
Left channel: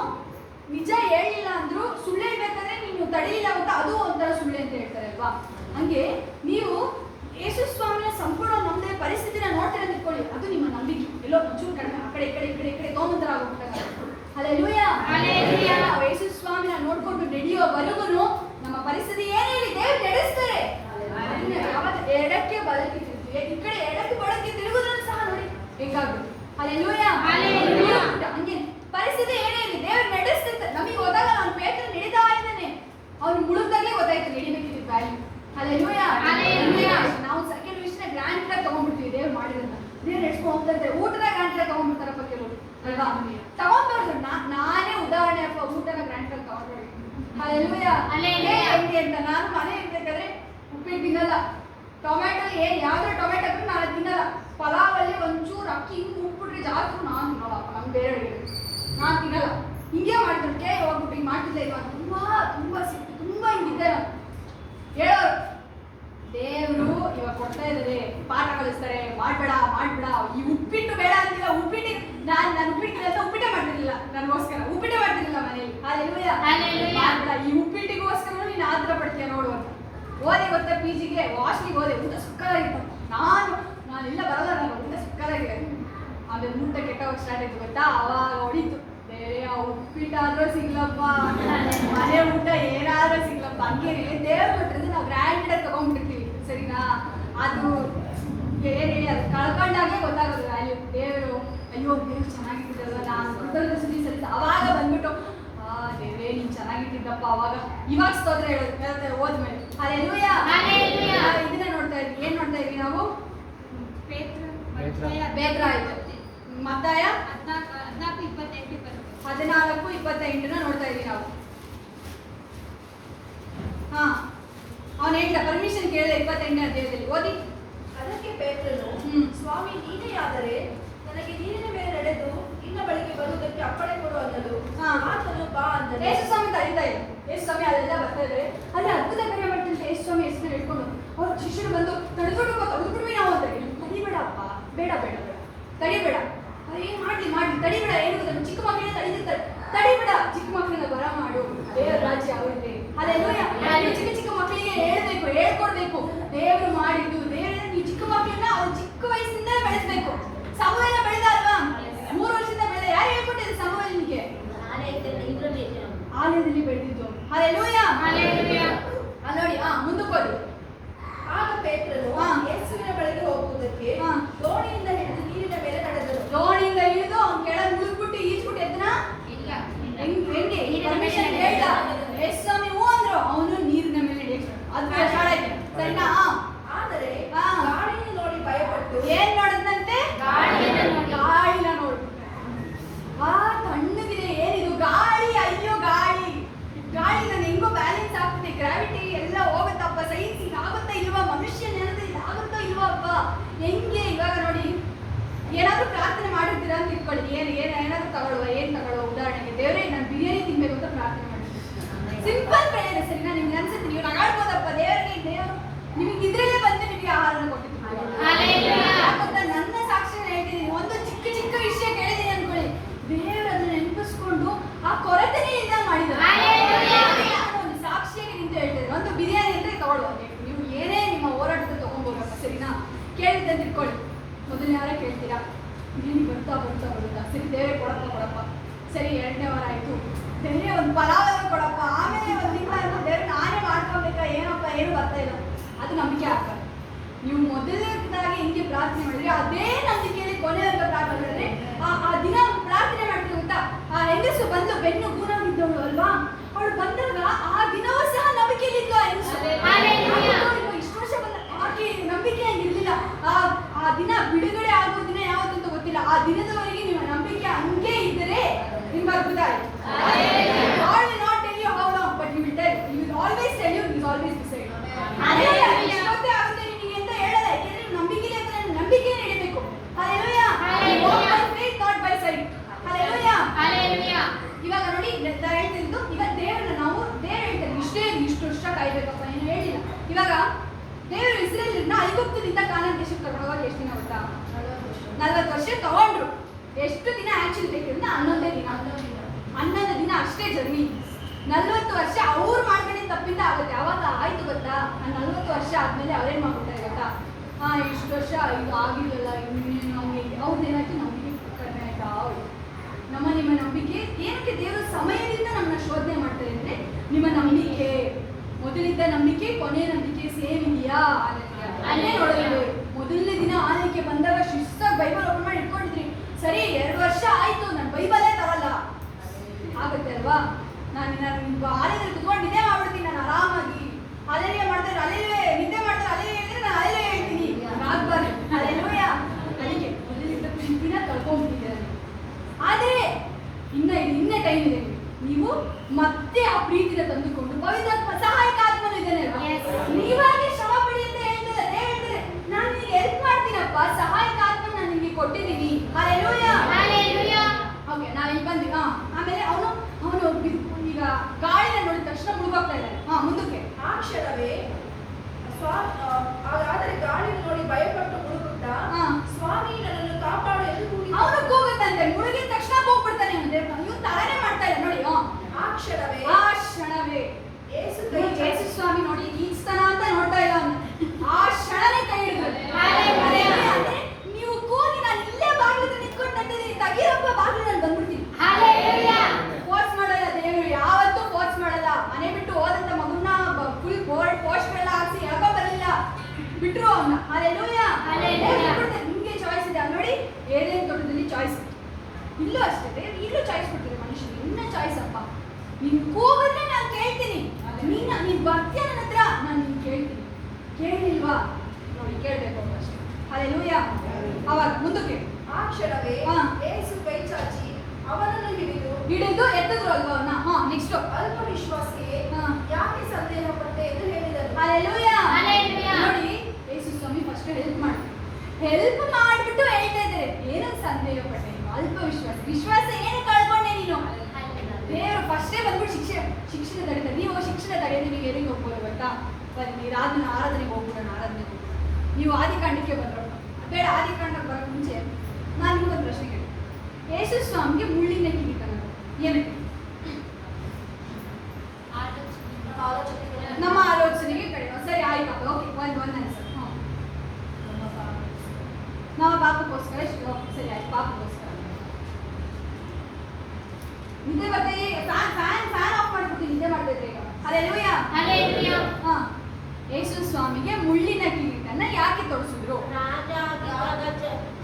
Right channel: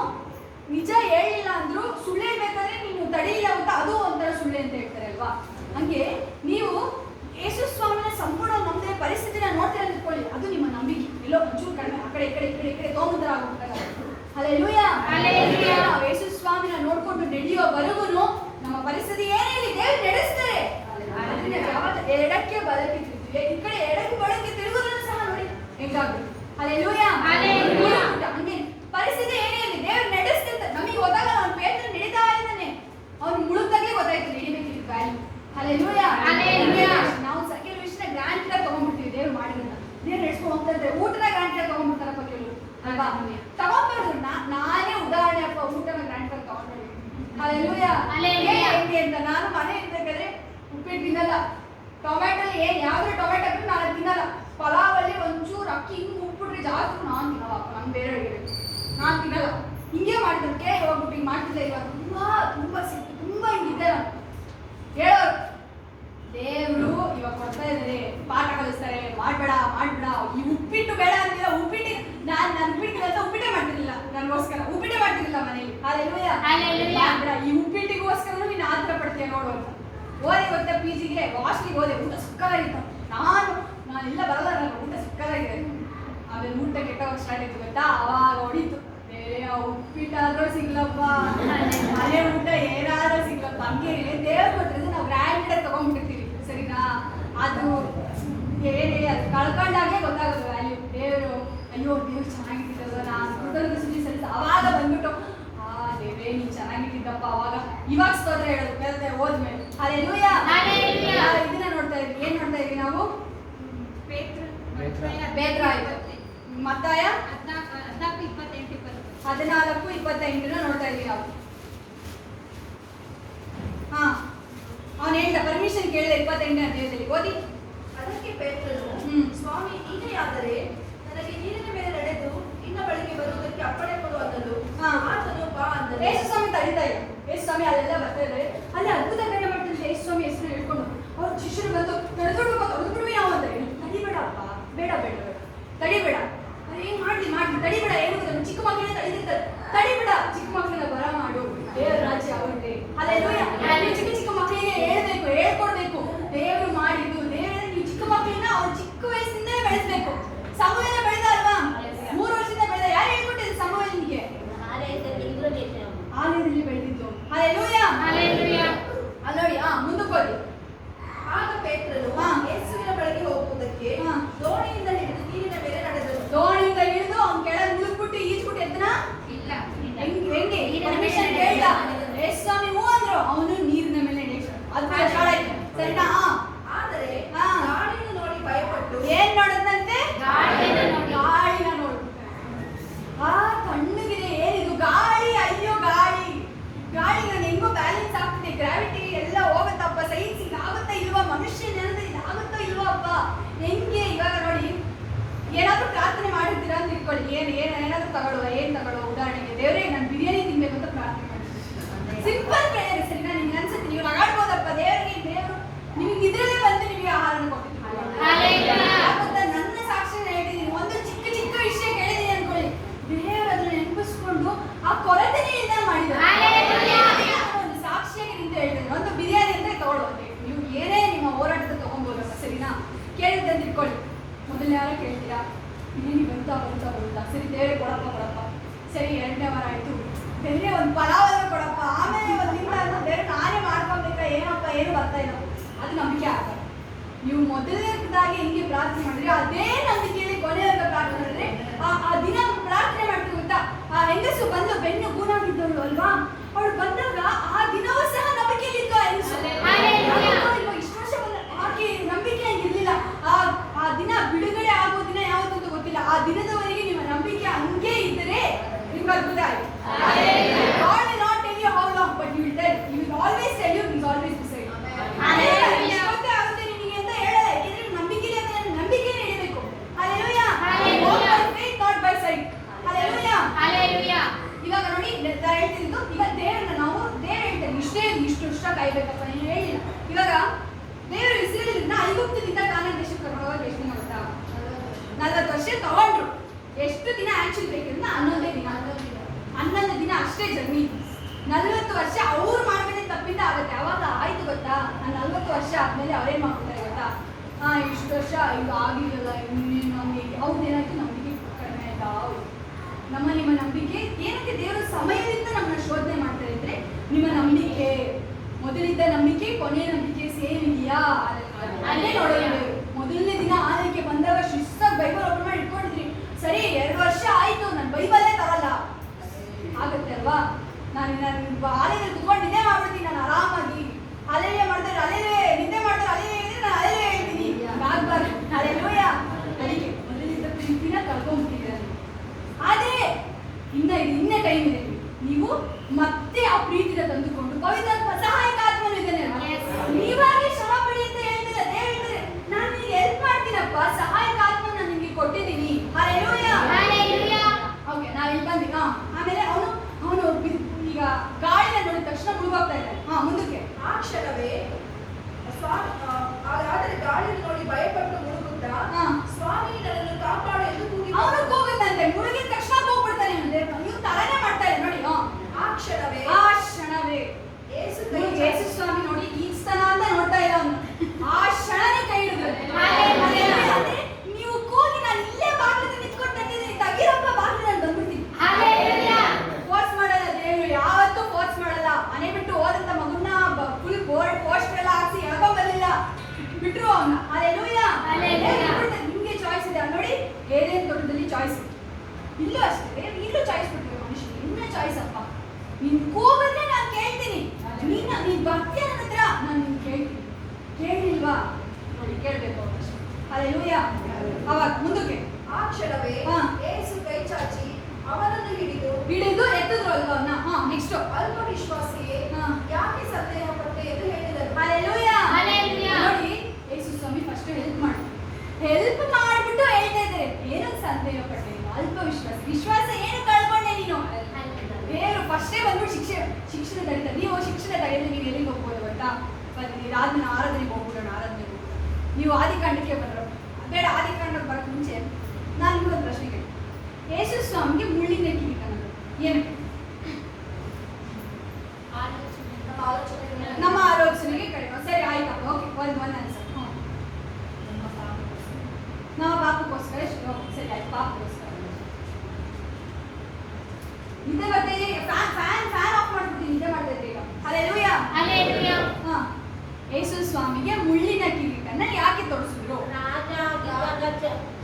ನಿಜ ಹೇಳಿಲ್ಲ ಅಂದ್ರು ಸುಳ್ಳು ಹೇಳ್ಬೇಕಾದ್ರೆ ನೀನು ತಡೆಯಿಲ್ಲ ಗೊತ್ತಾ, ಅದು ಒಂಥರ ಸುಳ್ಳು ಅಂತ ಹೇಳ್ತಾರೆ ಅಲ್ವಾ. ಹಂಗೆ ನೀವು ಯೇಸು ಸ್ವಾಮಿನ ಸಂಪೂರ್ಣ ನಮ್ಮದೇ ಪರಿಸ್ಥಿತಿನ ನೋಡ್ತೀರಾ ನಿಂತ್ಕೊಳ್ಳಿ, ಅದು ನಿಮ್ಮ ನಂಬಿಕೆ. ಎಲ್ಲೋ ಒಂಚೂರು ಕಡಿಮೆ ಆ ಕಡೆ ಈ ಕಡೆ ತೋಮಂತರ ಆಗ್ಬಿಟ್ಟಾಗ ಹಲ್ಲೆಲೂಯಾ. ನಾವು ಯೇಸು ಸ್ವಾಮಿನ ನೋಡ್ಕೊಂಡು ನಡೆಯೋವರೆಗೂ ನಮ್ಮ ಪರಿಸ್ಥಿತಿ ಏನೇ ದೇವ್ರು ನಡೆಸ್ತಾರೆ. ಅದನ್ನ ಯಾವತ್ತು ಎಡಕ್ಕೆ ಬಲಕ್ಕೆ ತಿರುಗ್ತೀವಿ, ಈ ಕಡೆ ಎಡಕ್ಕೆ ಬಲಕ್ಕೆ ತಿರುಗೋದ್ರನ್ನು ಸಹ ನೋಡಿ ಹೆಂಗಾಗ್ಬಿಟ್ಟು. ಹಲ್ಲೆಲೂಯಾ. ಹಂಗೆ ಪರಿಸ್ಥಿತಿ ಏನೇ ಇರಲಿ ದೇವ್ರು ನಡೆಸ್ತಿರ್ತಾರೆ. ನಮಗೆ ಹೋದಾಗ ಅವ್ನ ಪೇತ್ರ ನಡೀತಾ ಇದ್ದಾನೆ, ಅವ್ನು ಮುಳುಗ್ದಾಗ್ಲೇ ಗೊತ್ತಾಯ್ತು ನಡಿಬೇಕಿದ್ದು ವ್ಯಾಲ್ಯೂ. ಹಲ್ಲೆಲೂಯಾ. ನಾವು ಕೆಲವು ವಿಷಯ ಗ್ರಾಂಟ್ ಆಗಿ ತಗೊಂಡ್ಬಿಡ್ತೀವಿ ದೇವ್ರು ಮಾಡಿರೋದನ್ನ. ದೇವ್ರು ನಡೆಸ್ಕೊಂಡು ಹೋಗ್ತಾ ಇರ್ತಾರೆ, ಊಟದ ಗ್ರಾಂಟ್ ಆಗಿ ತಗೊಂಡ್ಬಿಡ್ತಾರಪ್ಪ ಕೆಲವರು ಅಲ್ವಾ. ತಗೊಂಡ್ಬಾರ್ದು. ನಾನೇ ಉದಾಹರಣೆ ಅಪ್ಪ, ಊಟನ ಗ್ರಾಂಟ್ ಆಗಿ ತಗೊಂಡ್ಬಿಡಿ. ಹಲ್ಲೆಲೂಯಾ. ಹೆಂಗೆ ಅಂತ ನಾನು ಮನೆ ಇರ್ಬೇಕಾದ್ರೆ ಉಪ್ಪಿಟ್ಟು ತಿನ್ನಲ್ಲ, ಟೊಮೆಟೊ ಯಾವ್ದಾರು ಟೊಮೆಟೊ ಹಾಕಿದ್ರೆ ನಾನು ತಿನ್ನಲ್ಲ. ಪಲಾವಲ್ಲಿ ಒಂಚೂರು ಅಕ್ಕಿ ಹಿಂಗೆ ಉಪ್ಪಿಟ್ರೆ ಜಾಸ್ತಿ ನಾನು ತಿನ್ನಲ್ಲಪ್ಪ, ನಂಗೆ ಬೇರೆ ಅಡುಗೆ ನಾನು ತಿನ್ನಲ್ಲ. ಹಿಂಗೆ ಮಾಡಿದ್ರು ಹೋಗ್ಬಿಟ್ಟು ಹಿಂಗೆ ಮಾಡ್ತಿದ್ದೆ. ಇವಾಗ ತುಂಬ ಸಿಟ್ಟು, ತುಂಬ ಹಿಂಗಿದ್ದೆ ನಾನು. ಹೇಳೋರು ದೇವರು ಇವಾಗ ಕೊಡ್ತಾ ಇದ್ದಾರೆ, ಪಾಠ ಕಲಿಸ್ತಾರೆ, ಮಾಡ್ಬೇಡ ಈ ಉಪ್ಪಿಟ್ಟು ಬೇಡ ಅಂತಿಲ್ಲ. ಉಪ್ಪಿಟ್ಟಿಗೆ ನಾನು ಉಪ್ಪಿಟ್ಟಿಲ್ಲ ಅಂತ ಉಪ್ಪಿಟ್ಟೆ ಮಾಡ್ತಿರ್ಲಿಲ್ಲ, ನನಗೋಸ್ಕರ ಉಪ್ಪಿಟ್ಟೆ ಮಾಡ್ತಿರ್ಲಿಲ್ಲ ಮನೇಲಿ. ಹಲ್ಲೆಲೂಯಾ. ಮಾಡ್ಬೇಡ ಈ ಉಪ್ಪಿಟ್ಟಿಗೋಸ್ಕರ ನೀನು ಆತರ ಪಡ್ತೀಯ ನೋಡು ಅಂತ. ಓದಿ ಗೊತ್ತಾ PGಗೆ ವಾಶ್ಲಿಗೆ ಹೋದೆ, ಊಟ ಸುಕ್ಕದಾಗಿತ್ತು. ನಾನಿಲ್ಲ ಬರಲ್ಲ, ನಾನು ಊಟ ಸುಕ್ಕದಾಗಿದೆ. ಆಮೇಲೆ ಊಟ ಕೆಟ್ಟೋಗಿ ಸ್ಟಾರ್ಟ್ ಆಯ್ತು ಗೊತ್ತಾ, ಅವಾಗ ಹೊಡಿತು ಬೇರೆ ಆ ಉಪ್ಪಿಟ್ಟಾದ್ರೂ ಸಿಗ್ಲಪ್ಪ, ಮನೆ ಊಟ ಏನಾದ್ರೂ ಸಿಗ್ಲಪ್ಪ. ಹಂಗೇನೆ ದೇವ್ರು ಕೊಟ್ಟಿರೋದು ನಾವು ಗ್ರ್ಯಾಂಡ್ ಆಗಿ ತಗೊಂಡ್ಬಿಟ್ಟಿರ್ತೀವಿ, ಸರಿನಾ. ಅದು ಏನೇ ಅದು ಕಳ್ಕೊಂಡಾಗೆ ಗೊತ್ತಾಗೋದು ವ್ಯಾಲ್ಯೂ. ದೇವರು ಅಯ್ಯೋ ದೇವ್ರು ಚೆನ್ನಾಗಿಟ್ಟಿದ್ದಲ್ವ, ನಾನು ಕೃತಜ್ಞತೆ ಸಲ್ಲಿಸಿ ಅವಾಗ ಬಂದ್ಬಿಟ್ಟು ದೇವ್ರೇ ನೀನ್ ಚೆನ್ನಾಗಿಟ್ಟಿದ್ದಪ್ಪ ಅವಾಗ. ಇವಾಗ ಸ್ತೋತ್ರ ಹೇಳೋದು ಹೋದ್ಮೇಲೆ. ಹಲ್ಲೆಲೂಯಾ. ಇದನ್ನ ನೋಡ್ತಾ ಇದ್ವಿ, ಏನ್ ನೋಡ್ತಾ ಇದ್ವಿ ನಾವು? ಪೇತ್ರ ಆಯ್ತು. ಮತ್ತಾಯ 14:28 ನೋಡ್ತಾ ಇದ್ವಿ ನಾವು. ಅವನು ಹೇಳ್ದ ಪರ್ಮಿಷನ್ ಕೇಳಿದ 28ನೇ ಅಧ್ಯಾಯದಲ್ಲಿ ಓದಿ. ಅದಕ್ಕೆ ಪೇತ್ರನು, ಸ್ವಾಮಿ ನೀನೇ ಆದರೆ ನನಗೆ ನೀರಿನ ಮೇಲೆ ನಡೆದು ನಿನ್ನ ಬಳಿಗೆ ಬರುವುದಕ್ಕೆ ಅಪ್ಪಣೆ ಕೊಡು ಅನ್ನಲು ಆತನು ಬಾ ಅಂದನು. ಯೇಸು ಸ್ವಾಮಿ ತಡೀತಾ ಇಲ್ಲ. ಯೇಸು ಸ್ವಾಮಿ ಅಲ್ಲೆಲ್ಲ ಬರ್ತಾ ಇದ್ದಾರೆ, ಅಲ್ಲಿ ಅದ್ಭುತ ಕಾರ್ಯ ಮಾಡ್ತಿದ್ದ ಯೇಸು ಸ್ವಾಮಿ ಹೆಸರು ಹೇಳ್ಕೊಂಡು ಅವ್ರ ಶಿಷ್ಯರು ಬಂದು ತೊಡೆದು ಬಿಡ್ವಿ ನಾವು ಅಂತಾರೆ. ತಡಿಬೇಡಪ್ಪ, ಬೇಡ ತಡಿಬೇಡ, ಏನ್ ಮಾಡ್ಲಿ ತಡಿಬೇಡ. ಏನು ಚಿಕ್ಕ ಮಕ್ಕಳನ್ನ ತಡಿದಿರ್ತಾರೆ, ತಡಿಬೇಡ, ಚಿಕ್ಕ ಮಕ್ಕಳನ್ನ ಬರ ಮಾಡು, ದೇವರ ರಾಜ್ಯ ಅವ್ರಿಗೆ. ಹಲ್ಲೆಲೂಯಾ. ಚಿಕ್ಕ ಮಕ್ಕಳಿಗೆ ಹೇಳ್ಕೊಡ್ಬೇಕು ದೇವರು ಮಾಡಿದ್ದು. ದೇವರ ನೀವು ಚಿಕ್ಕ ಮಕ್ಕಳನ್ನ ಅವ್ರ ಚಿಕ್ಕ ವಯಸ್ಸಿಂದಲೇ ಬೆಳೆಸ್ಬೇಕು. ಸಮುವೇಲ ಬೆಳೆದ ಅಲ್ವಾ, 3 ವರ್ಷದಿಂದ ಬೆಳೆದ. ಯಾರು ಹೇಳ್ಕೊಟ್ಟಿದ್ದು ಸಮುವೇಲನಿಗೆ? ಆಲಯದಲ್ಲಿ ಬೆಳೆದಿದ್ದು. ಹಲ್ಲೆಲೂಯಾ. ಅಲ್ಲಿ ನೋಡಿ, ಮುಂದಕ್ಕೆ ಹೋಗಿ. ಆಗ ಪೇತ್ರನು ಯೇಸುವಿನ ಬಳಿಗೆ ಹೋಗುವುದಕ್ಕೆ ದೋಣಿಯಿಂದ ಹಿಡಿದು ನೀರಿನ ಮೇಲೆ ನಡೆದನು. ದೋಣಿಯಿಂದ ಹಿಡಿದು ಅವ್ನು ಕೆಳಗೆ ಮುಳುಗ್ಬಿಟ್ಟು ಈಜ್ಬಿಟ್ಟು ಎದ್ದನ ಹೆಂಗೆ ಪರ್ಮಿಷನ್ ಕೇಳ್ದ. ಯೇಸು ಸ್ವಾಮಿ ಹೂ ಅಂದ್ರು, ಅವನು ನೀರಿನ ಮೇಲೆ ನಡೆಸ್ತಾನೆ. ಅದ್ಭುತ ಸ್ಟಾರ್ಟ್ ಆಯ್ತು, ಸರಿನಾ. ಆದರೆ ಗಾಳಿಯನ್ನು ನೋಡಿ ಭಯಪಟ್ಟು ಏನ್ ನೋಡದಂತೆ? ಗಾಳಿನ ನೋಡ್ಬಿಟ್ಟು ತಣ್ಣಗಿದೆ. ಏನಿದು ಗಾಳಿ? ಅಯ್ಯೋ ಗಾಳಿ ನಾನು ಹೆಂಗೋ ಬ್ಯಾಲೆನ್ಸ್ ಆಗ್ತಿದೆ, ಗ್ರಾವಿಟಿ ಎಲ್ಲ ಹೋಗುತ್ತಪ್ಪ. ಸೈನ್ಸ್ ಈಗ ಆಗುತ್ತಾ ಇಲ್ವಾ? ಮನುಷ್ಯ ನೆನದಲ್ಲಿ ಇದಾಗುತ್ತಾ ಇಲ್ವಾ ಅಪ್ಪ? ಹೆಂಗೆ ಇವಾಗ ನೋಡಿ, ಏನಾದ್ರೂ ಪ್ರಾರ್ಥನೆ ಮಾಡಿರ್ತೀರಾ ಅಂತ ಇಟ್ಕೊಳ್ಳಿ. ಏನಾದ್ರೂ ತಗೊಳ್ಳುವ, ಉದಾಹರಣೆಗೆ ದೇವರೇ ನಾನು ಬಿರಿಯಾನಿ ತಿನ್ಬೇಕು ಅಂತ ಪ್ರಾರ್ಥನೆ ಮಾಡಿದ್ವಿ. ಸಿಂಪಲ್ ಪ್ರೇಯರ್, ಸರಿನಾ. ನಿಮ್ಗೆ ಅನ್ಸುತ್ತೆ ನೀವು ನಗಾಡ್ಬೋದಪ್ಪ ದೇವರಿಗೆ, ದೇವರು ನಿಮಗೆ ಇದ್ರಲ್ಲೇ ಬಂದು ನಿಮಗೆ ಆಹಾರನ ಕೊಟ್ಟಿರ್ತೀವಿ. ಯಾಕಂತ ನನ್ನ ಸಾಕ್ಷಿ ಹೇಳ್ತಿದ್ದೀನಿ. ಒಂದು ಚಿಕ್ಕ ವಿಷಯ ಕೇಳಿದೀನಿ ಅನ್ಕೊಳ್ಳಿ, ದೇವರು ಅದನ್ನ ನೆನಪಿಸ್ಕೊಂಡು ಆ ಕೊರತೆನೇ ಇದ್ದ ಮಾಡಿದ್ರು. ಒಂದು ಸಾಕ್ಷಿಯಾಗಿ ನಿಂತು ಹೇಳ್ತಿದ್ದೀನಿ. ಒಂದು ಬಿರಿಯಾನಿ ಅಂದ್ರೆ ತಗೊಳ್ಳುವ, ನೀವು ಏನೇ ನಿಮ್ಮ ಹೋರಾಟದ ತಗೊಂಬೋದಪ್ಪ, ಸರಿನಾ. ಕೇಳಿದ್ದೆ ಅಂತ ಇಟ್ಕೊಳ್ಳಿ, ಮೊದಲನೇ ವಾರ ಕೇಳ್ತೀರಾ ಬಿರಿಯಾನಿ ಬರುತ್ತಾ ಸರಿ ದೇವರೇ ಕೊಡಪ್ಪ. ಸರಿ 2ನೇ ವಾರ ಆಯ್ತು, ದೇವರೇ ಒಂದು ಪಲಾವ್ ಕೊಡಪ್ಪ. ಆಮೇಲೆ ಒಂದು ತಿಂಗಳ ಅಂತ ದೇವ್ರೆ ನಾನೇ ಮಾಡ್ಕೊಬೇಕಾ, ಏನಪ್ಪ ಏನು ಬರ್ತಾ ಇಲ್ಲ. ಅದು ನಂಬಿಕೆ ಆಗ್ತಾರೆ. ನೀವು ಮೊದಲನೇದಾಗಿ ಹಿಂಗೆ ಪ್ರಾರ್ಥನೆ ಮಾಡಿದ್ರೆ ಅದೇ ನಂಬಿಕೆಯಲ್ಲಿ ಕೊನೆಯವರೆಗೆ ಪ್ರಾರ್ಥನೆ ಮಾಡಿದ್ರೆ ಆ ದಿನ ಪ್ರಾರ್ಥನೆ ಮಾಡ್ತೀವಿ ಗೊತ್ತಾ. ಆ ಹೆಂಗಸು ಬಂದು ಬೆನ್ನು ಗೂನಾಗಿದ್ದವಳು ಅಲ್ವಾ, ಅವಳು ಬಂದಾಗ ಆ ದಿನವೂ ಸಹ ನಂಬಿಕೆಯಲ್ಲಿ ಇದ್ಲು. ಆ ಹೆಂಗಸು ಇಷ್ಟು ವರ್ಷ ಬಂದ ಆಕೆ ನಂಬಿಕೆ ಹಂಗಿರ್ಲಿಲ್ಲ. ಆ ದಿನ ಬಿಡುಗಡೆ ಆಗೋ ದಿನ ಯಾವತ್ತು ಅಂತ ಗೊತ್ತಿಲ್ಲ. ಆ ದಿನದವರೆಗೆ ನಿಮ್ಮ ನಂಬಿಕೆ ಹಂಗೆ ಇದ್ದರೆ ನಿಮ್ಗೆ ಅದ್ಭುತ ಆಯ್ತು. God will not tell you how long, but He will tell. He will always tell you. He is always beside you. ಇಷ್ಟೊತ್ತೇ ಆಗುತ್ತೆ ನಿಮಗೆ ಅಂತ ಹೇಳಲ್ಲ, ಯಾಕೆಂದ್ರೆ ನಂಬಿಕೆಯಲ್ಲಿ ಅಂತ ನಂಬಿಕೆನೇ ಇಡಬೇಕು. Hallelujah. Walk by faith, not by sight. Hallelujah. ಇವಾಗ ನೋಡಿ ಹೇಳ್ತಿದ್ದು, ಈಗ ದೇವರನ್ನ ನಾವು ದೇವ್ರು ಕರ್ಕೊಂಡು ಹೋಗಕ್ಕೆ ಎಷ್ಟು ದಿನ ಗೊತ್ತಾ? 40 ವರ್ಷ ತಗೊಂಡ್ರು. ಎಷ್ಟು ದಿನ ಆಕ್ಚುಲಿ ಬೇಕಿರೋದು? 11 ದಿನ. 11 ದಿನ ಅಷ್ಟೇ ಜರ್ನಿ. 40 ವರ್ಷ ಅವ್ರು ಮಾಡ್ಕೊಂಡಿದ್ದ ತಪ್ಪಿಂದ ಆಗುತ್ತೆ. ಅವಾಗ ಆಯ್ತು ಗೊತ್ತಾ, ನಾನು 40 ವರ್ಷ ಆದ್ಮೇಲೆ ಅವ್ರೇನ್ ಮಾಡ್ಕೊಡ್ತಾರೆ ಗೊತ್ತಾ? ಇಷ್ಟು ವರ್ಷ ಇದು ಆಗಿರಲಿಲ್ಲ, ಇನ್ನೇನು ನಮಗೆ ಅವ್ರದ್ದೇನಾಯ್ತು, ನಂಬಿಕೆ ಕಡಿಮೆ ಆಯ್ತಾ? ನಿಮ್ಮ ನಂಬಿಕೆ ಏನಕ್ಕೆ ದೇವರು ಸಮಯದಿಂದ ನಮ್ಮನ್ನ ಶೋಧನೆ ಮಾಡ್ತಾರೆ ಅಂದ್ರೆ, ನಿಮ್ಮ ನಂಬಿಕೆ ಮೊದಲಿದ್ದ ನಂಬಿಕೆ ಕೊನೆಯ ನಂಬಿಕೆ ಸೇಮ್ ಇದೆಯಾ ಅಲ್ಲೇ ನೋಡೋದು. ಮೊದಲನೇ ದಿನ ಆಲಯಕ್ಕೆ ಬಂದಾಗ ಶಿಸ್ತಾಗಿ ಬೈಬಲ್ ಓಪನ್ ಮಾಡಿ ಇಟ್ಕೊಂಡಿದ್ರಿ, ಸರಿ 2 ವರ್ಷ ಆಯ್ತು ನಾನು ಬೈಬಲೇ ತರಲ್ಲ ಆಗುತ್ತೆ ಅಲ್ವಾ? ನಾನು ಆಲಯದಲ್ಲಿ ಕುತ್ಕೊಂಡು ನಿದ್ದೆ ಮಾಡ್ಬಿಡ್ತೀನಿ, ನಾನು ಆರಾಮಾಗಿ ಅಲೆಲೇ ಮಾಡ್ತಾರೆ, ಅಲೆಲೇ ನಿದ್ದೆ ಮಾಡ್ತಾರೆ, ಅಲೆ ಹೇಳಿದ್ರೆ ನಾನು ಅಲೆಲೇ ಹೇಳ್ತೀನಿ, ಆಗ್ಬಾರ್ದು. ಅಲೆಲೂಯ. ಅದಕ್ಕೆ ಮೊದಲಿದ್ದ ಪ್ರೀತಿನ ಕಳ್ಕೊಂಡ್ಬಿಟ್ಟಿದ್ದೀರ ನೀವು. ಆದರೆ ಇನ್ನೇ ಟೈಮ್ ಇದೆ ನೀವು ಮತ್ತೆ ಆ ಪ್ರೀತಿನ ತಂದುಕೊಂಡು ಪವಿತ್ರಾತ್ಮ ಸಹಾಯಕ ಆತ್ಮನು ಇದ್ದಾನೆ ಅಲ್ವಾ? ನೀವಾಗೆ ಶ್ರಮ ಪಡಿ ಅಂತ ಹೇಳ್ತಾರೆ, ನಾನು ನಿಮಗೆ ಹೆಲ್ಪ್ ಮಾಡ್ತೀನಪ್ಪ, ಸಹಾಯಕ ಆತ್ಮ ನಾನು ನಿಮಗೆ ಕೊಟ್ಟಿದ್ದೀನಿ. ಹಲ್ಲೆಲೂಯಾ. ಓಕೆ, ನಾವು ಇಲ್ಲಿ ಬಂದ್ವಿ. ಆಮೇಲೆ ಅವನು ಈಗ ಗಾಳಿನ ನೋಡಿದ ತಕ್ಷಣ ಮುಳುಗೋಗ್ತಾ ಇದ್ದಾನೆ. ಮುಂದಕ್ಕೆ ಆ ಕ್ಷಣವೇ ಆದರೆ ಗಾಳಿಯನ್ನು ನೋಡಿ ಭಯಪಟ್ಟು ಮುಳುಗುತ್ತಾ, ಸ್ವಾಮಿ ನನ್ನನ್ನು ಕಾಪಾಡು ಎಂದು ಕೂಗಿ ಅವನು ಕೂಗುತ್ತಂತೆ. ಮುಳುಗಿದ ತಕ್ಷಣ ಹೋಗ್ಬಿಡ್ತಾನೆ ಇವ್ನು ತರನೇ ಮಾಡ್ತಾ ಇಲ್ಲ ನೋಡಿ. ಆ ಕ್ಷಣವೇ ಯೇಸು ಸ್ವಾಮಿ ನೋಡಿ ಈಗಿಸ್ತಾನ ಅಂತ ನೋಡ್ತಾ ಇಲ್ಲ ಅವನು. ಆ ಕ್ಷಣನೇ ಕೈ ಹಿಡಿದ್ರು. ಅಂದ್ರೆ ನೀವು ಕೂಗಿ ನಾನು ಇಲ್ಲೇ ಬಾಗಿಲು ನಿಂತ್ಕೊಂಡು ತಟ್ಟಿದ್ದೀನಿ, ತಗಿರಪ್ಪ ಬಾಗಿಲು, ನಾನು ಬಂದ್ಬಿಡ್ತೀನಿ. ಫೋರ್ಸ್ ಮಾಡಲ್ಲ ದೇವರು, ಯಾವತ್ತೂ ಫೋರ್ಸ್ ಮಾಡಲ್ಲ. ಮನೆ ಬಿಟ್ಟು ಹೋದಂತ ಮಗುನ ಫುಲ್ ಬೋರ್ಡ್ ಪೋಸ್ಟರ್ ಎಲ್ಲ ಹಾಕ್ಸಿ ಎಳ್ಕೊಂಡ್ ಬರ್ಲಿಲ್ಲ, ಬಿಟ್ರು ಅವನ್ನ. ಹಲ್ಲೆಲೂಯಾ. ನಿಮ್ಗೆ ಚಾಯ್ಸ್ ಇದೆ ನೋಡಿ. ಏನೇನು ತೋಟದಲ್ಲಿ ಚಾಯ್ಸ್ ಇತ್ತು, ಇಲ್ಲೂ ಅಷ್ಟೇ ಈಗಲೂ ಚಾಯ್ಸ್ ಕೊಟ್ಟಿದೆ ಮನುಷ್ಯನಿಗೆ. ಇನ್ನ ಚಾಯ್ಸ್ ಅಪ್ಪ, ನೀನ್ ಕೂಗಿದ್ರೆ ನಾನು ಕೇಳ್ತೀನಿ, ನೀನ್ ಬರ್ತೀಯ ನನ್ನ ಹತ್ರ, ನಾನು ನಿನ್ ಕೇಳ್ತೀನಿ. ಕೇಳಿಲ್ವಾ ನೋಡಿ, ಕೇಳ್ಬೇಕು ಅಷ್ಟೇ. ಹಲ್ಲೆಲೂಯಾ. ಅವಾಗ ಮುಂದಕ್ಕೆ ಆ ಕ್ಷಣವೇ ಯೇಸು ಕೈ ಚಾಚಿ ಅವನನ್ನು ಹಿಡಿದು ಎತ್ತಿದ್ರು ಅಲ್ವಾ ಅವನ್ನ. ನೆಕ್ಸ್ಟ್ ಅಲ್ಪ ವಿಶ್ವಾಸಿಯೇ ಯಾಕೆ ಸಂದೇಹ ಪಟ್ಟೆ ಎಂದು ಹೇಳಿದರು. ಹಲ್ಲೆಲೂಯಾ. ನೋಡಿ, ಯೇಸು ಸ್ವಾಮಿ ಫಸ್ಟ್ ಹೆಲ್ಪ್ ಮಾಡ್ಬಿಟ್ಟು ಹೇಳ್ತಾ ಇದ್ದಾರೆ, ಏನಂತ ಸಂದೇಹ ಪಟ್ಟೆ, ಅಲ್ಪ ವಿಶ್ವಾಸ ಏನು ಕಳ್ಕೊಂಡೆ ನೀನು? ದೇವರು ಫಸ್ಟೇ ಬಂದ್ಬಿಟ್ಟು ಶಿಕ್ಷಣ ತಡೀತಾರೆ. ನೀವು ಶಿಕ್ಷಣ ತಡೆಯೋದು ನೀವು ಎಲ್ಲಿಗೆ ಹೋಗ್ಬೋದು ಗೊತ್ತಾ? ಬನ್ನಿ ಆರಾಧನೆಗೆ ಹೋಗ್ಬಿಡೋಣ. ನೀವು ಆದಿಕಾಂಡಕ್ಕೆ ಬಂದ್ರು ಬೇಡ, ಆದಿಕಾಂಡಕ್ಕೆ ಬರೋಕ್ಕೆ ಮುಂಚೆ ನಾನು ನಿಮ್ಗೊಂದು ಪ್ರಶ್ನೆ ಕೇಳಿ. ಯೇಸು ಸ್ವಾಮಿಗೆ ಮುಳ್ಳಿನ ಕಿರೀಟ ಏನಕ್ಕೆ? ನಮ್ಮ ಆಲೋಚನೆಗೆ ಕಡಿಮೆ. ಸರಿ ಆಯ್ತಾ? ಓಕೆ, ಒಂದು ಆನ್ಸರ್. ನಮ್ಮ ಪಾಪಕ್ಕೋಸ್ಕರ. ಸರಿ ಆಯ್ತು, ಪಾಪಕ್ಕೋಸ್ಕರ. ನಿದ್ದೆ ಬರ್ತೀವಿ, ಫ್ಯಾನ್ ಆಫ್ ಮಾಡ್ಬಿಟ್ಟು ನಿದ್ದೆ ಮಾಡ್ತಾ ಇದ್ರಿ ಈಗ. ಹಲ್ಲೆಲೂಯಾ. ಯೇಸು ಸ್ವಾಮಿಗೆ ಮುಳ್ಳಿನ ಕಿರೀಟನ ಯಾಕೆ ತೊಡಿಸಿದ್ರು? ರಾಜ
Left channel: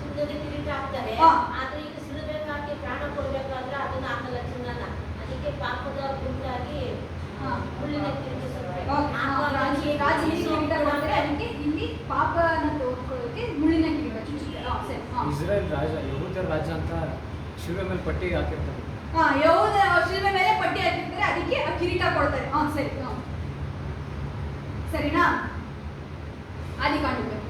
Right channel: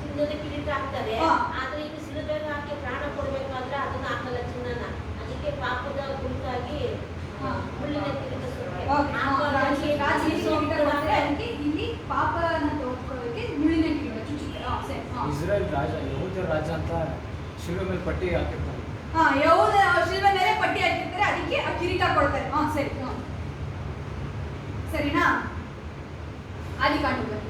ಚಿನ್ನದ ಕಿರೀಟ ಹಾಕ್ತಾರೆ, ಆದ್ರೆ ಈಗ ಸಿಲುಬೆಗೆ ಪ್ರಾಣ ಕೊಡ್ಬೇಕಾದ್ರೆ ಅದನ್ನ ಹಾಕಲ್ಲ ಚಿನ್ನನ. ಅದಕ್ಕೆ ಪಾಪದ ಗುಂಟಾಗಿ ಮುಳ್ಳಿನ ಕಿರೀಟ ಅದಕ್ಕೆ ಇಲ್ಲಿ ಪಾಪನ ತೋರ್ಕೊಳ್ಳೋದಕ್ಕೆ ಮುಳ್ಳಿನ ಕಿರೀಟ ಚುಚ್ಚುತ್ತಾರೆ. ಸರಿ. ಇಸ್ರೇಲ್ ರಾಜ, ಯಹೂದ್ಯರ ರಾಜ ಅಂತ ಶಿಲುಬೆ ಮೇಲೆ ಪಟ್ಟಿ ಹಾಕಿರ್ತಾರೆ. ಯಹೂದ ಶಿಲುಬೆ ಮೇಲೆ ಪಟ್ಟಿ ಹಾಕಿರ್ತಾರೆ, ಅದಕ್ಕೆ ಆ ಕಿರೀಟ ಕೊಡ್ತಾರೆ. ಸರಿ. ಸರಿನಾ? ಆದಿಕಾಂಡದಲ್ಲಿ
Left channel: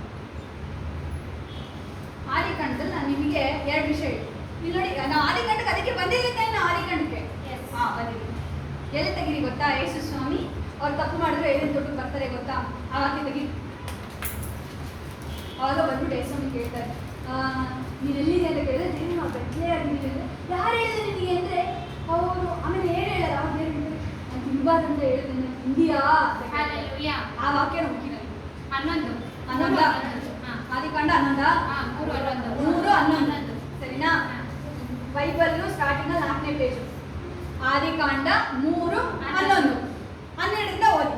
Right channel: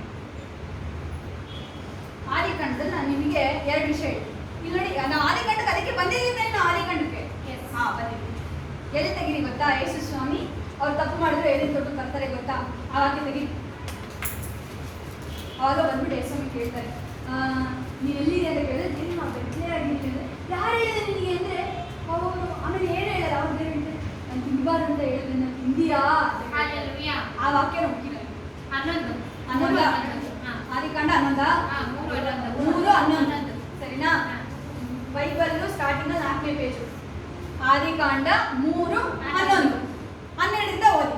ನಾನು ನಿಮಗೆ 2 ವಿಷಯ ಹೇಳ್ತೀನಿ. ಇಲ್ಲಿ ನೋಡಿ, ನಾವು ಆದಿಕಾಂಡಕ್ಕೆ ಅದಕ್ಕೆ ಬಂದಿದ್ದೀವಿ. ನಾವು ಆದಿಕಾಂಡಕ್ಕೆ ಬಂದಿದ್ದೀವಿ. ಎಲ್ಲಿ ತೆಗೀರಿ ಗೊತ್ತಾ? ಯೇಸು ಸ್ವಾಮಿ ಅವ್ರು ತಪ್ಪು ಮಾಡಿದ್ರು ಏನೇನು ದೊಡ್ಡ ಬರ್ತಾರೆ ಗೊತ್ತಾ? ಆವಾಗ ತೆಗಿ. ಆವಾಗ ಬಂದ್ಬಿಟ್ಟು ಯೇಸು ಸ್ವಾಮಿ ಕೇಳ್ತಾರೆ, ನೀನು ಎಲ್ಲಿದೆ ಅಂತ ಕೇಳಿದ್ರೆ, ನಾವು ಬೆಟ್ಲೆ ಆಗಿದ್ದೀವಿ ಅಂದರೆ, ಯಾರು ಹೇಳಿದೆ ನಿನಗೆ ಅಂದರೆ ಅವರು ಆಮೇಲೆ ಏನು ಹೇಳಲ್ಲ. ಅವ್ರು ಏನು ಹೇಳ್ತಾರೆ, ನಾನು ತಿನ್ಬಾರ್ದು ಅಂತ ಹೇಳಿದೆ, ನಾನು ತಿಂದಿಯಾ ಅಂತ ಹೇಳ್ತಾರೆ. ಆ ವಾಕ್ಯ ಹೋಗಿಲ್ಲ. 11 ಆದಿಕಾಂಡ 3:11. ಸರಿನಾ? ಬೈಬಲ್ಲು ಸ್ಟಾರ್ಟಿಂಗಲ್ಲಿ 4ನೇ ಪೇಜು. ಆದಿಕಾಂಡ 3:11. 12ರಿಂದ ಓದಿ.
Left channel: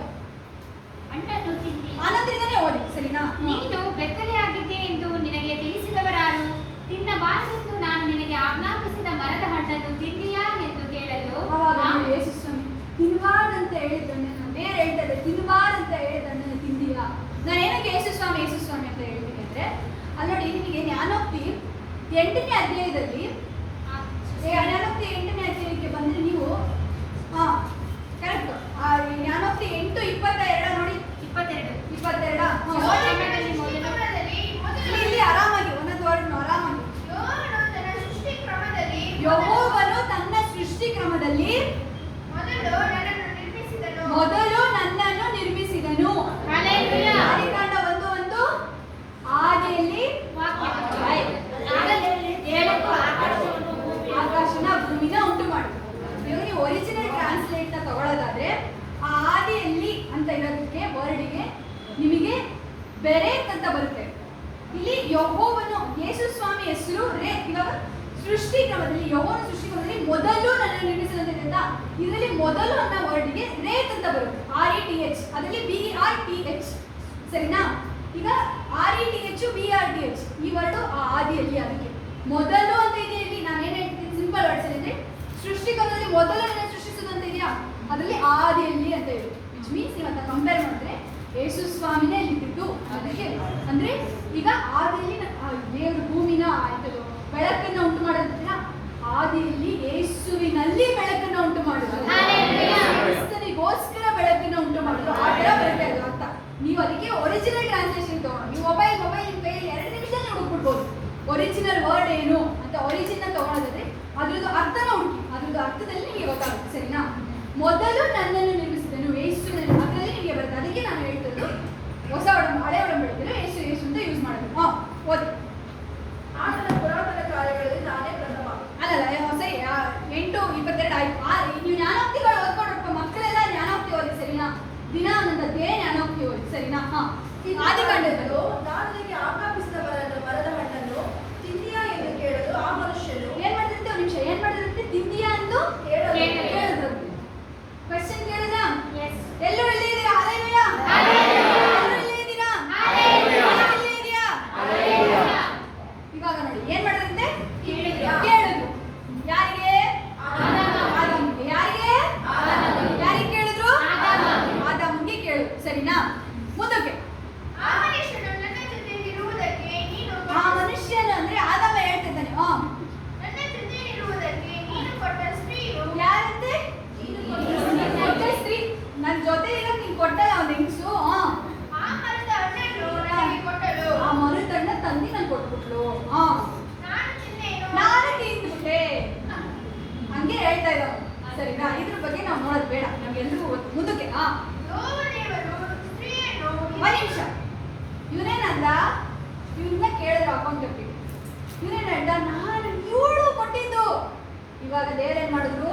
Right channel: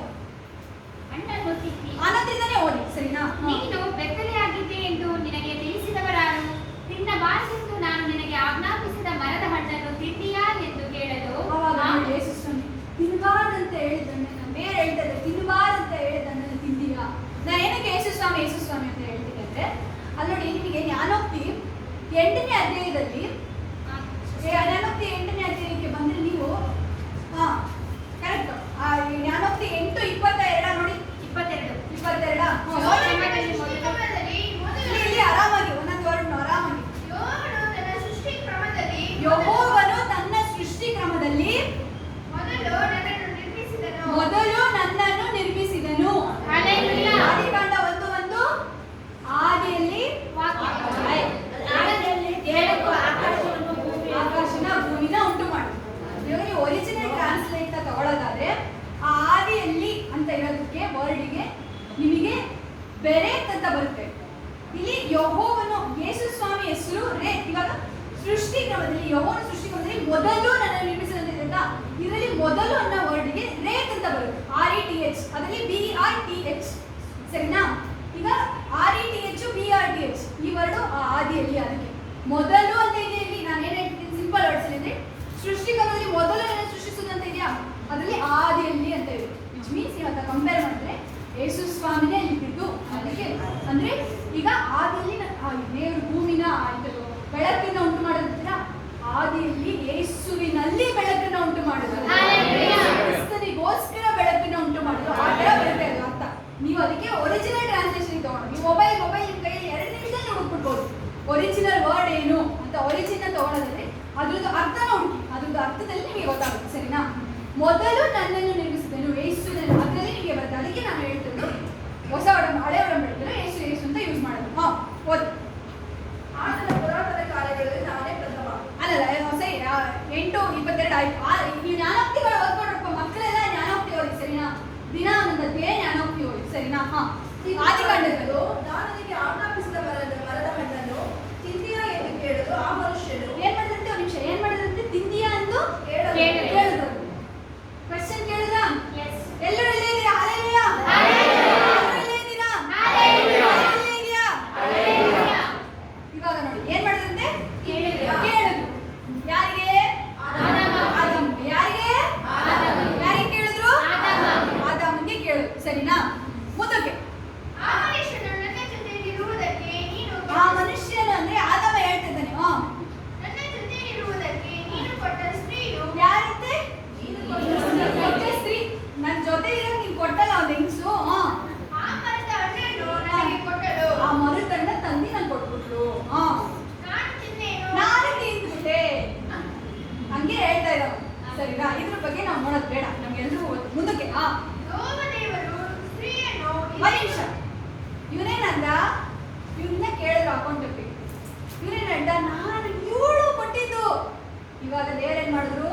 11ರಿಂದನೇ ಓದಿ. ಸರಿನಾ? ನೀನು ಬೆತ್ತಲೆಯಾಗಿದ್ದೆ ಎಂದು ನಿನಗೆ ತಿಳಿಸಿದವರಾರು? ತಿನ್ನಬಾರದೆಂದು ನಾನು ನಿನಗೆ ಆಜ್ಞಾಪಿಸಿದ ಮರದ ಹಣ್ಣನ್ನು ತಿಂದಿಯಾ ಎಂದು ಕೇಳಲು, ಅವಾಗ ಯೇಸು ಸ್ವಾಮಿ ತಿನ್ನಬಾರ್ದಂತ ಹೇಳಿದ್ದನ್ನು, ನಾನು ಬೇರೆ ಹೇಳ್ತಾ ಇದ್ದೆ, ತಿನ್ನಬಾರ್ದಂತ ಹೇಳಿದ್ದನ್ನು ತಿಂದಿಯಾ? ನಾನು ಏನಕ್ಕೆ ಯೇಸು ಸ್ವಾಮಿ ಅಂತ ಹೇಳ್ತೀನಿ ಅಂದರೆ, ಅಲ್ಲಿ ನೋಡಿ, ನಿಮಗೆ ಜ್ಞಾನೋಕ್ತಿ 8ನೇ ಅಧ್ಯಾಯದಲ್ಲಿ, ಜ್ಞಾನೋಕ್ತಿ 8ನೇ ಅಧ್ಯಾಯಕ್ಕೆ ಬಂದರೆ ನೀವು ಕರೆಕ್ಟ್. ಜ್ಞಾನೋಕ್ತಿ 8:22 ನೋಡಿ. 22 ಇಲ್ಲಿ ಆರಾಮಾಗಿ ಒಂದೊಂದು ವರ್ಡ್ನು ಆರಾಮಾಗಿ. ಯೆಹೋವನು ತನ್ನ ಸೃಷ್ಟಿ ಕ್ರಮದಲ್ಲಿ ಮೊದಲು ನನ್ನನ್ನು ನಿರ್ಮಿಸಿದನು. ಆದಿಕಾಂಡ 1:1 ಆದಿಯಲ್ಲಿ ರೇತ್ ಅಂತ ಬರುತ್ತೆ. ಇಲ್ಲಿ ಯೆಹೋವನು ಯೇಸು ಸ್ವಾಮಿ ಹೆಸರು ರೇತ್. ಇವಾಗ ಸೃಷ್ಟಿ ಕ್ರಮದಲ್ಲಿ ಯೆಹೋವನ ಸೃಷ್ಟಿ ಕ್ರಮದಲ್ಲಿ ಮೊದಲು ನನ್ನನ್ನು ನಿರ್ಮಿಸಿದಂತೆ ಅಂತ ಇದರಲ್ಲಿ ಮೊದಲು ಅನ್ನೋ ವರ್ಡ್ಗೆ ರೇತ್ ಅಂತ ಬರುತ್ತೆ. RETH ಅದರಲ್ಲಿ BERTH. ಸರಿನಾ? ಈಗ RETH BRTH ಈ ವರ್ಡು ಆದಿಯಲ್ಲಿ, ಅದಕ್ಕೆ ಮೊದಲು ಅಂತ ಇದೆ. ಇಲ್ಲಿ ನಾನು ಏನ್ ಹೇಳ್ತೀನಿ ಸಿಂಪಲ್ ವರ್ಡ್ಸ್ ಅಲ್ಲಿ ಅಂದ್ರೆ ಸೃಷ್ಟಿ ಕ್ರಮದಲ್ಲಿ ಮೊದಲು ನನ್ನ ಸೃಷ್ಟಿಸುವುದು ಅಂತ ಇದೆಯಾ, ಅದರಲ್ಲಿ ಆದಿಯಲ್ಲಿ ಅಂತ ಇದೆ. ವಿಚ್ ಮೀನ್ಸ್ ನೀವು ಅಂತ ಕಂಪೇರ್ ಮಾಡಿದ್ರೆ ಯೇಸು ಸ್ವಾಮಿನೇ ಇದ್ದಿದ್ದು. ಅದಕ್ಕೆ ಅಂದ್ರೆ ಈಗ ಆದಿಯಲ್ಲಿ ದೇವರು ಭೂಮಿನ ಆಯ್ತದು ಬೆಳಕನ್ನ ಉಂಟು ಮಾಡಿರ್ತೀರಾ, ಆದಿಯಲ್ಲಿ ಯೇಸುವಿನಲ್ಲಿ ಬೆಳಕನ್ನ ಉಂಟು ಮಾಡಿದ್ರು, ಕ್ರಿಸ್ತನಿಗೋಸ್ಕರ ಬೆಳಕನ್ನ ಉಂಟು ಮಾಡಿದ್ರು. ಆ ತರ ಬರುತ್ತೆ ಅದು ಅರ್ಥ. ನೀವು ಅದಕ್ಕೆ ಒರಿಜಿನಲ್ ಟ್ರಾನ್ಸ್ಲೇಷನ್ ತಗೊಂಡು ನೀವು ಮೊಬೈಲ್ ನಿಮ್ ಕೈಯಲ್ಲಿ 2 ನಿಮಿಷದಲ್ಲಿ ಹುಡುಕ್ಬಿಡ್ಬೋದು ಒರಿಜಿನಲ್ ವರ್ಡ್ ಏನು ಅಂತ. ಒರಿಜಿನಲ್ ತಗೊಳ್ಳೋದಾದ್ರೆ ಅದ್ರದ್ದು ಅರ್ಥನ ಹುಡುಕಿ, ಅದ್ರದ್ದು ಅರ್ಥದಲ್ಲಿ ನಿಮಗೆ ಗೊತ್ತಾಗುತ್ತೆ. ಸರಿನಾ? ಮೊದಲು ನನ್ನನ್ನು ನಿರ್ಮಿಸಿದನು ಯೇಸುವಿನಲ್ಲಿ, ಅದರಲ್ಲಿ ನಿಮಗೆ ಬರುತ್ತೆ. ಅದಕ್ಕೆ ನಾನು ಹೇಳ್ತಿದ್ದು ಹೊಸ ಹಳೆ ಒಡಂಬಡಿಕೆಯಲ್ಲಿ ಯೇಸು ಯೇಸು ಅಂತ ಯೂಸ್ ಮಾಡೋದು. ಓದಿ. ಆತನ ಪುರಾತನ ಕಾರ್ಯಗಳಲ್ಲಿ ನಾನೇ ಪ್ರಥಮ. ಅಲ್ಲಲ್ಲ ಹೊಸ 8:22 ಆಯ್ತು. ನೀವು ಜ್ಞಾನೋಕ್ತಿಗಳು ಓದ್ಕೊಂಡ್ರಪ್ಪ ಮಕ್ಕಳೆಲ್ಲ ಜ್ಞಾನೋಕ್ತಿ ಓದಿ. ಸರಿನಾ? ದಿನ ಒಂದೊಂದು ಅಧ್ಯಾಯ ಜ್ಞಾನೋಕ್ತಿ ಓದಿ. ಸರಿನಾ? ಆದಿಕಾಂಡಗಳು ನಾನು ನಿನಗೆ ಆಜ್ಞಾಪಿಸಿದ ಮರದ ಹಣ್ಣನ್ನು ತಿಂದೀಯಾ ಎಂದು ಕೇಳಲು ಆ ಮನುಷ್ಯನು ಏನ್ ಮಾಡಿದಂತೆ ಒಂದು ನಿಮಿಷ ಏನ್ ಮಾಡಿದಂತೆ ತಿಂದಿಯಾ ಎಂದು ಕೇಳಿದ್ರು. ಕ್ವೆಶ್ಚನ್ ಕೇಳಿದ್ರ? ಎಲ್ಲರೂ ಇಲ್ಲೇ ಇದ್ದೀರಾ? ಹಲ್ಲೆಲೂಯಾ. ಎಲ್ಲರೂ ಇಲ್ಲೇ ಇದ್ದೀರಾ? ಇಲ್ಲೇ ಇದೆಯಾ? ಇವಾಗ ನೋಡಿ ಏನ್ ಮಾಡಿದಂತೆ ಕೇಳಿದ್ರು. ಯಾರಿಗೆ? ಆದಾಮನಿಗೆ. ಯಾರಿಗೆ? ಯಾರಿಗೆ ಕೇಳಿದ್ರು? ಆದಾಮನಿಗೆ ಕೇಳಿದ್ರು. ಸರಿನಾ? ಮುಂದಕ್ಕೆ ಆ ಮನುಷ್ಯನು ಅಂದ್ರೆ ಆದಾಮ ಹೇಳ್ತಿದ್ದಾನೆ. ಯಾರಂತೆ? ಕೊಟ್ಟ ಸ್ತ್ರೀ. ನನ್ನ ಜೊತೆ ಇರೋದು ನೀನ್ ಕೊಟ್ಟಲ್ಲ ಒಂದು ಹೆಂಗಸು. ಆ ಮರುತಣ್ಣ ತಂದಿ ನನ್ ಕೊಟ್ಬಿಟ್ಲು. ನಾನು ತಿಂದ್ಬಿಟ್ಟೆ ಹಂಗೆ ಹೇಳ್ತಾ ಇದ್ದಾವ. ಸರಿನಾ? ಇದ್ರ ಬಗ್ಗೆ ನಾವು ನೋಡೋದು ಬೇಡ, ನಮ್ಗೆಲ್ರಿಗೂ ಗೊತ್ತು. ಮುಂದಕ್ಕೆ ಒಂದು ನಿಮಿಷ. ಇವನೇನಂದ? ಇವನ್ನ ಕೇಳಿದ್ರು ಅಕೌಂಟೆಂಟ್. ಇವನೇನಂದ? ನಾನು 7 ಕೊಟ್ಟಿದ್ದು. ಇವಾಗ ದೇವರೇನ್ ಮಾಡಿದ್ರು?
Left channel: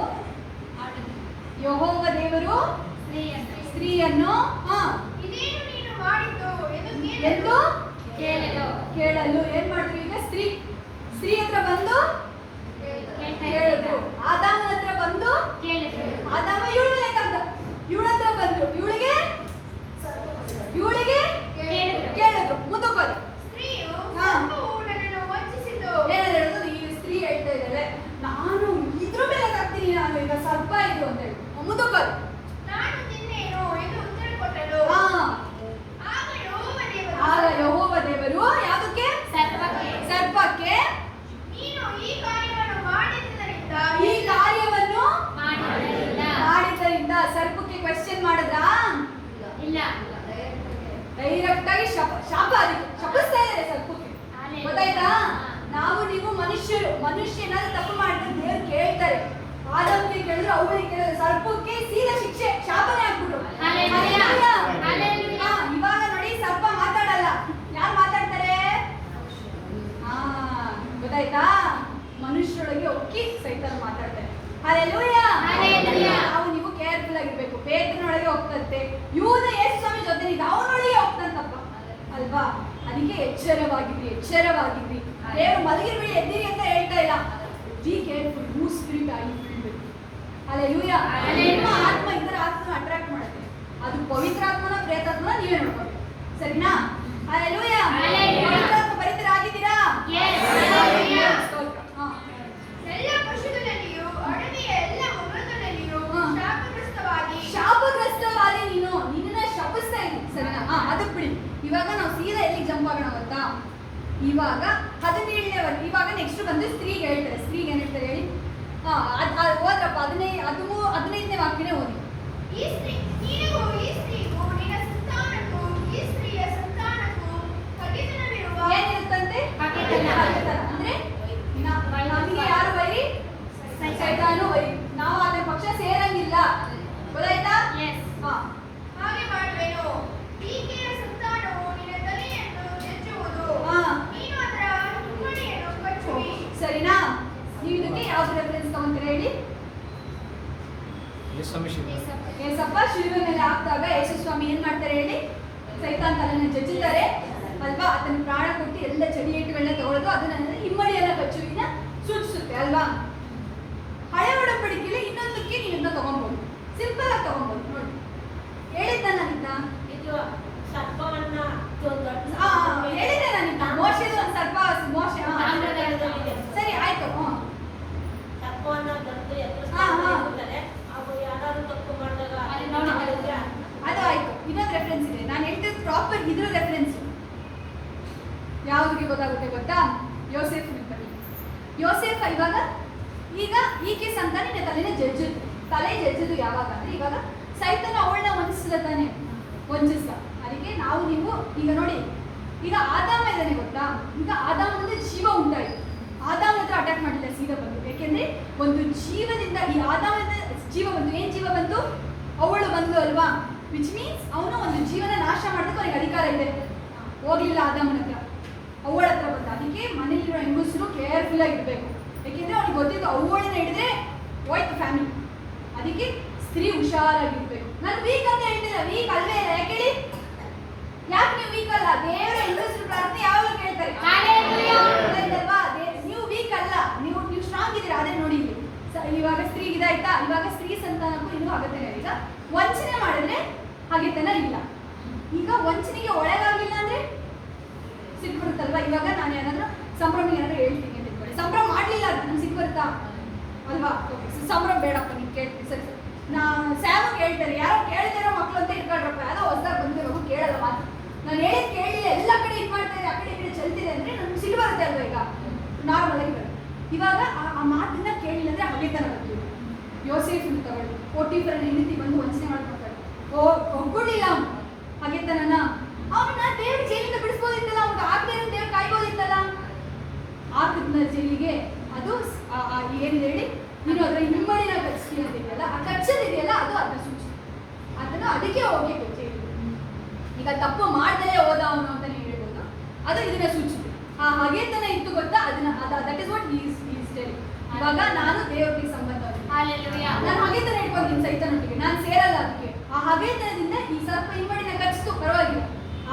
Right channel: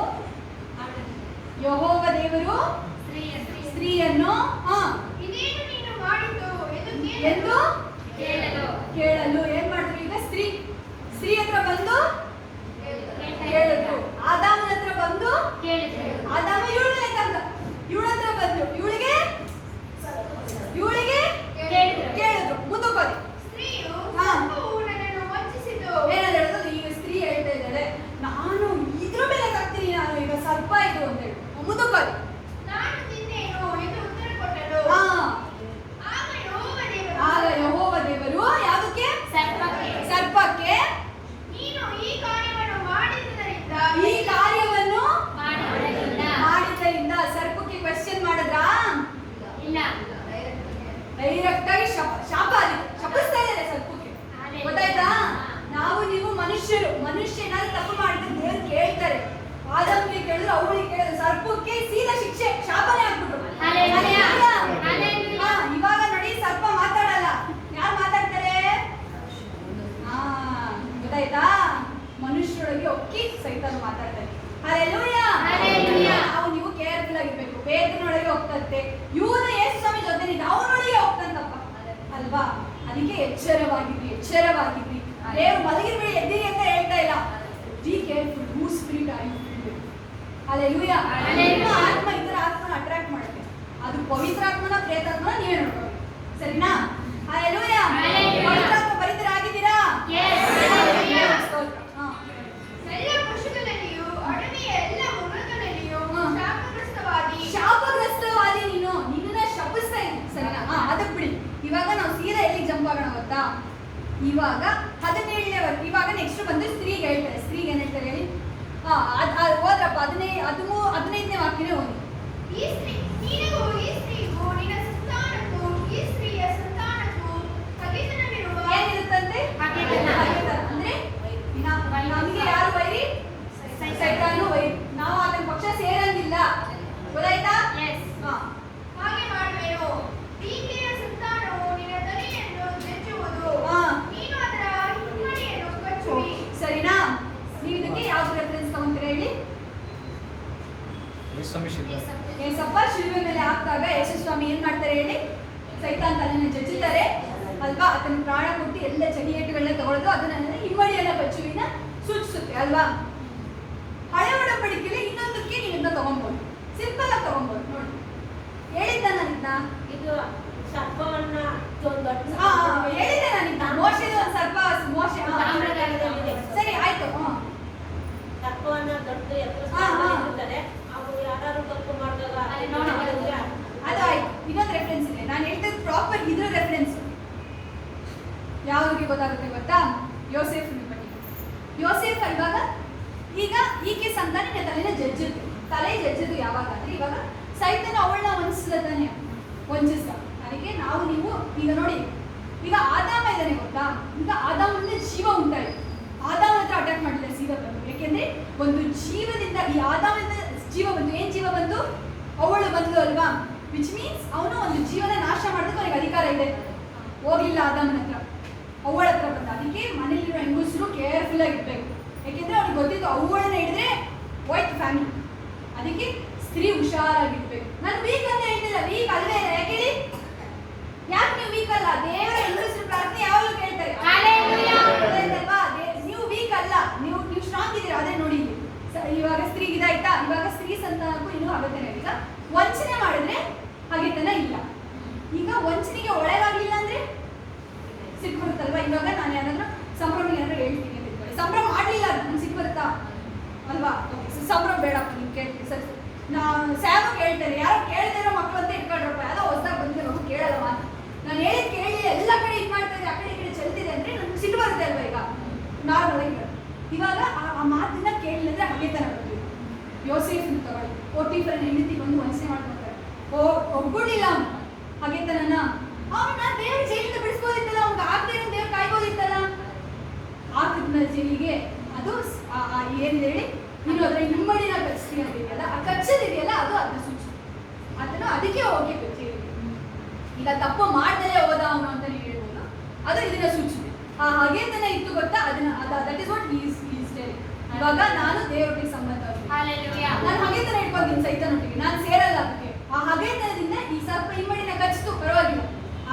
ಯೆಹೋವ ದೇವರು ಸ್ತ್ರೀಯನ್ನು ಎಂದು ಕೇಳಲು ಏನ್ ಮಾಡಿದ್ರು? ಈಗ ಸ್ತ್ರೀ ಹತ್ರ ಬಂದು ಕೇಳಿದ್ರು. ಆದಾಮನ ಹತ್ರ ಬಂದು ಆದಾಮ ಇವಳ ಮೇಲೆ ತಂದ, ಇವಳ ಹತ್ರ ಬಂದ್ರು, ಇವಳಿಗೆ ಕೇಳಿದ್ರು. ಮುಂದಕ್ಕೋದಿ. ಏನಾದ್ರು ಹೇಳೋದು? ಈಗ ಸ್ತ್ರೀ ಹೇಳ್ತಾ ಇದ್ದಾಳೆ ನಾನು ಇದ್ರ ಮೇಲೆ ತರ್ತೀನಿ, ನಾನು ಈಗ ಸರ್ಪ ಇದು ಅಂತ ಹೇಳಿ. ಮುಂದಕ್ಕೋದಿ. ಆಗ ಯೆಹೋವ ದೇವರು ಯಾವುದಕ್ಕೆ? ಸರ್ಪಕ್ಕೆ ಈ ಕಾರ್ಯವನ್ನು ಮಾಡಿದ್ದರಿಂದ ಸರ್ಪಕ್ಕೆ ಕ್ವೆಶ್ಚನ್ ಮಾಡಿದ್ರಾ? ಡೈರೆಕ್ಟ್ ಆಗಿ ಶಾಪ ಅದಕ್ಕೆ ಶಪಿಸ್ತಾ ಇದ್ದಾರೆ ಸರ್ಪಕ್ಕೆ. ಗೊತ್ತಾಯ್ತಾ? ನಾವು ನೀವು ಮನುಷ್ಯನಾದ್ರೂ ತಪ್ಪು ಮಾಡಿದ್ರೆ ದೇವ್ರು ಕೇಳ್ತಾರೆ. ಆದಾಮ್ಗೆ ಕೇಳಿದ್ರು, ಅವಳಿಗೆ ಕೇಳಿದ್ರು, ಸರ್ಪಕ್ಕೆ ಸೀದಾ ಶಿಕ್ಷೆ ಶಾಪನೇ ಹಾಕ್ಬಿಟ್ರು. ಇವಾಗ ನೋಡಿ ಸರ್ಪ ಮಾತಾಡಲ್ಲ, ಯಾರು ಮಾತಾಡ್ತಾರೆ? ಗೊತ್ತಾಯ್ತಾ? ಮನುಷ್ಯರೊಳಗೆ ಒಕ್ಕಿ ಸೈತಾನ ಮಾತಾಡ್ತಾರೆ. ಹಲ್ಲೆಲೂಯಾ. ನಾವು ನೀವು ಕೇರ್ಫುಲ್ ಆಗಿರ್ಬೇಕು. ಬೇತನೊಳಗೆ ಹೋಗ್ತಂತೆ, ಯೂದ ಯೇಸು ಸ್ವಾಮಿ ಜೊತೆ ಅವನೊಳಗೆ ಹೋಗ್ತಂತಪ್ಪ ಅಲ್ವಾ? ಅದಕ್ಕೆ ಎಚ್ಚರವಾಗಿದ್ರಿ. ದೇವರು ಮಲಗಿರ್ಬೇಡಿ ಎದ್ದಿರಿ ಅಂತ ಹೇಳ್ತಾ ಇಲ್ಲ. ಬಿ ಕೇರ್ಫುಲ್ ಹೂ ಸ್ಪಿರಿಟ್ ಆಗಿ. ಹಲ್ಲೆಲೂಯಾ. ನಿಮ್ಮ ಆತ್ಮ ಇತರ ಆತ್ಮನ ಅಟ್ರಾಕ್ಟ್ ಮಾಡುತ್ತೆ. ಅದು ಪವಿತ್ರ ಆತ್ಮನ ಪ್ರೇತಾತ್ಮನ ನೀವೇ ನೋಡ್ಕೋಬೇಕು. ಸರಿನಾ? ಹಲ್ಲೆಲೂಯಾ. ಪವಿತ್ರಾತ್ಮ ಪರಿತರಾಗಿದ್ದೀರಾ? ಶಾಪಗ್ರಸ್ತವಾದಿ ನೀನು, ನಿನ್ನ ಶಪಿಸ್ತಾ ಇದ್ದೀನಿ. ಸರಿನಾ? ಅದಕ್ಕೆ ಬಿಡಿ. ಇವಾಗ ನಾವು ಸೀದಾ ಎಲ್ಲಿಗೆ ಜಂಪ್ ಆಗೋಣ ಗೊತ್ತಾ? ಇವಾಗ 17ನೇ ವರ್ಗ. ಇವಾಗ ನೆಕ್ಸ್ಟ್ ಬಂದು ಸ್ತ್ರೀಗೆ ಹೇಳ್ತಾರೆ. ಸ್ತ್ರೀಗೆ ಏನ್ ಹೇಳ್ತಾರೆ ಹೇಳಿ? ಓದ್ರಪ್ಪ. 15ನೇ ವಾಕ್ಯನೇ ಓದಿ. ಏನಿರುತ್ತಂತೆ? ಅಂದ್ರೆ ನಮಗೆ ಯಾರು ವೈರಿ? ಸೈತಾನು ವೈರಿ. ನಾವು ಅದರ ಪಕ್ಷ ಸೇರಂಗಿಲ್ಲ. ಗೊತ್ತಾಯ್ತಾ? ಹಾಗೆ ಮಾಡುವೆನು. ಈಕೆಯ ಸಂತಾನವು ನಿನ್ನ ತಲೆಯನ್ನು ಜಜ್ಜುವುದು. ನೀನು ಅದರ ಹಿಮ್ಮಡಿಯನ್ನು ಕಚ್ಚುವಿ. ಸರಿನಾ? ನೀವು ಇದಕ್ಕೆ ಯಾವ್ದು ರೆಫರೆನ್ಸ್ ತಗೊಂತೀರಾ ಹೇಳಿ? ಯೇಸು ಏಸಪ್ಪ ಶಿಲುಬೆ ಮೇಲೆ ಹಾಕಿದಾಗ ಯೇಸು ಸ್ವಾಮಿ ಏನ್ ಮಾಡ್ತಾರೆ ಹೇಳಿ? ಸೈತಾನ್ ತಲೆನ ಜಜ್ಜುತ್ತಾರೆ. ತನ್ನ ಪ್ರಾಣ ಕೊಟ್ಟು ಎಲ್ಲ ಚಡಿಯೇಟುಗಳನ್ನ ತಗೊಳ್ಳೋದು ಅದನ್ನ ಹಿಮ್ಮಡಿಯನ್ನ ಕಚ್ಚುವಿನ ಸೂಚಿಸುತ್ತೆ ಅಲ್ವಾ. ಹಳೆ ಒಡಂಬಡಿಕೆಯಲ್ಲಿ ಇನ್ನೊಂದಕ್ಕೆ ನೀವು ಇದನ್ನ ತಗೊಬಹುದು, ಸಿಂಪಲ್ ಆಗಿ ತಗೊಬಹುದು. ನೋಡಿ ಹೇಳಿದ್ದ ನಾನಿದ್ನ ಇದು ಸರ್ಪವನ್ನ ಹೇಳಿದೆ ನಾನಿದ್ದ ಮೋಶೆದು ಒಂದು ಸರ್ಪ ಮೋಶೆ ಸರಿ ಆಯ್ತು. ಸರ್ಪವನ್ನ ದೊಡ್ಡ ಇರ್ತಾರೆ ಅವರು ಯಾರು ತಪ್ಪು ಮಾಡಿದಾಗ ಅದು ಆಯ್ತು. ಇನ್ನೊಂದು ರೆಫರೆನ್ಸ್ ಇದೆ, ನಾನು ಹೇಳ್ತಿದ್ದು ಪ್ರಾಪರ್ ಇದ್ರ ರೆಫರೆನ್ಸ್ ಯಾವುದಕ್ಕೆ ಗೊತ್ತಾಗುತ್ತೆ ಗೊತ್ತಾ? ಯೋಸೇಫ್ ಬನ್ನಿ. ಯೋಸೇಫ್ ಇವಾಗ ಈಗ ಈಕೆ ಸಂತಾನಿನ ತಲೆ ಜಜ್ಜದು ಯಾವಾಗ ಅಂದ್ರೆ ಇವಾಗ ಸೈತನ ಅವಳನ್ನ ವಂಚಿಸ್ದ. ಅದಕ್ಕೆ ನೀವು ಈಗ ನೋಡಿ, ಈಗ ಆದಾಮ ಇದ್ದಾನೆ ಗೊತ್ತಾ, ಈಗ ಆದಾಮನಿಂದ ಜೀವ ಉಂಟಾಯಿತು. ಆದಾಮ ಹತ್ರ ಅಟ್ಯಾಕ್ ಮಾಡಿಲ್ಲ, ಸೀದಾ ಬಂತು. ಯಾಕೆಂದ್ರೆ ಒಂದು ಜೀವದಿಂದ ಈ ಆದಾಮದಿಂದ ಜೀವ ಬಂತು. ಏನ್ ಜೀವ ಬಂತು? ಅವಳು ಬಂದು ಅಲ್ವಾ, ವಿಚ್ ಮೀನ್ಸ್ ಅವನು ಒಂದು ಜೀವನ ನಾಶ ಮಾಡೋದಕ್ಕೆ ಅವನಿಗೆ ಅಧಿಕಾರ ಇದೆ. ಹೋಗ್ಲಿಲ್ಲ ಆದಾಮನ ಹತ್ರ, ಅವಳ ಹತ್ರ ಬಂದ. ಅದಕ್ಕೆ ಮನೇಲಿರೋ ಹೆಂಗಸರು ಕೇರ್ಫುಲ್ ಆಗಿರ್ಬೇಕು. ಯಾಕೆಂದ್ರೆ ಅವ್ನಿಗೆ ಗೊತ್ತಿತ್ತು ಅವಳನ್ನ ಹಿಡಿದ್ರೆ ಹೋಯ್ತು ಫ್ಯಾಮಿಲಿ. ಅದಕ್ಕೆ ಸ್ತ್ರೀ ಹುಷಾರಾಗಿರ್ಬೇಕು. ನಾನು ವೀಕ್ ಅಂತ ಹೇಳ್ತಿಲ್ಲ, ವೀಕ್ ಅಲ್ವೇ ಇಲ್ಲ. ಯಾಕೆ ಹೇಳಿ? ಯಾಕೆ ನೀವು ವೀಕ್ ಅಲ್ಲ? ದೇವರ ಹೆಂಗಸರು ಪ್ರಾರ್ಥನೆ ಯಾವಾಗಲೂ ಕೇಳ್ತಾರೆ ಅಲ್ವಾ? ನೀವು ವೀಕ್ ಅಲ್ಲ, ನೀವು ಸ್ಟ್ರಾಂಗ್ ಇದ್ದೀರಾ. ಅದೇ ನೋಡಿ ಇಲ್ಲಿ ಇವಾಗ ಸ್ತ್ರೀಗೆ ಇದಾಯ್ತಾ, ಇವಾಗ ಸ್ತ್ರೀ ಸಂತಾನಕ್ಕೂ ಇನ್ನೂ ಆಗತ್ತೇನೆ. ಈಗ ವಂಚನೆ ಮಾಡಿದ್ರೆ ಹಾಗೆತನ ಇಲ್ಲ. ಈಗ ವಂಚನೆಗೆ ಒಳಗಾಗ್ಲಿಲ್ಲ ಅಂದ್ರೆ ಸಿಟ್ಟು ಬರುತ್ತಲ್ವಾ? ಇವಾಗ ನಾನು ಏನಾದ್ರೂ ಸಂಭ್ರಮ ಏನಾದ್ರೂ ಹೇಳ್ತೀನಿ ಅಂತ ಇಟ್ಕೊಳ್ಳಿ, ಸಂಭ್ರಮ ಮಾಡ್ಲಿಲ್ಲ ಅಂದ್ರೆ ನಮ್ಗೆ ಸಿಟ್ಟು ಬರುತ್ತಾ ಅಲ್ವಾ? ಸಂಭ್ರಮ ಬೇಡಪ್ಪ ನೀನು ಕೇಳ್ತೀನಿ ಸರಿ ಸರಿ. ಸ್ಯಾಮಗೆ ಹೇಳ್ತಾರೆ, ಯಾರೋ ಕೇಳದಿರೋ ಮಕ್ಕಳು ಅಂತ ಇಟ್ಕೊಳ್ರಪ್ಪ, ಯಾವುದೋ ಹೊಸದಾಗಿ ಬಂದಿರೋ ಮಗು ಕೇಳಲ್ಲ ಮಾತು. ನಾನು ಹೇಳಿದ್ ಕೇಳಿಲ್ಲ, ಎಲ್ಲ ಕಡೆ ಇದು ಮಾಡ್ತಾ ಇದೆ, ಆ ಕಡೆ ಈ ಕಡೆ ಚೆಲ್ತಿದೆ ಅಂದ್ರೆ ನಮ್ಗೆ ಸಿಟ್ಟು ಬರುತ್ತೆ ಅಲ್ವಾ? ಈಗ ನಾರ್ಮಲ್ ಆಗಿ ಬರುತ್ತೆ. ಇವಾಗ ಆ ಮಾತನ್ನ ಕೇಳಿಲ್ಲ ಅಂದ್ರೆ ಹಗೆತನ ಬರ್ತೀವಿ. ಯೋಸೇಫನ್ ತಗೊಳ್ಳಿ, ಪೋಟಿಫರನ ಹೆಂಡತಿ ಬಂದು ವಂಚನೆ ಮಾಡ್ಕೊಳ್ತಾರೆ. ಒಗ್ಗೂಡಿಲ್ಲ ಅವನು ಹಗೆತನನ. ಅವನ್ನ ದೇವ್ರ ಜೈಲಿಂದ ಬಿಡಿಸ್ಬೋದಿತ್ತಲ್ಲ, ಅವ್ನಿಗೆ ಆಗದೆ ಇರೋ ದೇವ್ರು ಕಾಯ್ಬೋದಿತ್ತಲ್ಲ. ಆಕದ್ನ ಜೈಲಿಗೆ ಅದು ಏನಿದೆ ಹೇಳಿ, ನೀನು ಅದರ ಹಿಮ್ಮಡಿನ ಕಚ್ತೀಯ ಅಂತಿದೆಯಲ್ಲ, ಆ ಕಚ್ಚದಿದೆಯಲ್ಲ ಅದು ಅದನ್ನ ಸೂಚಿ. ಅದನ್ನು ಅದಕ್ಕೆ ಹೋಗಿ ಜೈಲಿಗೆ. ಈಗ ತಪ್ಪು ಮಾಡ್ದಲೇ ಹೋದ ಅವನು ಅಂತ ನೀವು ಹೇಳ್ಬೋದು, ಅದು ಇದನ್ನ ಸೂಚಿಸಿದೆ. ಆ ಹಗೆತನ ಇತ್ತು ಗೊತ್ತಾ, ಅದನ್ನ that is what is telling. ಇವಾಗ ನಾನು ದೇವರೊಟ್ಟಿಗೆ ಸಂಬಂಧ, ನಾನು ಹಗೆತನ ಇಟ್ಕೊಂತೀನಿ ಸೈತನೊಟ್ಟಿಗೆ, ನಾನು ಸೇರಲ್ಲ ಅದಕ್ಕೆ. ಆ ಹಗೆತನದಿಂದ ಈ ಸರ್ಪ ಹಿಮ್ಮಡಿನ ಕಚ್ಚಿತು, ಪರವಾಗಿಲ್ಲ.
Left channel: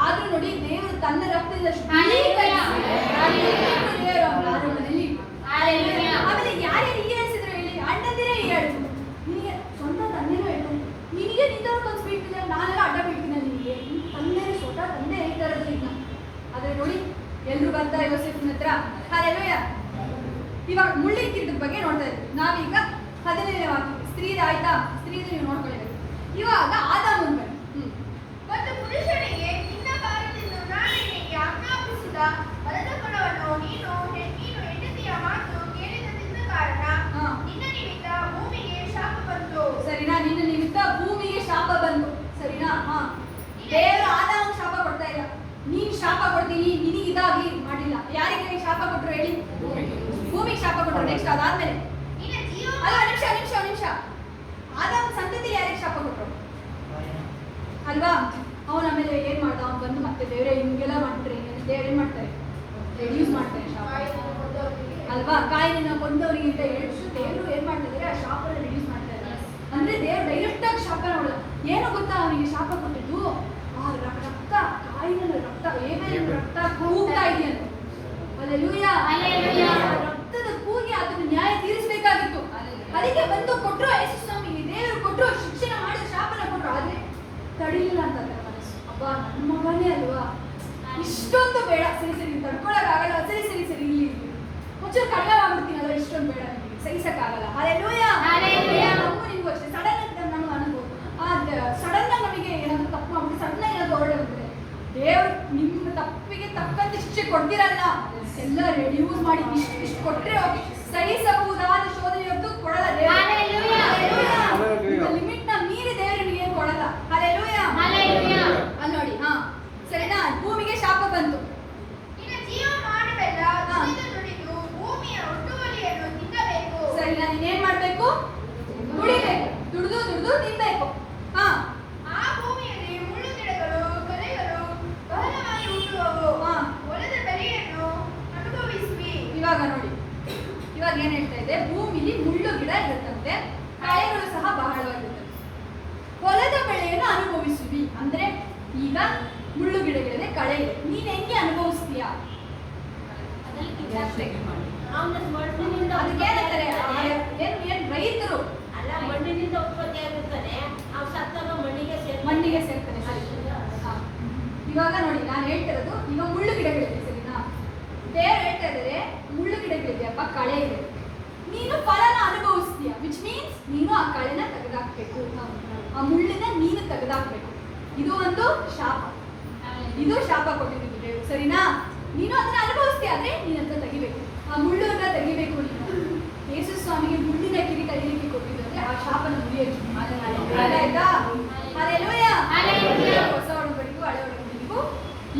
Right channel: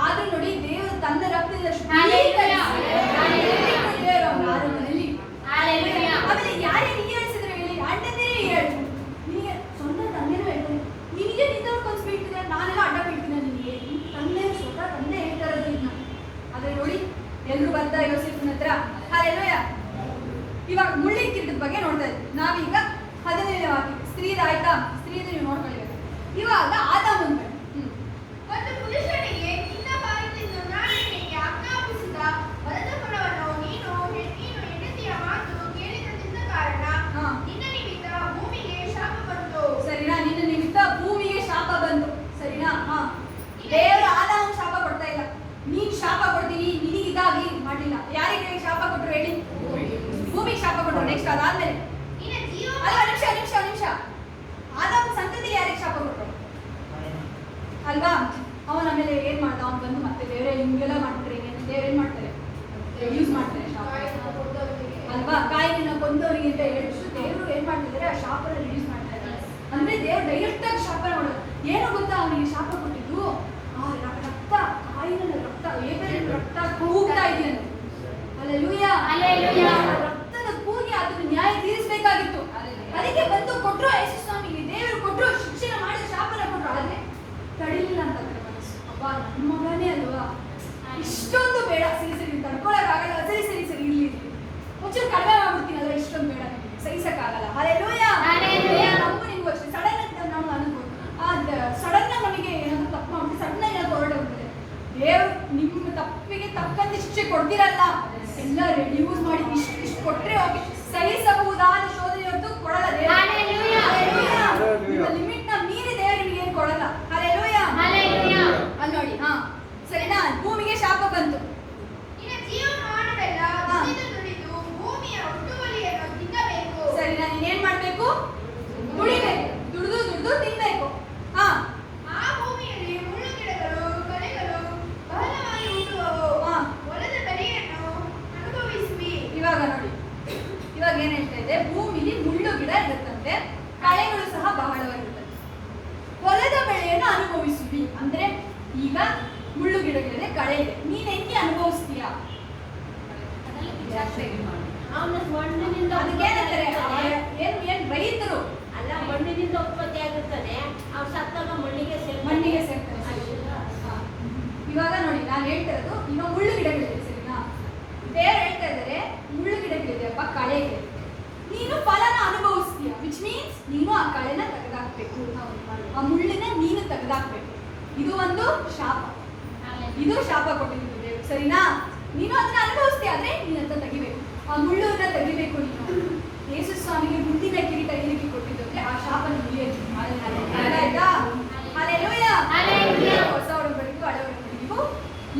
ಆದ್ರೂ ನೋಡಿ, ದೇವರು ತನ್ನ ರಕ್ತದಿಂದ ಮನೆಯಲ್ಲಿ. ಆಮೇಲೆ ಯಾರ್ಯಾರು ಹೀಯಾಳಿಸಿದ್ರು ಹೇಳಿ? ಅಣ್ಣಂದಿರೇ ಹೀಯಾಳಿಸಿದ್ರು. ನಿನಗೆ ಸ್ವಂತ ತಂದೆನೂ ಹೇಳ್ತಾನೆ, ನಿನಗೆ ನಿಂತವ್ರು ಕನ್ಸ್ಬಿಡ್ತಿದ್ರೆ ನಾನೆಲ್ಲ ಅಡ್ಡ ಬೀಳ್ತೀನಿ ನಿನಗೆ. ತಂದೆ ಸ್ವತಃ ತಂದೆ ಹೇಳ್ತಾ ಇರೋದು ಇದನ್ನ. ಆದ್ರೆ ನೋಡಿ, ಎಲ್ರು ಬರ್ತಾ ಯೋಸೇಫನ ಹತ್ರ ಹಾಲೆಲೂಯ. ಇವಾಗ ಮುಳ್ಳಿನ ಕಿರೀಟದ ಬಗ್ಗೆ ನೋಡ್ತಾ ಇದ್ವಿ ನಾವೀಗ. 17ನೇ ವಾಕ್ಯ ಸ್ತ್ರೀದ ಆಯ್ತಾ? ಸ್ತ್ರೀದು ನೀವು ನೋಡ್ಕೊಳ್ಬೇಕು. ಇವಾಗ ಆದಾಮನ ಬನ್ನಿ. ಮತ್ತು ಪುರುಷನಿಗೆ ನಿನ್ನ ಭಾರದಿಂದ ನಾನು ನಿನಗೆ ಆಜ್ಞಾಪಿಸಿದ ವರದ ಫಲವನ್ನು ನೀನು ಹೆಂಡತಿಯ ಮಾತು ಕೇಳಿದ ಕಾರಣ ನಿನ್ನ ನಿಮಿತ್ತ ಭೂಮಿಗೆ ಶಾಪ ಬಂತು. ಸರಿನಾ? ನಿನ್ನ ನಿಮಿತ್ತ ಭೂಮಿಗೆ ಶಾಪ ಬಂತು. ಸರಿನಾ? ದೇವರು ಆದಾಮನ ಶಾಪ ಕೊಡ್ತಾ ಇಲ್ಲ, ನೀನ್ ಶಾಪ ಕೊಡ್ತೀನಿ ನಿನಗಿದಾಗ್ಲಿ ಮಾಡಿಲ್ಲ. ಯಾರಿಗೆ ಶಾಪ ಕೊಟ್ರು ಹೇಳಿ? ಭೂಮಿಗೆ ಶಾಪ ಕೊಟ್ರು. ನೆಕ್ಸ್ಟ್ ಅದಾದ್ಮೇಲೆ ಅಲ್ಲ, ನಿಮಿಷ ಆದಾಮ ಸಂತತಿಗೆ ಯಾರಿಗೆ ಶಾಪ ಕೊಟ್ರು ಅಲ್ವಾ? ಅವನ ಆಮೇಲೆ ಏನ್ ಮಾಡ್ದ? ಅವ್ನು ಬಂದು ಮತ್ತೆ ದೇವರೇ ಹಿಂಗೆಲ್ಲ ಮಾಡ್ಬಿಟ್ರೆ ದೇವ್ರು ಏನ್ ಮಾಡ್ತಾರೆ? ರೆಡ್ಯೂಸ್ ಮಾಡ್ತಾರೆ ಶಾಪ ಅಲ್ವಾ? ಕಾಯಿನ ಕೊಂದವರಿಗೆ ಅಂತ ಹೇಳಿದ್ರು ದೇವರು ಏನ್ ಮಾಡ್ತಿದ್ದಾರೆ? ಆ ಶಾಪನ ರಿಡ್ಯೂಸ್ ಮಾಡ್ತಾ ಇದ್ದಾರೆ. ಅಂದ್ರೆ ದೇವ್ರು ಡೈರೆಕ್ಟ್ ಆಗಿ ಶಾಪನ ಮಾಡಲ್ಲ. ಏನೋ ಗೊತ್ತಾ ಅವನಿಗೆ ಶಾಪ ಕೊಟ್ಟಿದ್ದು? ಆ ರಕ್ತ, ಕಾಯಿನ ರಕ್ತ, ಏಬೇಲಿನ ರಕ್ತ ಕೂಗ್ತಾ ಇದೆಯಂತೆ. ಹಲ್ಲೆಲೂಯಾ. ರಕ್ತದ ಕೂಗಿ ಅದನ್ನು ನ್ಯಾಯ ತೀರಿಸಬೇಕಾಗಿತ್ತು. ಅದಕ್ಕೆ ಬಂದು ಕೊಟ್ರು ಯೇಸು ಸ್ವಾಮಿಗೆ, ದೇವರು ಕೊಟ್ರು, ಶಿಕ್ಷಣ ಮಾಡಿದ ಶಾಪನ ಕೊಟ್ರು. ಆದ್ರೆ ತಡಿಲಿಲ್ಲ ಅಂತ ಮನಸ್ಸು. ಅಬ್ಬ ನನ್ನ ಮಗನೇ ಅಲ್ವಾ, ಇಷ್ಟೊಂದು ಬೇಡ, ಸರಿ ತಡ್ಕೊಳಕ್ಕಾಗಲ್ಲ, ಸರಿ ಇಲ್ಲಿ ಒಂಚೂರು ಕಡಿಮೆ ಮಾಡ್ಬಿಡ್ತೀನಿ ಅಲ್ವಾ, ಇಷ್ಟೊಂದು ಬೇಡ ನಿಮಗೆ ಸಹಿಸಕ್ಕಾಗಲ್ಲ. ಹಲ್ಲೆಲೂಯಾ. ನಮಗೂ ನಿಮ್ಗೂ ಅಷ್ಟೇ ಸಡನ್ ಆಗಿ ನಮ್ಗೆ ಅನ್ಬೋದು. ಸಡನ್ ಆಗಿ ನಮಗೆ ಏನಾದ್ರು ತಪ್ಪು ಮಾಡ್ಬಿಟ್ಟು ಸಡನ್ ಆಗಿ ಏನಾದ್ರು ಹೊರಡೋಗ್ತದೆ. ದೇವ್ರು ನಿಮ್ಮ ತಪ್ಪಿಗೆ ತಕ್ಕಂತೆ ಶಿಕ್ಷೆ ಕೊಡ್ತಿರಲ್ಲ, ಎಲ್ಲ ರೆಡ್ಯೂಸ್ ಮಾಡಿ ಇಷ್ಟು ಕೊಟ್ರೆ ಓಕೆ, ಸಹಿಸಬಹುದಾದ ಶೋಧನೆ ಹೊರತು ಕೊಡಲ್ಲ ದೇವರು. ನಿಮ್ಮ ಲಿಮಿಟ್ ನ ಮೀರಿ ದೇವರು ನಿಮಗೆ ಏನು ಕೊಡಲ್ಲ. ಹಲ್ಲೆಲೂಯಾ. ಅಲ್ಲಿ ನೋಡಿ, ಸರಿನಾ? ಭೂಮಿಗೆ ಶಾಪ ಬಂತು. ನಿನ್ನ ಜೀವ ಮಾಡಬೇಡ, ದುಡಿದು ಭೂಮಿಯ ಒಟ್ಟುವಳಿಯನ್ನು ತಿನ್ನಬೇಕು. ಸರಿನಾ? ನೀನೇನ್ ಮಾಡ್ಬೇಕು? ದುಡಿಬೇಕು, ದುಡಿದು ತಿನ್ಬೇಕು. ಆ ಭೂಮಿಯಲ್ಲಿ ಮುಳ್ಳು ಗಿಡಗಳು, ಕಳೆಗಳು ಬಹಳವಾಗಿ ಹುಟ್ಟುವವು. ಹೊಲದ ಬೆಳೆಯನ್ನು ಅನುಭವಿಸುವಿ. ಇವಾಗ ನೋಡಿ, ಇವಾಗ ಏನ್ ಹೇಳ್ತಾ ಇದೆ? ಭೂಮಿಲಿ ಮುಳ್ಳು ಗಿಡ ಇರುತ್ತಂತೆ, ಕಳೆಗಳು ಸಹ ಬಹಳವಾಗಿರುತ್ತದೆ. ಹೊಲದ ಬೆಳೆಯನ್ನು ಅನುಭವಿಸುವಿ ಅಂದ್ರೆ ಈಗ ಮುಳ್ಳು ಗಿಡಗಳಿದೆ, ಕಳೆ ಇದೆ. ನೀನ್ ಹೆಂಗೆ ಅನುಭವಿಸ್ತೀಯ ಅಷ್ಟೇ. ಅವನ ಮಣ್ಣಿನಿಂದ ಅದಕ್ಕೇನಂತಾರೆ ಏನು ರೈತರು ಅಲ್ಲ, ಮಣ್ಣಿನಿಂದ ಉತ್ಪತ್ತಿ ಆಗಿರ್ತಾನೆ, ಅವ್ನು ಸತ್ತಾಗ ಮಣ್ಣಿಗೆ ಸೇರ್ತಾನೆ. ಸರಿ. ಹಾ. ಇವಾಗ ನೋಡಿ ನಾನು ಹೇಳ್ತಿರೋದು ಈಗ ಮುಳ್ಳು ಗಿಡಗಳಿದೆ, ಸರಿನಾ? ದೇವ್ರು ಹೇಳ್ತಾ ಇದ್ದಾರೆ ಮುಳ್ಳು ಗಿಡಗಳಿದೆಯಪ್ಪ, ಕಳೆ ಇದೆ, ನೀನು ಫಲನ ಅನುಭವಿಸ್ತೀಯ, ವಿಚ್ ಮೀನ್ಸ್ ನೀನು ಆ ಕಳೆನ ತೆಗೆದಾಕ್ಬೇಕು, ಆ ಮುಳ್ಳಿನ ನೀನು ತೆಗೆದಾಕ್ಬೇಕು. ಇದು ಒಂದು ಶಾಪ, ಇದು ಶಾಪ ಕೊಟ್ಟಿದ್ದು ದೇವ್ರು, ಸರಿನಾ? ನೀನು ಅದನ್ನ ಅನುಭವಿಸ್ತೀಯ, ಆದ್ರೆ ನೀನಂತ ತೆಗಿಬೇಕು, ಆ ಮುಳ್ಳನ್ನ ತೆಗಿಬೇಕು ನೀನು. ಯೇಸು ಸ್ವಾಮಿಗೆ ಮುಳ್ಳಿನ ಕಿರೀಟ ಏನಕ್ಕೆ ಕೊಟ್ಟಿದ್ದು ಅಂದ್ರೆ ಆ ಶಾಪನ ಮುರಿಯೋದು. ಆಯ್ತಾ? ಹಲ್ಲೆಲೂಯಾ. ಹೊಸ ಒಡಂಬಡಿಕೆಗೂ ಹಳೆ ಒಡಂಬಡಿಕೆಗೂ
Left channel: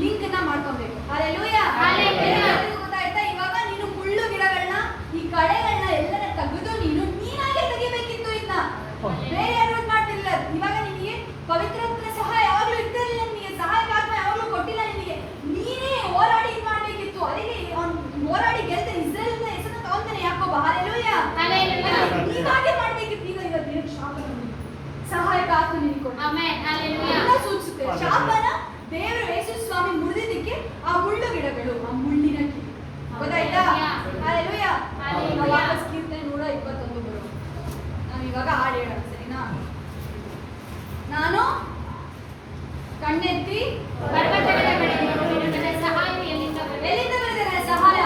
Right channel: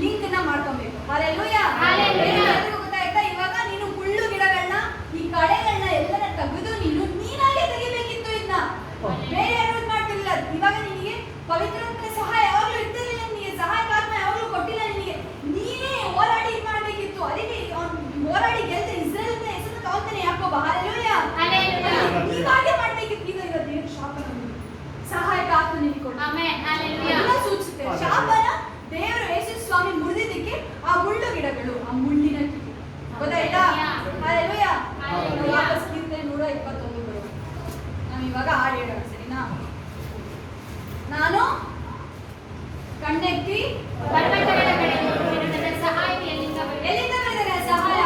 ಲಿಂಕ್ ನ ಮಾಡ್ಕೊಬೇಕು. ಹಲ್ಲೆಲೂಯಾ. ಎಲ್ಲರಿಗೂ ಗೊತ್ತಾಯ್ತಾ? ಇವಾಗ ನೀನು ಮುಳ್ಳು ಗಿಡಗಳನ್ನ, ಈ ಕಳೆಗಳನ್ನ ಎಲ್ಲನ ತೆಗೆದು ನೀನಾಗೆ ತೆಗಿಬೇಕಿತ್ತು. ಇದನ್ನ ಬೇರೆ ಯಾರು ಮಾಡ್ತಿರ್ಲಿಲ್ಲ. ಇವಾಗ ನಿನಗೆ ಪವಿತ್ರಾತ್ಮನ ಸಹಾಯ ಯಾವಾಗ್ಲೂ ಇರ್ತಿರ್ಲಿಲ್ಲ, ನಿನಗೆ ಸಹಾಯಕಾತ್ಮ ಯಾವಾಗ್ಲೂ ಕೊಟ್ಟಿಲ್ಲ ನಿನಗೆ, ನೀನೇ ಹೋರಾಡಿ ಇದು ಮಾಡ್ಬೇಕಿತ್ತು. ಅದಕ್ಕೆ ಹೋರಾಡಿ ಗೆಲ್ದ ಇಸ್ರೇಲ್ ಅಂತ ಹೆಸರು ತಗೊಂತಾನೆ ಯಾಕೋಬ. ಹಲ್ಲೆಲೂಯಾ. ನೀವಾಗೆ ಮಾಡ್ಬೇಕಿತ್ತು. ಈಗ ದೇವ್ರ ಶಾಪನ ಸಹಾಯಕ ಆತ್ಮ ನಿನಗೆ ಕೊಟ್ಟು ಅದನ್ನ ಸೂಚಿಸುತ್ತೆ. ಶಾಪನ ದೇವರು ಯೇಸು ಸ್ವಾಮಿ ಮುರಿದಿದ್ದಕ್ಕೆ ಆ ಮುಳ್ಳು ಗಿಡಗಳು, ಆ ಮುಳ್ಳಿನ ಕಿಡಿ, ಗೊತ್ತಾಯ್ತಾ? ಹಲ್ಲೆಲೂಯಾ. ನಾವು ವಾಪಸ್ ಕೀರ್ತನೆ 121 ಬರುವ. ನಾವು ಇವಾಗ ಹಾಡು ಹೇಳೋಣ, ಸರಿನಾ? ನಾನು ಕಣ್ಣೆತ್ತಿ ಎಲ್ಲಿಂದ ಬರೆದರೆ ಸಹಾಯ?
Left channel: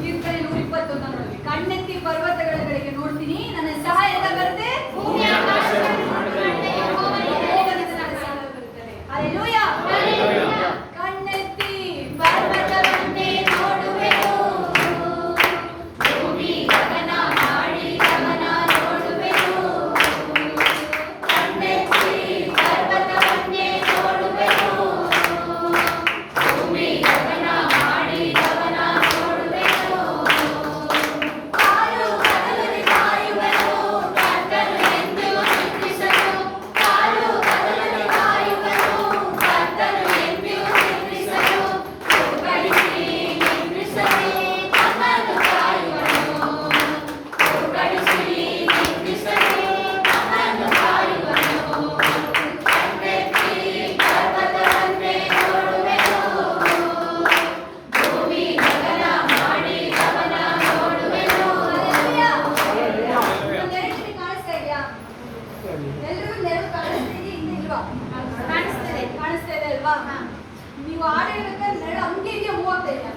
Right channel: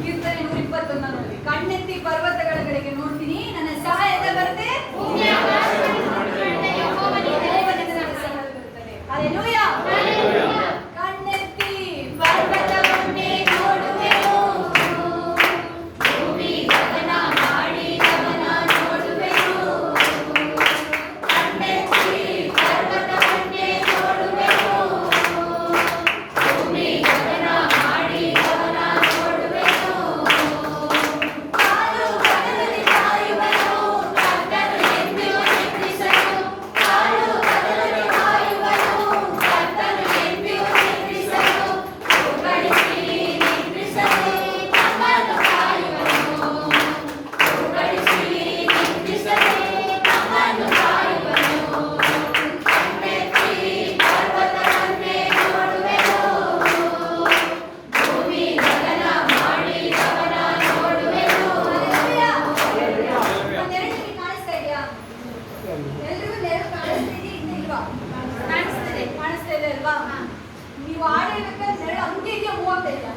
ಕೀರ್ತನೆ 121 ನೋಡಿ. ಕಣ್ಣೆತ್ತಿ ಪರ್ವತಗಳ ಕಡೆಗೆ ನೋಡ್ತೀನಿ, ನನ್ನ ಸಹಾಯ ಎಲ್ಲಿ ಬರುತ್ತೆ? ಯೆಹೋವನಿಂದ ನನ್ನ ಸಹಾಯ ಬರುತ್ತದೆ. ಹಲ್ಲೆಲೂಯಾ. ಕಣ್ಣೆತ್ತಿ ಪರ್ವತವನ್ನೇ ನೋಡುವೆನು, ಭೂಮಿ ಗಗನ ಮಾಡಿದವನ ನೋಡುವೆನು. ಕಣ್ಣೆತ್ತಿ ಪರ್ವತವನ್ನೇ ನೋಡುವೆನು, ಭೂಮಿ ಗಗನ ಮಾಡಿದವನ ನೋಡುವೆನು. ಕಾಲು ಕಡಲಲ್ಲಿ ಕಾಯುವನು, ಕರ್ತನು ಎಂದಿಗೂ ನಿದ್ರಿಸನು. ಕಾಲು ಕಡಲಲ್ಲಿ ಕಾಯುವನು, ಕರ್ತನು ಎಂದಿಗೂ ನಿದ್ರಿಸನು. ಹೋಗಡಿಸಿ ನಿದ್ರಿಸನು, ನಮ್ಮನ್ನು ಕಾಯುವನು. ಹೋಗಡಿಸಿ ನಿದ್ರಿಸನು, ನಮ್ಮನ್ನು ಕಾಯುವನು. ಕಣ್ಣೆತ್ತಿ ಪರ್ವತವನ್ನೇ ನೋಡುವೆನು, ಭೂಮಿ ಗಗನ ಮಾಡಿದವನ ನೋಡುವೆನು. ನೆರಳು ಕಾಣಿಸ್ತಾ ಇದೆಯಾ? ಎಲ್ರಿಗೂ ನೆರಳು ಕಾಣಿಸ್ತಾ ಇದೆಯಾ? ಇನ್ನು ಇಲ್ವಾ? ಕಾಣಿಸ್ತಾ ಇದೆ ಅಲ್ವಾ? ನೀವು ಆಡಿರ್ಬೇಕಾದ್ರೆ ನೆರಳು ಹಂಗೆ ಇದೆಯಾ? ಮೂವ್ ಆಗ್ತಾ ಇದೆಯಾ?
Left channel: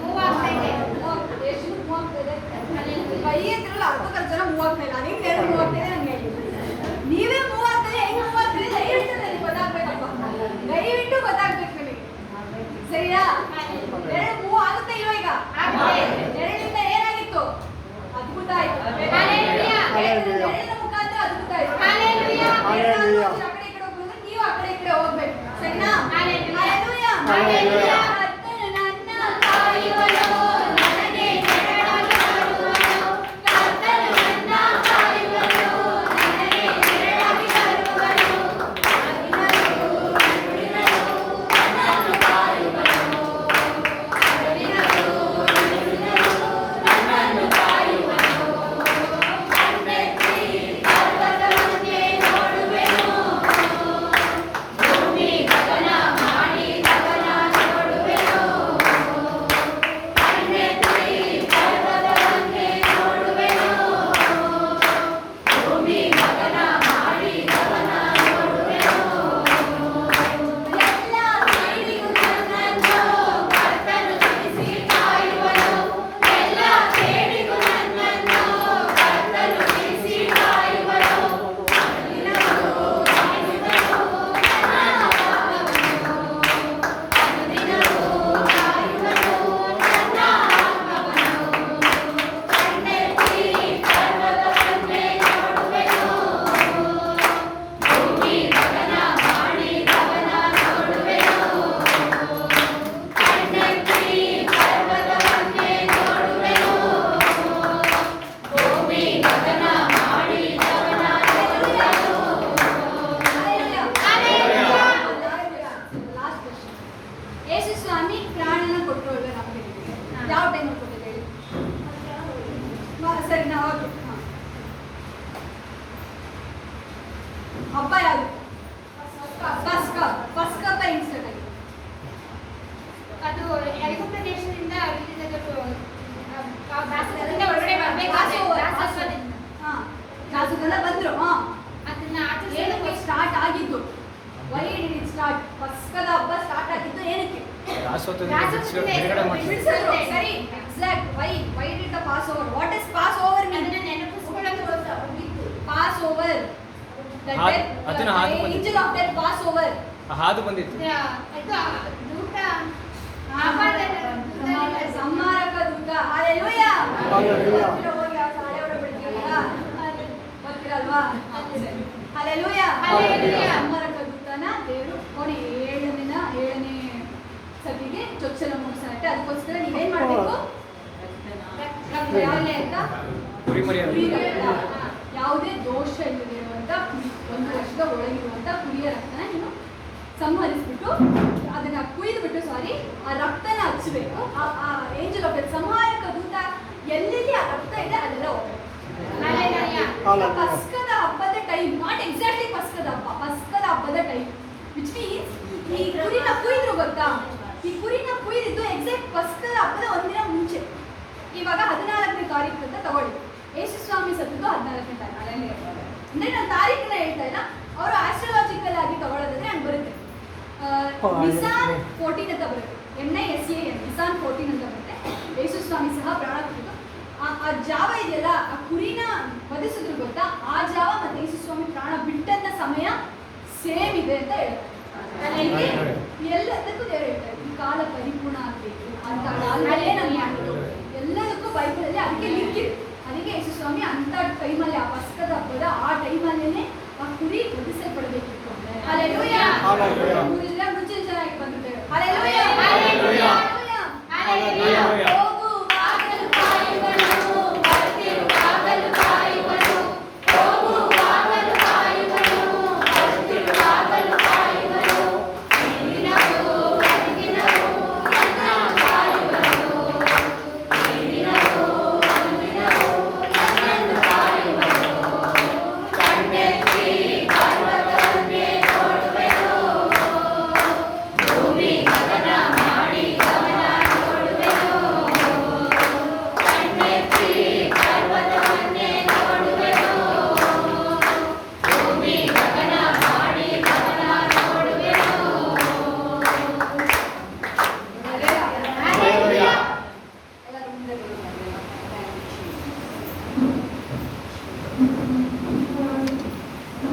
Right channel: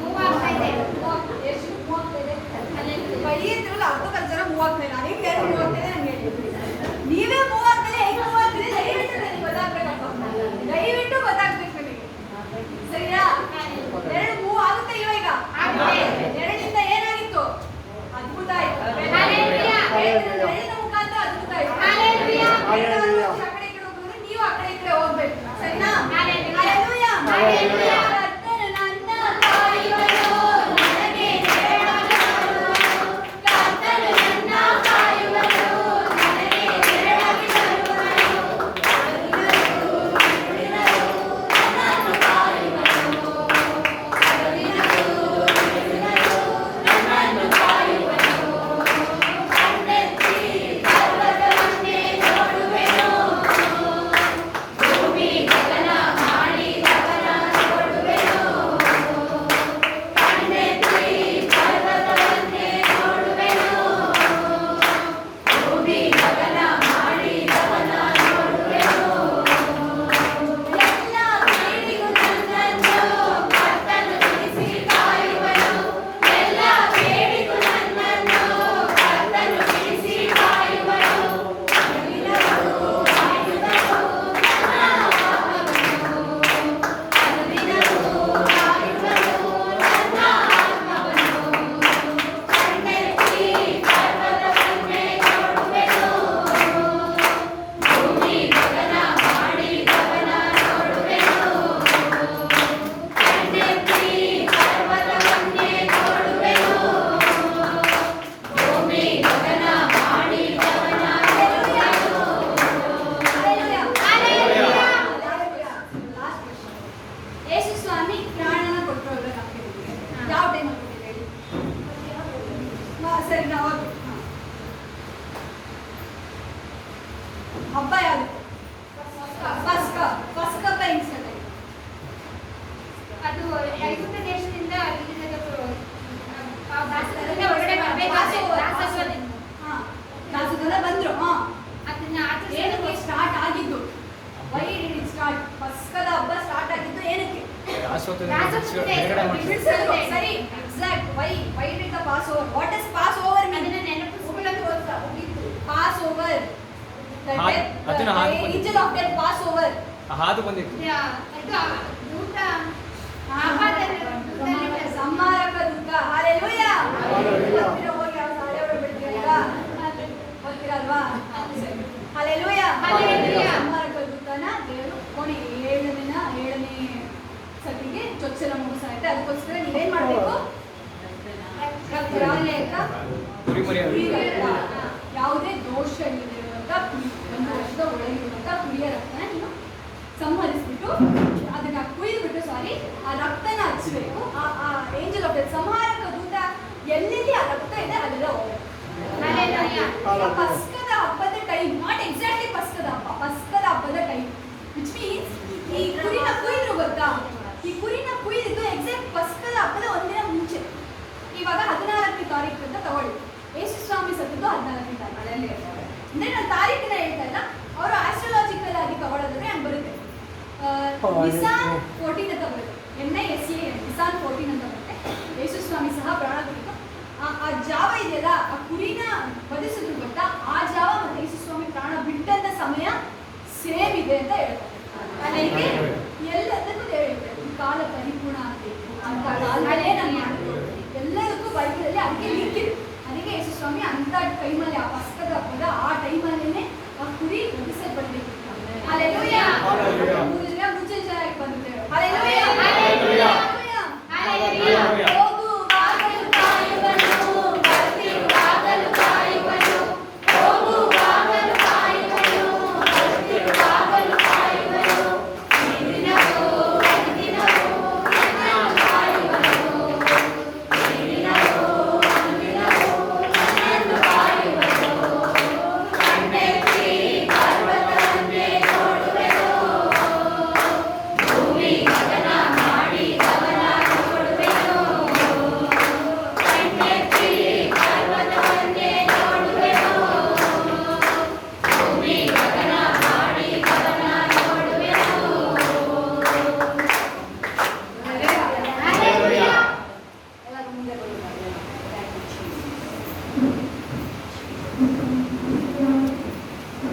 ಎಷ್ಟು ಮೂವ್ ಆಗ್ತಾ ಇದೆ? ಕೈ ಎತ್ತಿರಲ್ಲ, ಅರ್ಧಕ್ಕರ್ಧ ಜನ ಮೂವ್ ಆಗ್ತಾ ಇಲ್ಲ. ಅದೇ ನೆರಳು ಮೂವ್ ಆಗ್ತಾ ಇದೆ ನಂಗೆ ಹೇಳಿ. ನೀವೇ ಮೂವ್ ಆಗ್ತದೆ, ಹೆಂಗ್ ಮೂವ್ ಆಗ್ತದೆ ದಯವಿಟ್ಟು ನನಗೆ ಗೊತ್ತಾಗ್ಬೇಕಪ್ಪ, ದಯವಿಟ್ಟು ಗೊತ್ತಾಗ್ಬೇಕು ನನಗೆ, ಸರಿಯಾ? ನೆರಳು ಮೂವ್ ಆಗುತ್ತೆ ಇಲ್ವಾ? ಈಗ ನೆರಳಿಂದ ಏನಾಗಿತ್ತು? ಅದ್ಭುತ ಆಯ್ತು. ನೆರಳಿನ ಮುಖಾಂತರ ಅದ್ಭುತ ಆಯ್ತು. ಆ ಕಡೆ ಈ ಕಡೆ ಹೋಗಿದ್ರೆ ನೀವು ಆ ಕಡೆ ಈ ಕಡೆ ಹೋಗ್ಬೇಕು, ಸರಿನಾ? ಹಲ್ಲೆಲೂಯಾ. ಕರ್ತನು ನನ್ನ ಕಾಯುವನು, ನನಗೆ ನೆರಳಾಗಿ ಬರುವನು. ಕರ್ತನು ನನ್ನ ಕಾಯುವನು, ನನಗೆ ನೆರಳಾಗಿ ಬರುವನು. ಹಗಲಿನಲ್ಲೂ ಇರುಳಿನಲ್ಲೂ ನನ್ನನ್ನು ಕಾಯುವನು. ಹಗಲಿನಲ್ಲೂ ಇರುಳಿನಲ್ಲೂ ನನ್ನನ್ನು ಕಾಯುವನು. ಕಣ್ಣೆತ್ತಿ ಪರ್ವತವನ್ನೇ ನೋಡುವೆನು, ಭೂಮಿ ಗಗನ ಮಾಡಿದವನ ನೋಡುವೆನು. ಕಣ್ಣೆತ್ತಿ ಪರ್ವತವನ್ನೇ ನೋಡುವೆನು, ಭೂಮಿ ಗಗನ ಮಾಡಿದವನ ನೋಡುವೆನು. ಎಲ್ಲ ಕೇಡಿಗೂ ನನ್ನನ್ನು ಕರ್ತನು ಬಿಡಿಸಿ ಕಾಯುವನು. ಎಲ್ಲ ಕೇಡಿಗೂ ನನ್ನನ್ನು ಕರ್ತನು ಬಿಡಿಸಿ ಕಾಯುವನು. ಹಗಲಿನಲ್ಲೂ ಕಾಯುವನು ನನ್ನ ಆತ್ಮವನ್ನು. ಹಗಲಿನಲ್ಲೂ ಕಾಯುವನು ನನ್ನ ಆತ್ಮವನ್ನು. ಕಣ್ಣೆತ್ತಿ ಪರ್ವತವನ್ನೇ ನೋಡುವೆನು, ಭೂಮಿ ಗಗನ ಮಾಡಿದವನ ನೋಡುವೆನು. ಕಣ್ಣೆತ್ತಿ ಪರ್ವತವನ್ನೇ ನೋಡುವೆನು, ಭೂಮಿ ಗಗನ ಮಾಡಿದವನ ನೋಡುವೆನು. ಯೇಸು ಸ್ವಾಮಿ ಪ್ರಾಣನ ಕೊಟ್ಟರು ಅಲ್ವಾ ನಮಗೆ? ಯಾವ ಟೈಮಲ್ಲಿ ಕೊಟ್ಟಿದ್ದು ಹೇಳಿ? ಸರಿ, ನಾವು ಓಕೆ. ಹಬ್ಬ ಯಾವುದು? ಪಸ್ಕ. ಪಸ್ಕ ಹಬ್ಬ ಹೆಂಗ್ ಸ್ಟಾರ್ಟ್ ಆಗಿದೆ? ಅದು ಐಗುಪ್ತ ದೇಶದಿಂದ ಹೊರಗಡೆ ದಾಸದಿಂದ ಬಂದ್ರು. ಅದನ್ನ ಏನಕ್ಕೆ ಸ್ಟಾರ್ಟ್ ಆಗಿದ್ದು? Why did it start? ಪಸ್ಕದ ಹಬ್ಬ ಸ್ಟಾರ್ಟ್ ಆಗಿದ್ದು ಏನಕ್ಕೆ? ಬಿಡಿಸಿದ್ರು. ಸರಿ, exact. Why did the Passover? What is Passover mean? Passover, angel of death Passover. ಹಾದು ಬಂದಿತ್ತು. ಸಂಹಾರಕ ದೂತ. ಹಾಲೆಲೂಯಾ. ಗೊತ್ತಿರೋ ಹೋಗಿ ಯಾವ ಸಾಡೆ ಹೊರಬಿಡ್ತೀರಲ್ಲ, ಗೊತ್ತಿರಲ್ವಾ? ಹಾಲೆಲೂಯಾ. ಸಂಹಾರಕ ದೂತನ ದೇವರು ಕೊನೆ ಏಳನೇ ಸತಿಗೆ ಚೊಚ್ಚಲ ಮೂಡಿಸಾಗುತ್ತೆ. ಅದಕ್ಕೋಸ್ಕರ ನೀವೇನ್ ಮಾಡ್ಬೇಕು? ಯಾವ್ದೇ ಅಂತ ಕುರಿ ರಕ್ತ, ಯಾವುದೇ ದೋಷ ಇಲ್ಲದಿರುವಂತ ಕುರಿ, 1 ವರ್ಷದ ಒಳಗಿರುವಂತ ಕುರಿಯ ರಕ್ತನ ನೀನು ಸಂಹರಿಸ್ಬಿಟ್ಟು ಅದನ್ನ ಕುಯ್ದುಬಿಟ್ಟು ಆ ರಕ್ತನ ಹಚ್ಚಬೇಕು. ಆ ಏಂಜಲ್ ಆಫ್ ಡೆತ್, ಸಂಹಾರಕ ದೂತ ಎಲ್ಲೆಲ್ಲಿ ಆ ರಕ್ತ ಇದೆ ಅಲ್ಲೆಲ್ಲ ಹೋಗ್ಬೇಕು. ಪಸ್ಕದ ಹಬ್ಬದ ಟೈಮ್, ನಾಟ್ ಎಕ್ಸಾಕ್ಟ್ಲಿ ಪಸ್ಕದ ಹಬ್ಬ, ಪಸ್ಕದ ಹಬ್ಬದ ಟೈಮ್, ವಿಚ್ ಮೀನ್ಸ್ ಈ ಕುರಿನ ಕುಯ್ದ್ರು ಗೊತ್ತಾ? ಈ ಕುರಿನ ಕುಯ್ದಿದ್ದು ಎಕ್ಸಾಕ್ಟ್ ಪಸ್ಕದ ಹಬ್ಬದ ಒಂದಿನ ಮುಂಚೆ. ಇವಾಗ 14ನೇ ತಾರೀಕು ಅಂತ ತಗೊಳ್ಳಿ. ಯೇಸು ಸ್ವಾಮಿ ಸತ್ತದ್ದು 14ನೇ ತಾರೀಕು. ಅಲ್ಲೇ ಅಂದ್ರೆ ನಾನು ತಾರೀಕನ್ನ ಹೇಳ್ತಾ ಇಲ್ಲ, ಅವರು ಆಸ್ಟ್ರಾಲಜಿಕಲ್ ಆಗಿ ತಗೊಳ್ಳೋದಾದ್ರೆ ಹಂಗೆ ಬರುತ್ತೆ. ನಿಸಾನ್ 14 ಅಂತ ಬರುತ್ತೆ, NISAN, ನಿಸಾನ್ 14 ಅಂತ ಬರುತ್ತೆ. ಯೇಸು ಸ್ವಾಮಿ ಸಹ ಪ್ರಾಣ ಕುರಿತು ಆ ಜಾವ ಇದೆಯಲ್ಲ, ಆ ಕುರಿನ ವಧಿಸಿದ್ರು ಗೊತ್ತಾ? ಆ ಜಾವ ಮತ್ತೆ ಯೇಸು ಸ್ವಾಮಿ ಪ್ರಾಣ ಬಿಟ್ಟಂತ ಸಮಯ ಸೇಮ್ ಇದೆ ಅಂತ ಹೇಳ್ತಾರೆ. ಅದಕ್ಕೆ ಎಲ್ಲದಕ್ಕೂ ದೇವರು ಹೇಳ್ತಾರೆ ಈ ಕಾಲ ಪರಿಪೂರ್ಣ ಆಗಬೇಕು ಅಂತ ಕಾಲದಲ್ಲೇ ನಾನು ಮಾಡೋದು. ಎಲ್ಲದಕ್ಕೂ ಬೈಬಲಲ್ಲಿ ಅದಕ್ಕೆ ಲಿಂಕ್ ಇದೆ. ಅದಕ್ಕೆ ಯೇಸು ಸ್ವಾಮಿ ಅಂತ ಟೈಮಲ್ಲಿ, ಆ ಪಸ್ಕದ ಹಬ್ಬದ ಆ ಟೈಮಲ್ಲೇನೆ ಆ ಕುರಿ ವಧಿಸಲ್ಪಡಬೇಕಿತ್ತು. ಹಾಲೆಲೂಯಾ.